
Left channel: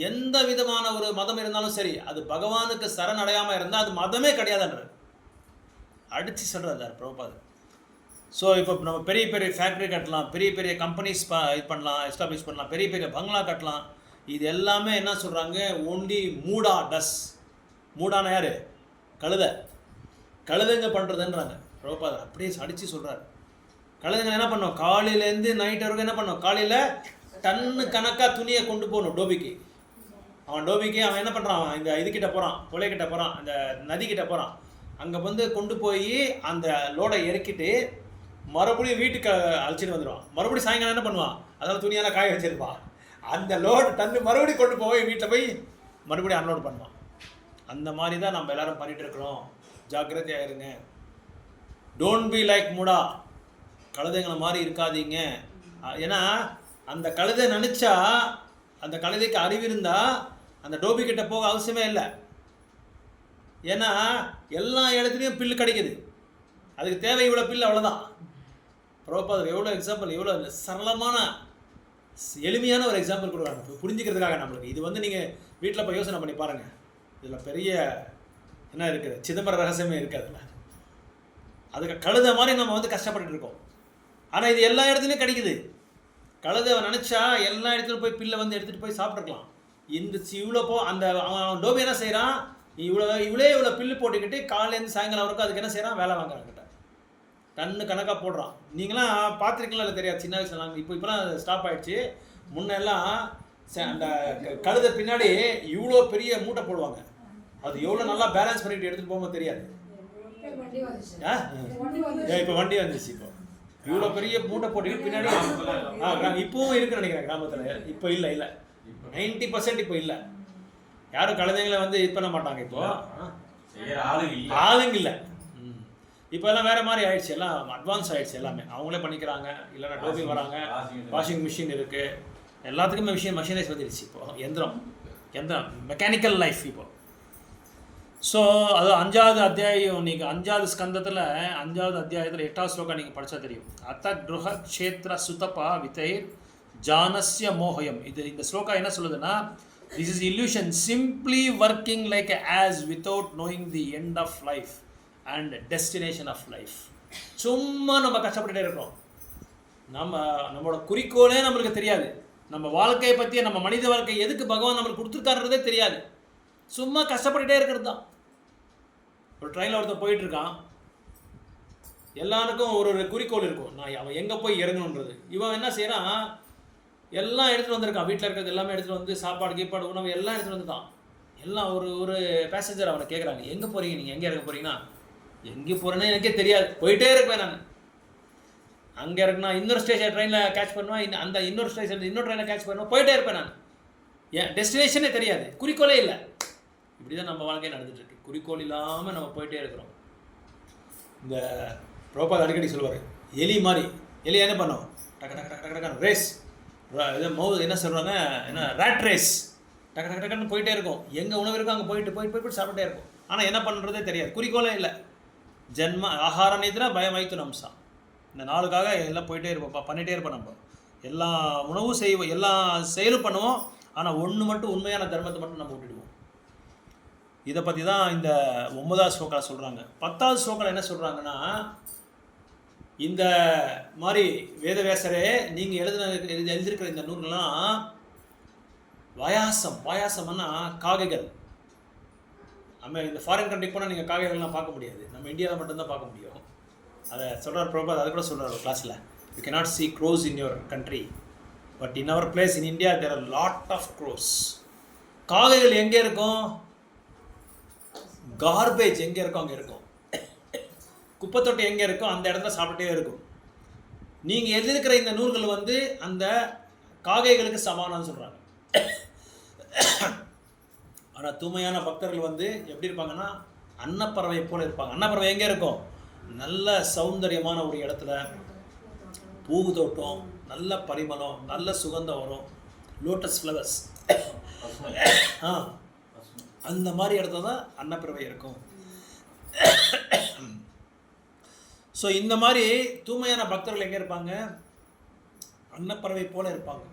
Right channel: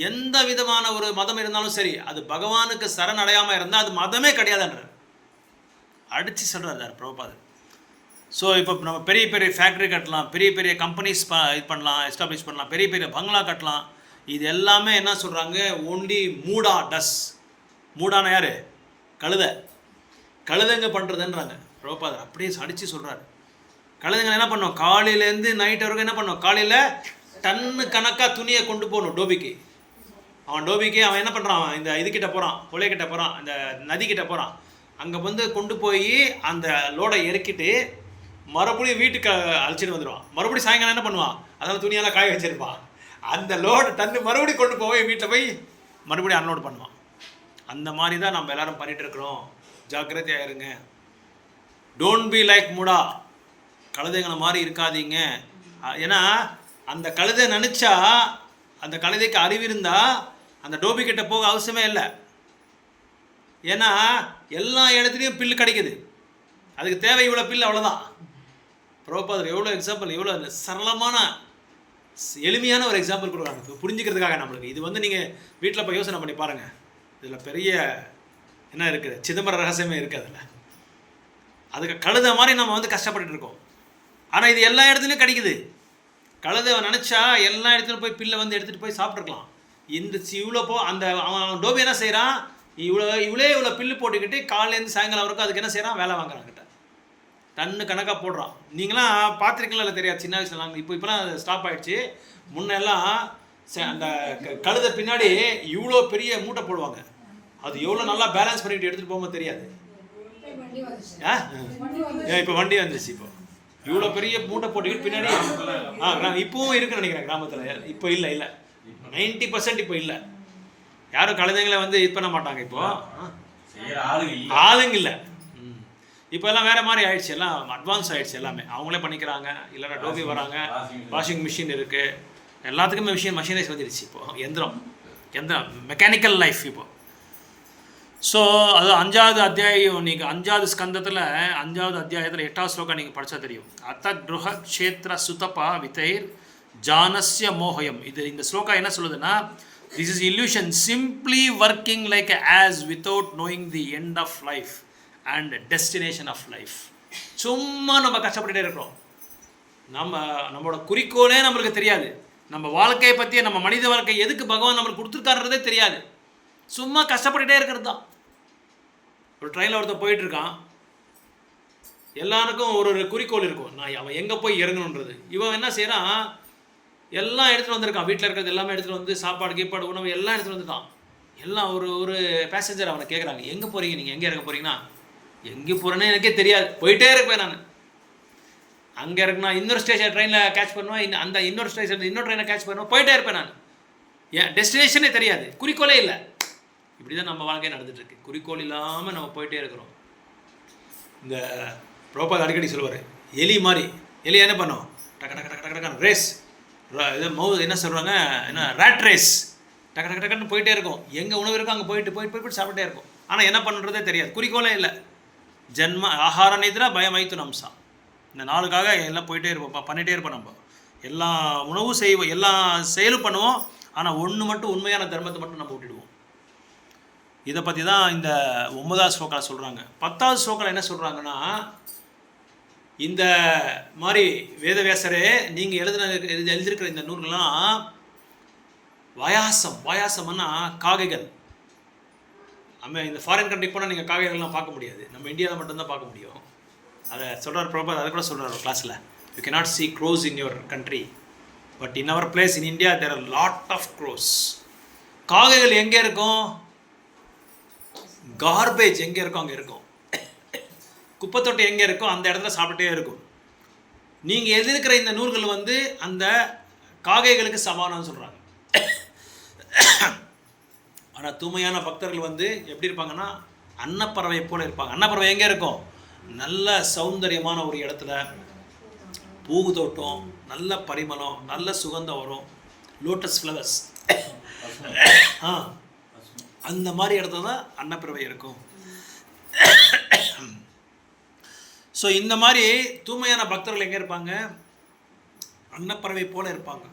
எந்த விதமான ஒரு மதம் இருந்தாலும் சரி, அது பகவானுக்கு சரணடையாமல் இருந்தால் அது மதமே கிடையாதுன்றார், அடித்து சொல்கிறார் பிரபுபாத். ஸோ இப்போ நம்ம பெரிய பெரிய ஃபேக்ட்ரி கட்டலாம், பெரிய பெரிய கம்பெனிஸ் இது பண்ணலாம், எஸ்டாப்ளிஷ் பண்ணலாம், பெரிய பெரிய பங்களா கட்டலாம். இது எல்லாமே என்ன சொல்கிறாங்க, ஒன்லி மூடா டஸ். மூடான யார், கழுதைங்க பண்ணுறதுன்றாங்க பிரபுபாதர். அப்படியே அடித்து சொல்கிறார். கழுதைங்க என்ன பண்ணோம், காலையிலேருந்து நைட் வரைக்கும் என்ன பண்ணோம், காலையில் டன்னு கணக்காக துணியை கொண்டு போகணும் டோபிக்கு. அவன் என்ன பண்ணுறான், இந்த இதுக்கிட்ட போகிறான், கொலைக்கிட்ட போகிறான், அந்த நதிக்கிட்ட போகிறான். அங்கே வந்து கொண்டு போய் அந்த லோடை இறக்கிட்டு மறுபடியும் வீட்டுக்கு அழைச்சிட்டு வந்துடுவான். மறுபடியும் சாயங்காலம் என்ன பண்ணுவான், அதனால் துணியெல்லாம் காய வச்சுருப்பான். அந்த லோடு டன்னு மறுபடியும் கொண்டு போய் வீட்டில் போய் மறுபடியும் அன்லோட் பண்ணுவான். அந்த மாதிரி தான் நம்ம எல்லோரும் பண்ணிகிட்டு இருக்கிறோம். ஜாக்கிரதையாக இருங்க. டோன்ட் பி லைக் மூடா, கழுதைங்களை மாதிரி இருக்காதீங்க. ஏன்னா அந்த கழுதை நினச்சா, அந்த கழுதைக்கு அறிவு இருந்தால் அந்த டோபிக்கிட்ட போக அவசியமே இல்லை. ஏன்னா எல்லா இடத்துலையும் பில்லு கிடைக்குது, அதுக்கு தேவை இவ்வளோ பில்லு, அவ்வளோதான். பிரபுபாதர் எவ்வளோ எக்ஸாம்பிள், எவ்வளோ சரளமான எளிமையான ஒரு எக்ஸாம்பிள் கொடுக்குறாங்க புரிஞ்சுக்கிறதுக்காக நம்மளுக்கு. இது வந்து நீங்கள் வீட்டில் போய் யோசனை பண்ணி பாருங்கள். இதில் பெரிய என்ன இருக்குது, சிதம்பர ரகசியமே இருக்குது அதில். அதுக்கு கழுதை மாதிரி நம்ம வந்து கஷ்டப்பட்டுட்டு இருக்கோம். ஆனால் இது எல்லா இடத்துலையும் கிடைக்குது. கழுதை நினச்சா எல்லா இடத்துலையும் போய் பில்லை வந்து எடுத்துகிட்டு போய் சாப்பிட்ருக்கலாம். இந்த இவ்வளோ அந்த அவன் டோபி என்ன செய்கிறான், இவ்வளோ பில்லு போட்டுக்கிட்டு காலையிலேருந்து சாயங்காலம் வரைக்கும் அதுக்கு என்ன செய்கிறான், வேலை வாங்குறான் கிட்ட, டன்னு கணக்காக போடுறான். நீங்களாம் பார்த்துருக்கீங்களா இல்லை தெரியாது, சின்ன வயசுல நாங்கள் இப்போலாம் ஸ்டாப் ஆகிடுச்சு. முன்னெல்லாம் அந்த கழுதை பின்னாடி இவ்வளோ பெரிய மூட்டை போடுவாங்க. அது எவ்வளோ நல்லா பேலன்ஸ் பண்ணிட்டு எடுத்துகிட்டு போகும்போது தெரியாது. இப்போ வண்டி வந்துருச்சு. இப்போ இவ்வளோ பெரிய மூட்டை போட்டுக்கிட்டு பின்னாடி இப்போவும் இருக்குன்னு நினைக்கிறேன் கிராமத்தில். இப்போ இல்லை 90% இப்போ இல்லை. யாரும் கழுதைங்களை வந்து இது பண்ண மாட்டாங்க. இப்போது ஆளுங்க இல்லை. இப்போ எல்லாம் வேறு மாதிரி ஆயிடுச்சு, எல்லாம் அட்வான்ஸ் ஆகிடுச்சு. எல்லாமே அவங்களே பண்ணிக்கிறாங்க. இல்லைன்னா டோபி வராங்க, வாஷிங் மிஷின் இருக்குது, எல்லாத்துக்குமே மஷினைஸ் வந்துடுச்சு. இப்போது எந்திரம் மெக்கானிக்கல் லைஃப் இப்போது. ஸோ அது 5வது அத்தியாயம், நீங்கள் 5வது ஸ்கந்தத்தில் 5வது அத்தியாயத்தில் 8வது ஸ்லோகம் நீங்கள் படித்தா தெரியும். அத்த கிருஹ க்ஷேத்ர சுதபா விதைர் ஜானஸ்ய மோகயம். இந்த ஸ்லோகா என்ன சொல்லுதுன்னா, this is illusion simply working like as without knowing the end of life and destination of life. சும்மா நம்ம கஷ்டப்பட்டுட்டே இருக்கிறோம். நம்மளோட குறிக்கோளே நம்மளுக்கு தெரியாது. நம்ம வாழ்க்கையை பற்றிய, நம்ம மனித வாழ்க்கை எதுக்கு பகவான் நம்மளுக்கு கொடுத்துருக்காருன்றதே தெரியாது. சும்மா கஷ்டப்பட்டுட்டே இருக்கிறது தான். ஒரு ட்ரெயினில் ஒருத்தர் போயிட்டுருக்கான், எல்லாருக்கும் ஒரு குறிக்கோள் இருக்கும், அவன் எங்கே போய் இறங்கணுன்றது. இவன் என்ன செய்கிறான், எல்லாம் எடுத்துகிட்டு வந்திருக்கான். வீட்டில் இருக்கிறது எல்லாமே எடுத்துகிட்டு வந்து, சாப்பாடு கீப்பாடு உணவு எல்லாம் எடுத்துகிட்டு வந்துட்டான். எல்லாம் ஒரு பேசஞ்சர் அவனை கேட்குறாங்க, எங்கே போகிறீங்க, நீங்கள் எங்கே இறங்க போகிறீங்கன்னா, எங்கே போகிறேன்னு எனக்கே தெரியாது, போயிட்டே இருப்பேன் நான். அங்கே இருக்குன்னா இன்னொரு ஸ்டேஷன் ட்ரெயினில் கேட்ச் பண்ணுவேன், அந்த இன்னொரு ஸ்டேஷன் இன்னொரு ட்ரெயினை கேட்ச் பண்ணுவேன், போயிட்டே இருப்பேன் நான். ஏன் டெஸ்டினேஷனே தெரியாது, குறிக்கோளே இல்லை. இப்படி தான் நம்ம வாழ்க்கை நடந்துகிட்ருக்கு. குறிக்கோள் இல்லாமல் நம்ம போயிட்டே இருக்கிறோம். இந்த பிரபுபாத் அடிக்கடி சொல்லுவார், எலி மாதிரி. எலி என்ன பண்ணோம், டக்கு டக்கு டக்கு டக்கு ரேஸ், இது என்ன சொல்கிறாங்க, என்ன ரேட் ரேஸ், டக்கு டக்கு டக்குன்னு போயிட்டே இருக்கும். எங்கே உணவு இருக்கோ அங்கே போயிட்டு சாப்பிட்டே இருக்கும். ஆனால் என்ன பண்ணுறதே தெரியாது, குறிக்கோளே இல்லை. ஜென்ம ஆகார நித்ரா பயமைத்து நம்சா, இந்த நாளுக்காக எல்லாம் போயிட்டே இருப்போம், பண்ணிகிட்டே இருப்போம். நம்ம எல்லா உணவும் செய்வோம், எல்லா செயலும் பண்ணுவோம். ஆனால் ஒன்று மட்டும் உண்மையான தர்மத்தை மட்டும் நம்ம விட்டுடுவோம். இதை பற்றி தான் இந்த 9வது ஸ்லோக்காவில் சொல்கிறாங்க. 10வது ஸ்லோக்காவில் என்ன சொல்கிறாங்கன்னா, இந்த மாதிரி வேதவியாசரே நீங்கள் எழுதியிருக்கிற இந்த நூல்கள்லாம் வாயாசம்னா காகைகள். நம்ம இந்த ஃபாரின் கண்ட்ரிக்கு போனால் நீங்கள் காகைகள்லாம் பார்க்க முடியாது, நம்ம இந்தியாவில் மட்டும்தான் பார்க்க முடியும். அதை சொல்கிறார் பிரபா, அதை கூட சொல்கிறார் கிளாஸில். You cannot see crows in your country, but in our place in India there are lot of crows. காகைகள் எங்கே இருக்கும்? கார்பேஜ் எங்கே இருக்கும் அங்கே இருக்கும். குப்பைத்தொட்டி எங்கே இருக்கும் அந்த இடத்துல சாப்பிட்டே இருக்கும். நீங்கள் எழுதியிருக்கிற இந்த நூல்கள் வந்து அந்த காகைகளுக்கு சமானம்னு சொல்கிறாங்க. ஆனால் தூய்மையான பக்தர்கள் வந்து எப்படி இருப்பாங்கன்னா அன்னப்பறவை போல இருப்பாங்க. அன்னப்பறவை எங்கே இருக்கும்? நல்ல சௌந்தரியமான ஒரு இடத்துல, பூதோட்டம், நல்ல பரிமளம், நல்ல சுகந்தம் வரும், லோட்டஸ் ஃப்ளவர்ஸ், அந்த மாதிரி இடத்துல தான் அன்னப்பறவை இருக்கும். ஸோ இந்த மாதிரி தூய்மையான பக்தர்கள் எங்கே இருப்பாங்க? அன்னப்பறவை போல இருப்பாங்க.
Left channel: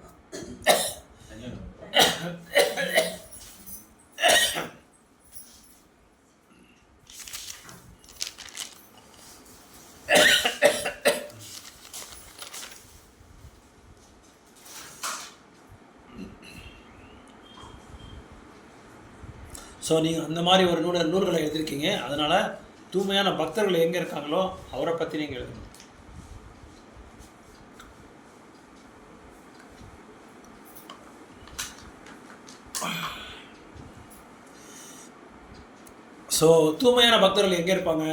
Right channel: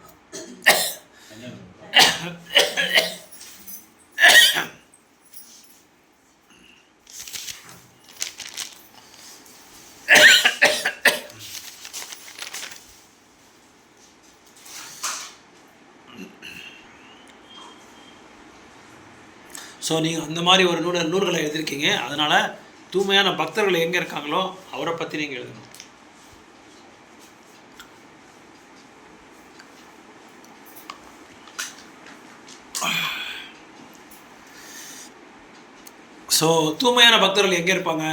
ஸோ நீங்கள் அந்த மாதிரி ஒரு நூல்களை எழுதியிருக்கீங்க. அதனால் தூய்மையான பக்தர்கள் எங்கே இருக்காங்களோ அவரை பற்றி நீங்கள் எழுதணும். ஸோ தூய்மையான பக்தர்கள் எங்கே இருப்பாங்க?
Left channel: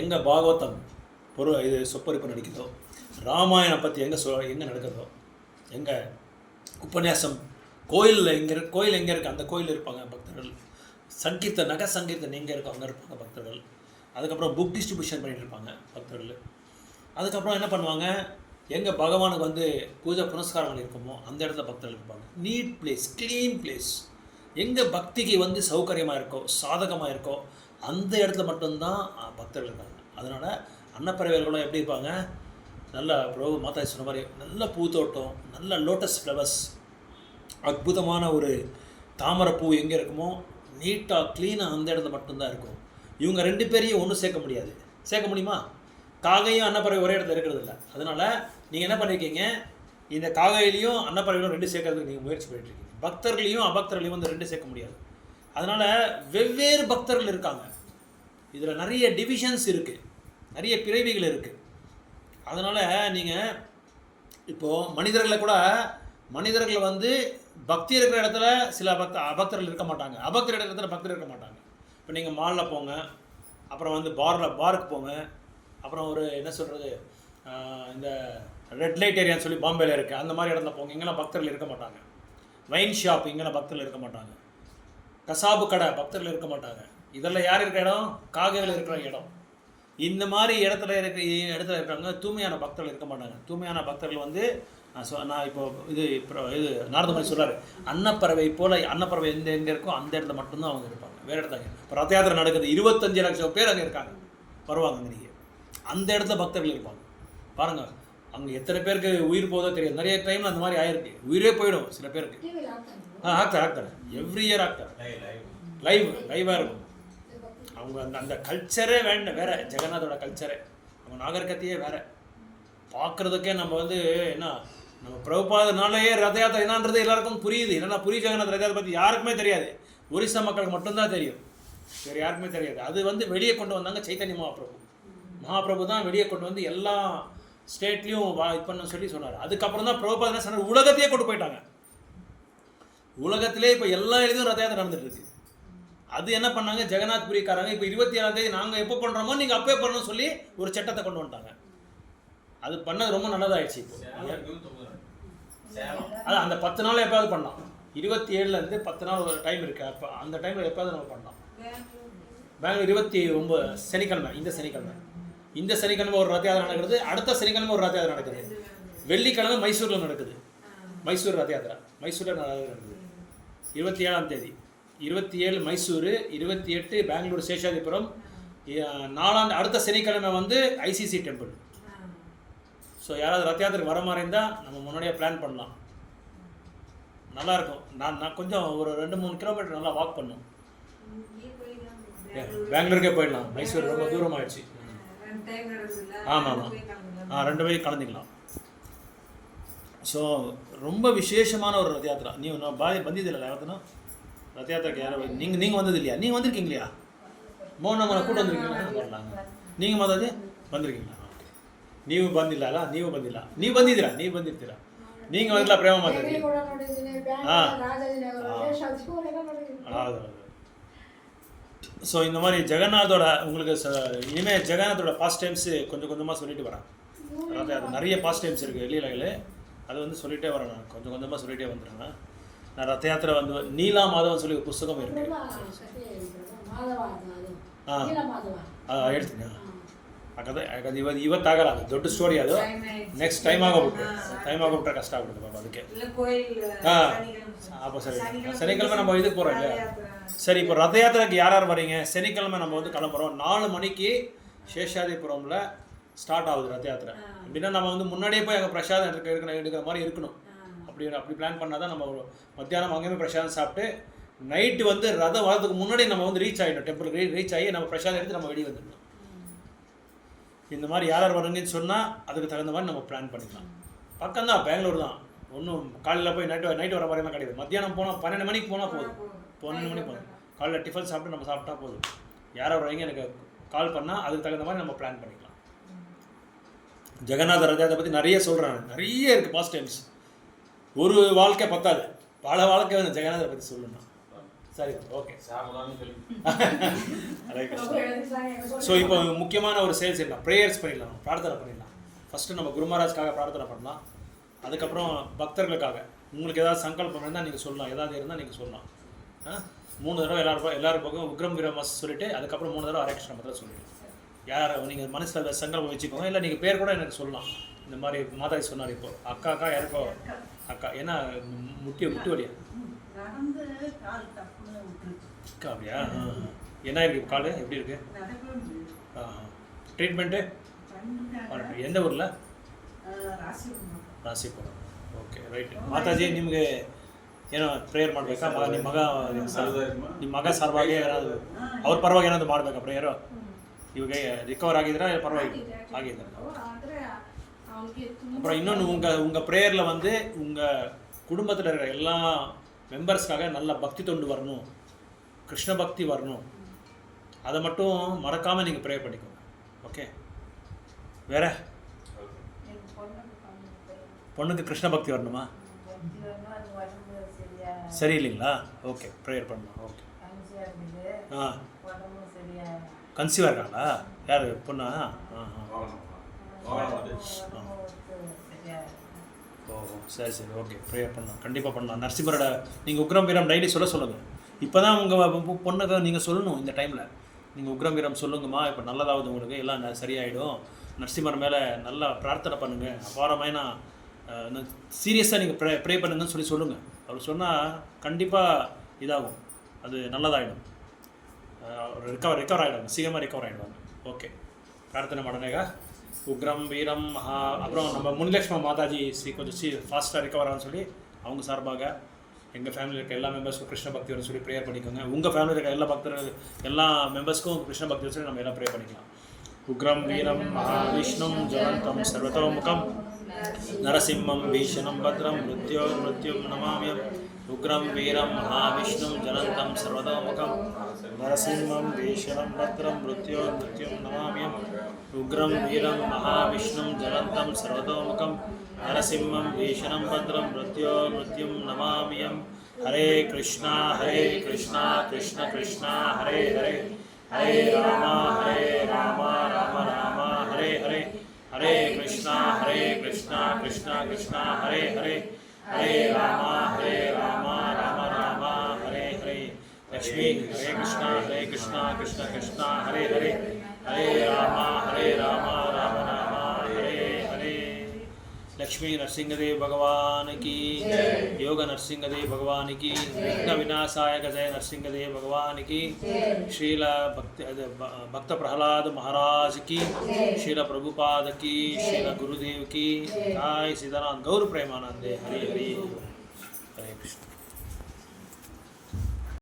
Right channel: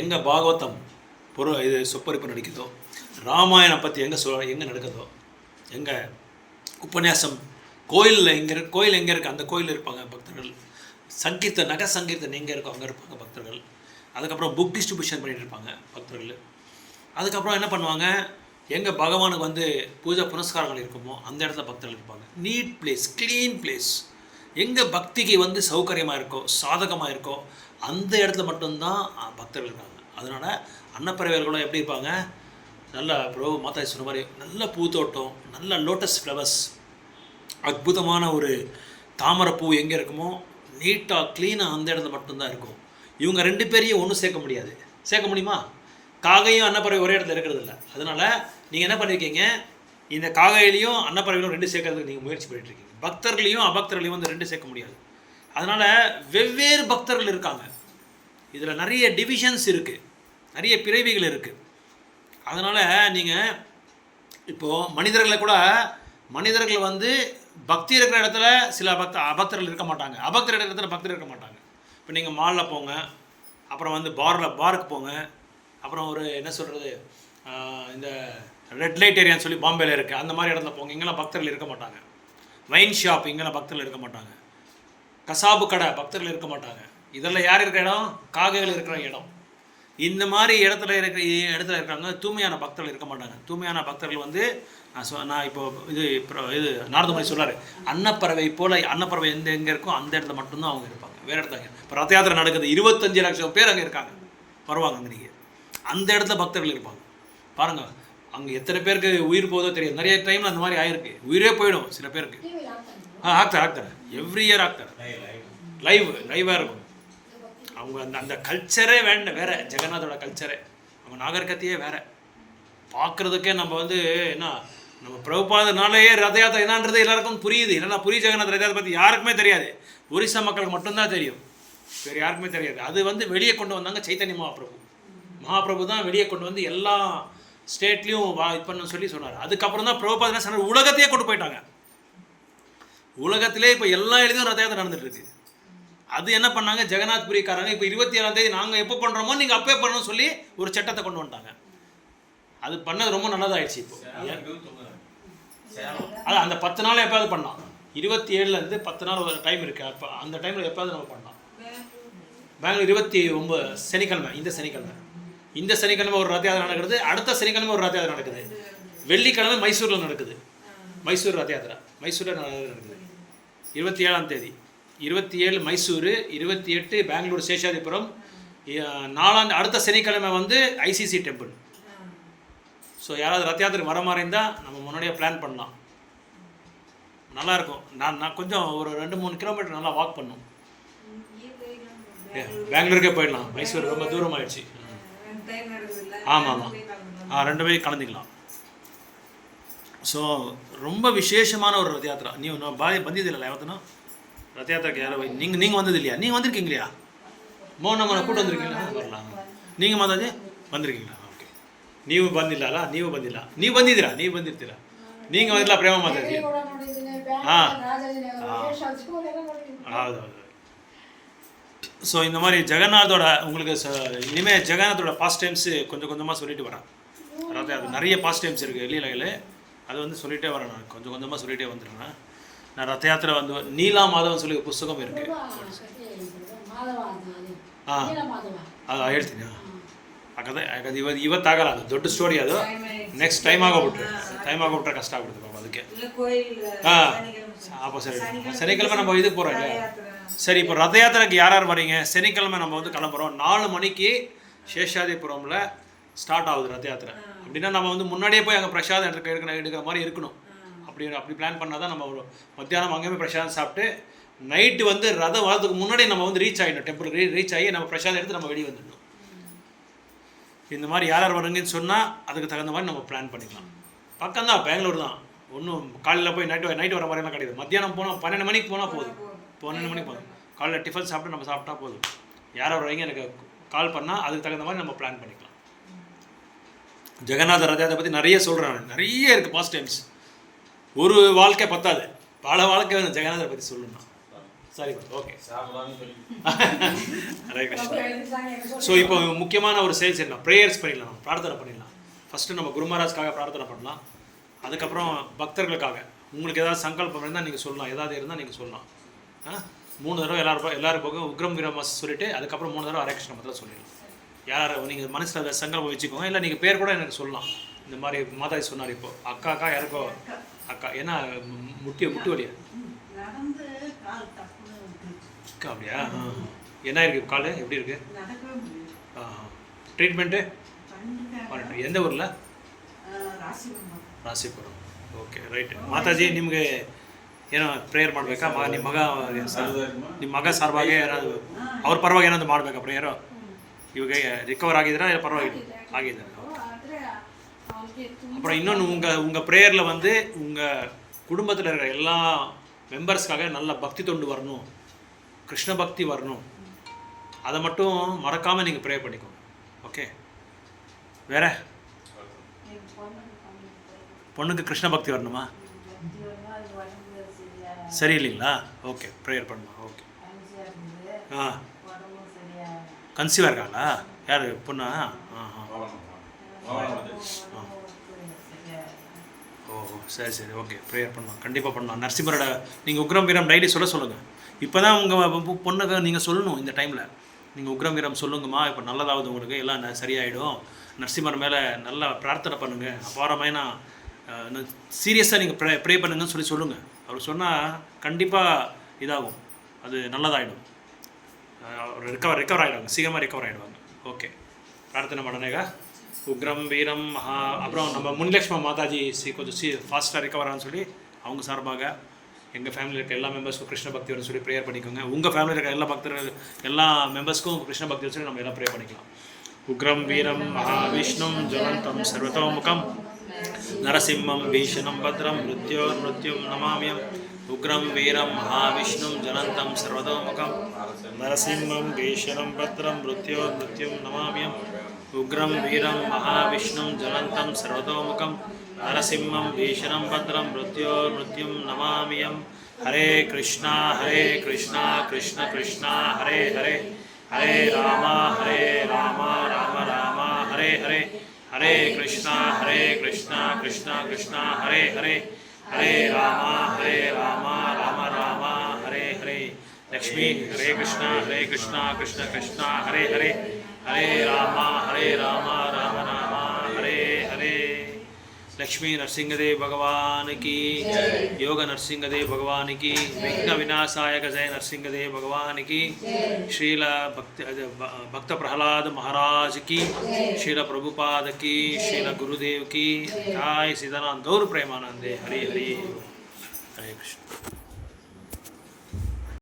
எங்கே பாகவதம் இது சொப்பரிப்பு நடிக்குதோ, ராமாயணம் பற்றி எங்கே நடக்குதோ, எங்கே உபன்யாசம் கோயில் எங்கே இருக்குது அந்த கோயில் இருப்பாங்க பக்தர்கள். நக சங்கீர்த்தன் எங்கே இருக்கோ அங்கே இருப்பாங்க பக்தர்கள். அதுக்கப்புறம் புக் டிஸ்ட்ரிபியூஷன் பண்ணிகிட்டு இருப்பாங்க பக்தர்கள். அதுக்கப்புறம் என்ன பண்ணுவாங்க? எங்கே பகவானுக்கு வந்து பூஜை புனஸ்காரங்கள் இருக்குமோ அந்த இடத்துல பக்தர்கள் இருப்பாங்க. Neat place, clean place. எங்கே பக்திக்கு வந்து சௌகரியமாக இருக்கோ, சாதகமாக இருக்கோ அந்த இடத்துல மட்டும்தான் பக்தர்கள் இருக்காங்க. அதனால் அன்னப்பறவைகளும் எப்படி இருப்பாங்க? நல்ல பிரபு மாதா சொன்ன மாதிரி நல்ல பூத்தோட்டம், நல்ல லோட்டஸ் ஃப்ளவர்ஸ், அற்புதமான ஒரு தாமரைப்பூ எங்கே இருக்குமோ நீட்டாக க்ளீனாக அந்த இடத்துல மட்டும்தான் இருக்கும். இவங்க 2 பேரையும் ஒன்றும் சேர்க்க முடியாது. சேர்க்க முடியுமா? காகையும் அன்னப்பறவை ஒரே இடத்துல இருக்கிறது இல்லை. அதனால் நீங்கள் என்ன பண்ணியிருக்கீங்க? இந்த காகையிலையும் அன்னப்பறவைகளும் 2 சேர்க்கறதுக்கு நீங்கள் முயற்சி பண்ணிட்டுருக்கீங்க. பக்தர்களையும் அபக்தர்களையும் வந்து 2 சேர்க்க முடியாது. அதனால் வெவ்வேறு பக்தர்கள் இருக்காங்க. இதில் நிறைய டிவிஷன்ஸ் இருக்குது, நிறைய பிறவிகள் இருக்குது. அதனால் நீங்கள் இப்போது மனிதர்கள் வந்து பக்தி இருக்கிற இடத்துல சில அபக்தர்கள் இருக்க மாட்டாங்க, அபக்தர் இடத்துல பக்தர் இருக்க மாட்டாங்க. இப்போ நீங்கள் மாலில் போங்க, அப்புறம் வந்து பாருக்கு போங்க, அப்புறம் ஒரு என்ன சொல்கிறது இந்த ரெட் லைட் ஏரியான்னு சொல்லி பாம்பேல இருக்குது, அந்த மாதிரி இடத்துல போங்க, இங்கெல்லாம் பக்தர்கள் இருக்க மாட்டாங்க. வைன் ஷாப் இங்கெல்லாம் பக்தர்கள் இருக்க மாட்டாங்க. கசாபு கடை பக்தர்கள் இருக்க மாட்டாங்க. இதெல்லாம் யார் இருக்கிற இடம்? காகைகள் இருக்கிற இடம். இந்த மாதிரி இடத்துல இருக்காங்க. தூய்மையான பக்தர்கள் இருக்க மாட்டாங்க. தூய்மையான பக்தர்கள் வந்து நான் இப்போ இது நாரதமுனி சொல்கிறார், அன்னப்பறவை போல் அன்னப்பறவை எங்கே இருக்கோ அந்த இடத்துல மட்டும்தான் அவங்க இருப்பாங்க, வேறு இடத்துல. இப்போ ரத யாத்திரை நடக்குது, 25 லட்சம் பேர் அங்கே இருக்காங்க, வருவாங்க அங்கே. நீங்கள் அந்த இடத்துல பக்தர்கள் இருப்பாங்க. பாருங்கள், அங்கே எத்தனை பேருக்கு உயிர் போதோ தெரியாது. நிறைய டைமில் அந்த மாதிரி ஆயிருக்கு, உயிரே போயிடும் சில பேருக்கு. ஆக்தர் எவ்ரி இயர் ஆக்தர் லைவாக இருக்கும். அவங்க அந்த கல்ச்சரே வேறு, ஜெகநாதோட கல்ச்சரே, அவங்க நாகரிகத்தையே வேறு. பார்க்குறதுக்கே நம்ம வந்து என்ன, நம்ம பிரபுபாதனாலே ரத யாத்திரை என்னன்றது எல்லாருக்கும் புரியுது. என்னென்னா ஜெகநாத் ரத யாத்திரை பற்றி யாருக்குமே தெரியாது. ஒரிசா மக்களுக்கு மட்டும்தான் தெரியும், வேறு யாருக்குமே தெரியாது. அது வந்து வெளியே கொண்டு வந்தாங்க சைத்தன்ய மகாபிரபு தான் வெளியே கொண்டு வந்து எல்லா ஸ்டேட்லேயும் இது பண்ண சொல்லி சொன்னார். அதுக்கப்புறம் தான் பிரபுபாத என்ன சொன்னார், உலகத்தையே கொண்டு போயிட்டாங்க. உலகத்திலே இப்போ எல்லா இடத்துலையும் ரத யாத்திரை நடந்துட்டு இருக்கு. அது என்ன பண்ணாங்க, ஜெகநாத் புரிக்காரங்க இப்போ 27ஆம் தேதி நாங்கள் எப்போ பண்ணுறோமோ நீங்கள் அப்போ பண்ணணும்னு சொல்லி ஒரு சட்டத்தை கொண்டு வந்துட்டாங்க. அது பண்ணது ரொம்ப நல்லதாகிடுச்சு. இப்போ அதான் அந்த 10 நாள் எப்போயாவது பண்ணலாம். 27லேருந்து 10 நாள் ஒரு டைம் இருக்குது. அப்போ அந்த டைமில் எப்போயாவது நம்ம பண்ணலாம். பெங்களூர் 29 சனிக்கிழமை, இந்த சனிக்கிழமை ஒரு ரத யாத்திரை நடக்குது. அடுத்த சனிக்கிழமை ஒரு ரத யாத்திரை நடக்குது. வெள்ளிக்கிழமை மைசூரில் நடக்குது. மைசூர் ரத யாத்திரை மைசூரில் நடக்குது 27ஆம் தேதி. 27 மைசூர், 28 பெங்களூர் சேஷாதிபுரம், 4 அடுத்த சனிக்கிழமை வந்து ஐசிசி டெம்பிள். ஸோ யாராவது ரத யாத்திரை வர மாதிரி இருந்தால் நம்ம முன்னாடியே பிளான் பண்ணலாம். நல்லாயிருக்கும். நான் கொஞ்சம் ஒரு 2-3 கிலோமீட்டர் நல்லா வாக் பண்ணும். பெங்களூருக்கே போயிடலாம். மைசூர் ரொம்ப தூரமாகிடுச்சு. ஆமாம், 2 பேரும் கலந்துக்கலாம். ಸೊ ரொம்ப விசேஷமான ஒரு ரத யாத்திரா. ನೀವು ಬಂದಿದ್ದಿಲ್ಲ ಯಾವತ್ತೂ ரத யாத்திரைக்கு? யாரோ நீங்கள் வந்தது இல்லையா? நீங்கள் வந்திருக்கீங்க இல்லையா? மோகனம்மனை கூட்டு வந்திருக்கீங்களா? வரலாம். நீங்கள் ಮಾತಾಜಿ ಬಂದಿರ್ಕೀங்களா? ಓಕೆ. ನೀವು ಬಂದಿಲ್ಲ. ನೀವು ಬಂದಿದ್ದೀರಾ? ನೀವು ಬಂದಿರ್ತೀರಾ? நீங்கள் ಬಂದಿಲ್ಲ ಪ್ರೇಮ ಮಾತಾಜಿ? ಹೌದು. ஸோ இந்த மாதிரி ஜெகநாதோட உங்களுக்கு இனிமேல் ஜெகநாதோட பாஸ்ட் டைம்ஸு கொஞ்சம் கொஞ்சமாக சொல்லிட்டு வரேன். அதாவது அது நிறைய பாஸ்ட் டைம்ஸ் இருக்குது லீலைகள். அது வந்து சொல்லிகிட்டே வரேன். நான் கொஞ்சம் கொஞ்சமாக சொல்லிகிட்டே வந்துடுறேன். நான் ரத யாத்திரை வந்து நீலா மாதவன் சொல்லி புஸ்தகம் இருக்குது. ಹೇಳ್ತೀನಿ. ಯಾಕಂದ್ರೆ ಇವತ್ತಾಗಲ್ಲ, ಅದು ದೊಡ್ಡ ಸ್ಟೋರಿ. ಅದು ನೆಕ್ಸ್ಟ್ ಟೈಮ್ ಆಗೋಗ್ಬಿಟ್ರೆ ಕಷ್ಟ ಆಗ್ಬಿಡುತ್ತೆ ಪಾಪ. ಅದಕ್ಕೆ சரி, சனிக்கிழமை நம்ம இதுக்கு போகிறோம் இல்லையா? சரி, இப்போ ரத யாத்திரைக்கு யார் வரீங்க? சனிக்கிழமை நம்ம வந்து கிளம்புறோம். 4 மணிக்கு சேஷாதிபுரமில் ஸ்டார்ட் ஆகுது ரத யாத்திரை. அப்படின்னா நம்ம வந்து முன்னாடியே போய் அங்கே பிரசாதம் எடுக்கிற மாதிரி இருக்கணும். அப்படி பிளான் பண்ணால் தான் நம்ம ஒரு மத்தியானம் அங்கேயுமே பிரசாதம் சாப்பிட்டு நைட்டு வந்து ரதம் வரதுக்கு முன்னாடி நம்ம வந்து ரீச் ஆகிடணும். டெம்பிள் ரீச் ஆகி நம்ம பிரசாதம் எடுத்து நம்ம வெளியே வந்துடணும். இந்த மாதிரி யார் வரீங்கன்னு சொன்னால் அதுக்கு தகுந்த மாதிரி நம்ம பிளான் பண்ணிக்கலாம். பக்கம்தான், பெங்களூர் தான். ஒன்றும் காலையில் போய் நைட்டு வர மாதிரிலாம் கிடையாது. மத்தியானம் போனால் 12 மணிக்கு போனால் போதும். 12 மணிக்கு போதும். காலையில் டிஃபன் சாப்பிட்டு நம்ம சாப்பிட்டா போதும். யார் வரீங்க எனக்கு கால் பண்ணால் அதுக்கு தகுந்த மாதிரி நம்ம பிளான் பண்ணிக்கலாம். ஜெகநாத ரதத்தை பற்றி நிறைய சொல்கிறேன். நிறைய இருக்குது பாஸ்ட் டைம்ஸ். ஒரு வாழ்க்கை பத்தாது, பல வாழ்க்கை வந்து ஜெகநாதரை பற்றி சொல்லணும். சரி, ஓகே. ஹரே கிருஷ்ணா. ஸோ இப்போ முக்கியமான ஒரு செயல் செய்யலாம். ப்ரேயர்ஸ் பண்ணிடலாம், நம்ம பிரார்த்தனை பண்ணிடலாம். ஃபஸ்ட்டு நம்ம குரு மகாராஜ்காக பிரார்த்தனை பண்ணலாம். அதுக்கப்புறம் பக்தர்களுக்காக உங்களுக்கு ஏதாவது சங்கல்பம் இருந்தால் நீங்கள் சொல்லலாம். ஏதாவது இருந்தால் நீங்கள் சொல்லலாம். 3 தடவை எல்லாரும் போக உக்ரம் வீரமஸ் சொல்லிவிட்டு அதுக்கப்புறம் 3 தடவை ஹரே கிருஷ்ணா மந்திரம் சொல்லிடலாம். யார் நீங்கள் மனசில் சங்கல்பம் வச்சுக்கோங்க. இல்லை நீங்கள் பேர் கூட எனக்கு சொல்லலாம். இந்த மாதிரி மாதாஜி சொன்னார். இப்போ அக்கா யாருக்கோ அக்கா ஏன்னா முட்டி வலியா அக்கா? அப்படியா? என்ன இருக்குது கால்? எப்படி இருக்குது? ட்ரீட்மெண்ட்டு எந்த ஊரில்? ರಾಸಿಪುರಂ. Okay, right. ಮಾತಾಜಿ ನಿಮಗೆ ಏನೋ ಪ್ರೇಯರ್ ಮಾಡಬೇಕಾ? ನಿಮ್ಮ ಮಗ ಸಾರ್ವಾಗಿ ಏನಾದರೂ ಅವ್ರ ಪರವಾಗಿ ಏನಾದರೂ ಮಾಡಬೇಕಾ ಪ್ರೇಯರು? ಇವಾಗ ರಿಕವರ್ ಆಗಿದ್ದೀರಾ? ಪರವಾಗಿಲ್ಲ ಆಗಿದ್ದಾರೆ. அப்புறம் இன்னொன்று உங்கள் ப்ரேயரில் வந்து உங்கள் குடும்பத்தில் இருக்கிற எல்லா மெம்பர்ஸ்க்காக நல்ல பக்தி தொண்டு வரணும், கிருஷ்ண பக்தி வரணும். அதை மட்டும் மறக்காமல் நீங்கள் ப்ரே பண்ணிக்கோங்க. ஓகே. வேறு பொண்ணுக்கு கிருஷ்ண பக்தி வரணுமா? சரி இல்லைங்களா? ஓகே, ப்ரேயர் பண்ணலாம். ஓகே. கன்சீவாக இருக்காங்களா? யார் பொண்ணா? ஓ சரி, ஓகே. ப்ரேயர் பண்ணலாம், கண்டிப்பாக பண்ணலாம். நரசிம்மரோட நீங்கள் உக்ரம் வீரம் டைலி சொல்லுங்கள். இப்போ தான் உங்கள் பொண்ணுக்கு நீங்கள் சொல்லணும். இந்த டைமில் நீங்கள் உக்ரம் வீரம் சொல்லுங்கம்மா, இப்போ நல்லதாவது உங்களுக்கு எல்லாம் சரியாயிடும். நரசிம்மர் மேலே நல்லா பிரார்த்தனை பண்ணுங்கள். அபாரமான சீரியஸாக நீங்கள் ப்ரே பண்ணுங்கன்னு சொல்லுங்கள். அவர் சொன்னால் கண்டிப்பாக இதாகும், அது நல்லதாகிடும். ரிகவர் ஆகிடுவாங்க, சீக்கிரமாக ரிகவர் ஆகிடுவாங்க. ஓகே, பிரார்த்தனை பண்ணனேங்க. உக்ரம் வீரம் அப்புறம் நம்ம முனிலக்ஷ்மி மாதாஜி கொஞ்சம் ஃபாஸ்ட்டாக ரிகவர் ஆகுன்னு சொல்லி அவங்க சார்பாக எங்கள் ஃபேமிலியில் இருக்க எல்லா மெம்பர்ஸ்க்கும் கிருஷ்ண பக்தி வரும்னு சொல்லி ப்ரேயர் பண்ணிக்கோங்க. உங்கள் ஃபேமிலியில் இருக்க எல்லா பக்தர்கள் எல்லா மெம்பர்ஸ்க்கும் கிருஷ்ண பக்தி வச்சு நம்ம எல்லாம் ப்ரே பண்ணிக்கலாம். உக்ரம் வீரம் மகாவிஷ்ணும் ஜலந்தம் சர்வதோமுகம் நரசிம்மம் பீஷணம் பத்ரம் மிருத்யும் நமாமியம். உக்ரம் வீரம் மகாவிஷ்ணும் ஜலந்தம் சர்வதோமுகம் நரசிம்மம் பீஷணம் பத்ரம் மிருத்யும் நமாமியம். உக்ரம் வீரம் மகாவிஷ்ணும் ஜலந்தம் சர்வதோமுகம் நரசிம்மம் பீஷணம் பத்ரம் மிருத்யும் நமாமியம். ஹரே கிருஷ்ணா கிருஷ்ண கிருஷ்ணா ஹரே ஹரே, ஹரே ராம ராம ராம ஹரே ஹரே, ஹரே கிருஷ்ணா கிருஷ்ண கிருஷ்ணா ஹரே ஹரே, ஹரே ராம ராம ராம ஹரே ஹரே. லக்ஷ்மி ஹரே கிருஷ்ணா கிருஷ்ண கிருஷ்ணா ஹரே ஹரே, ஹரே ராம ராம ராம ஹரே ஹரே. लक्ष्मी नरसिंहदेव भगवान की, योग नरसिंहदेव भगवान की, विघ्न विनाशाय गजय नरसिंहदेव भगवान की, श्रील भक्त प्रहलाद महाराज की, श्रील प्रभुपाद की, श्रील गुरुदेव की, जय सीताराम गौर प्रेमानंदे. हरि हरि. ಹರೇ ಕೃಷ್ಣ.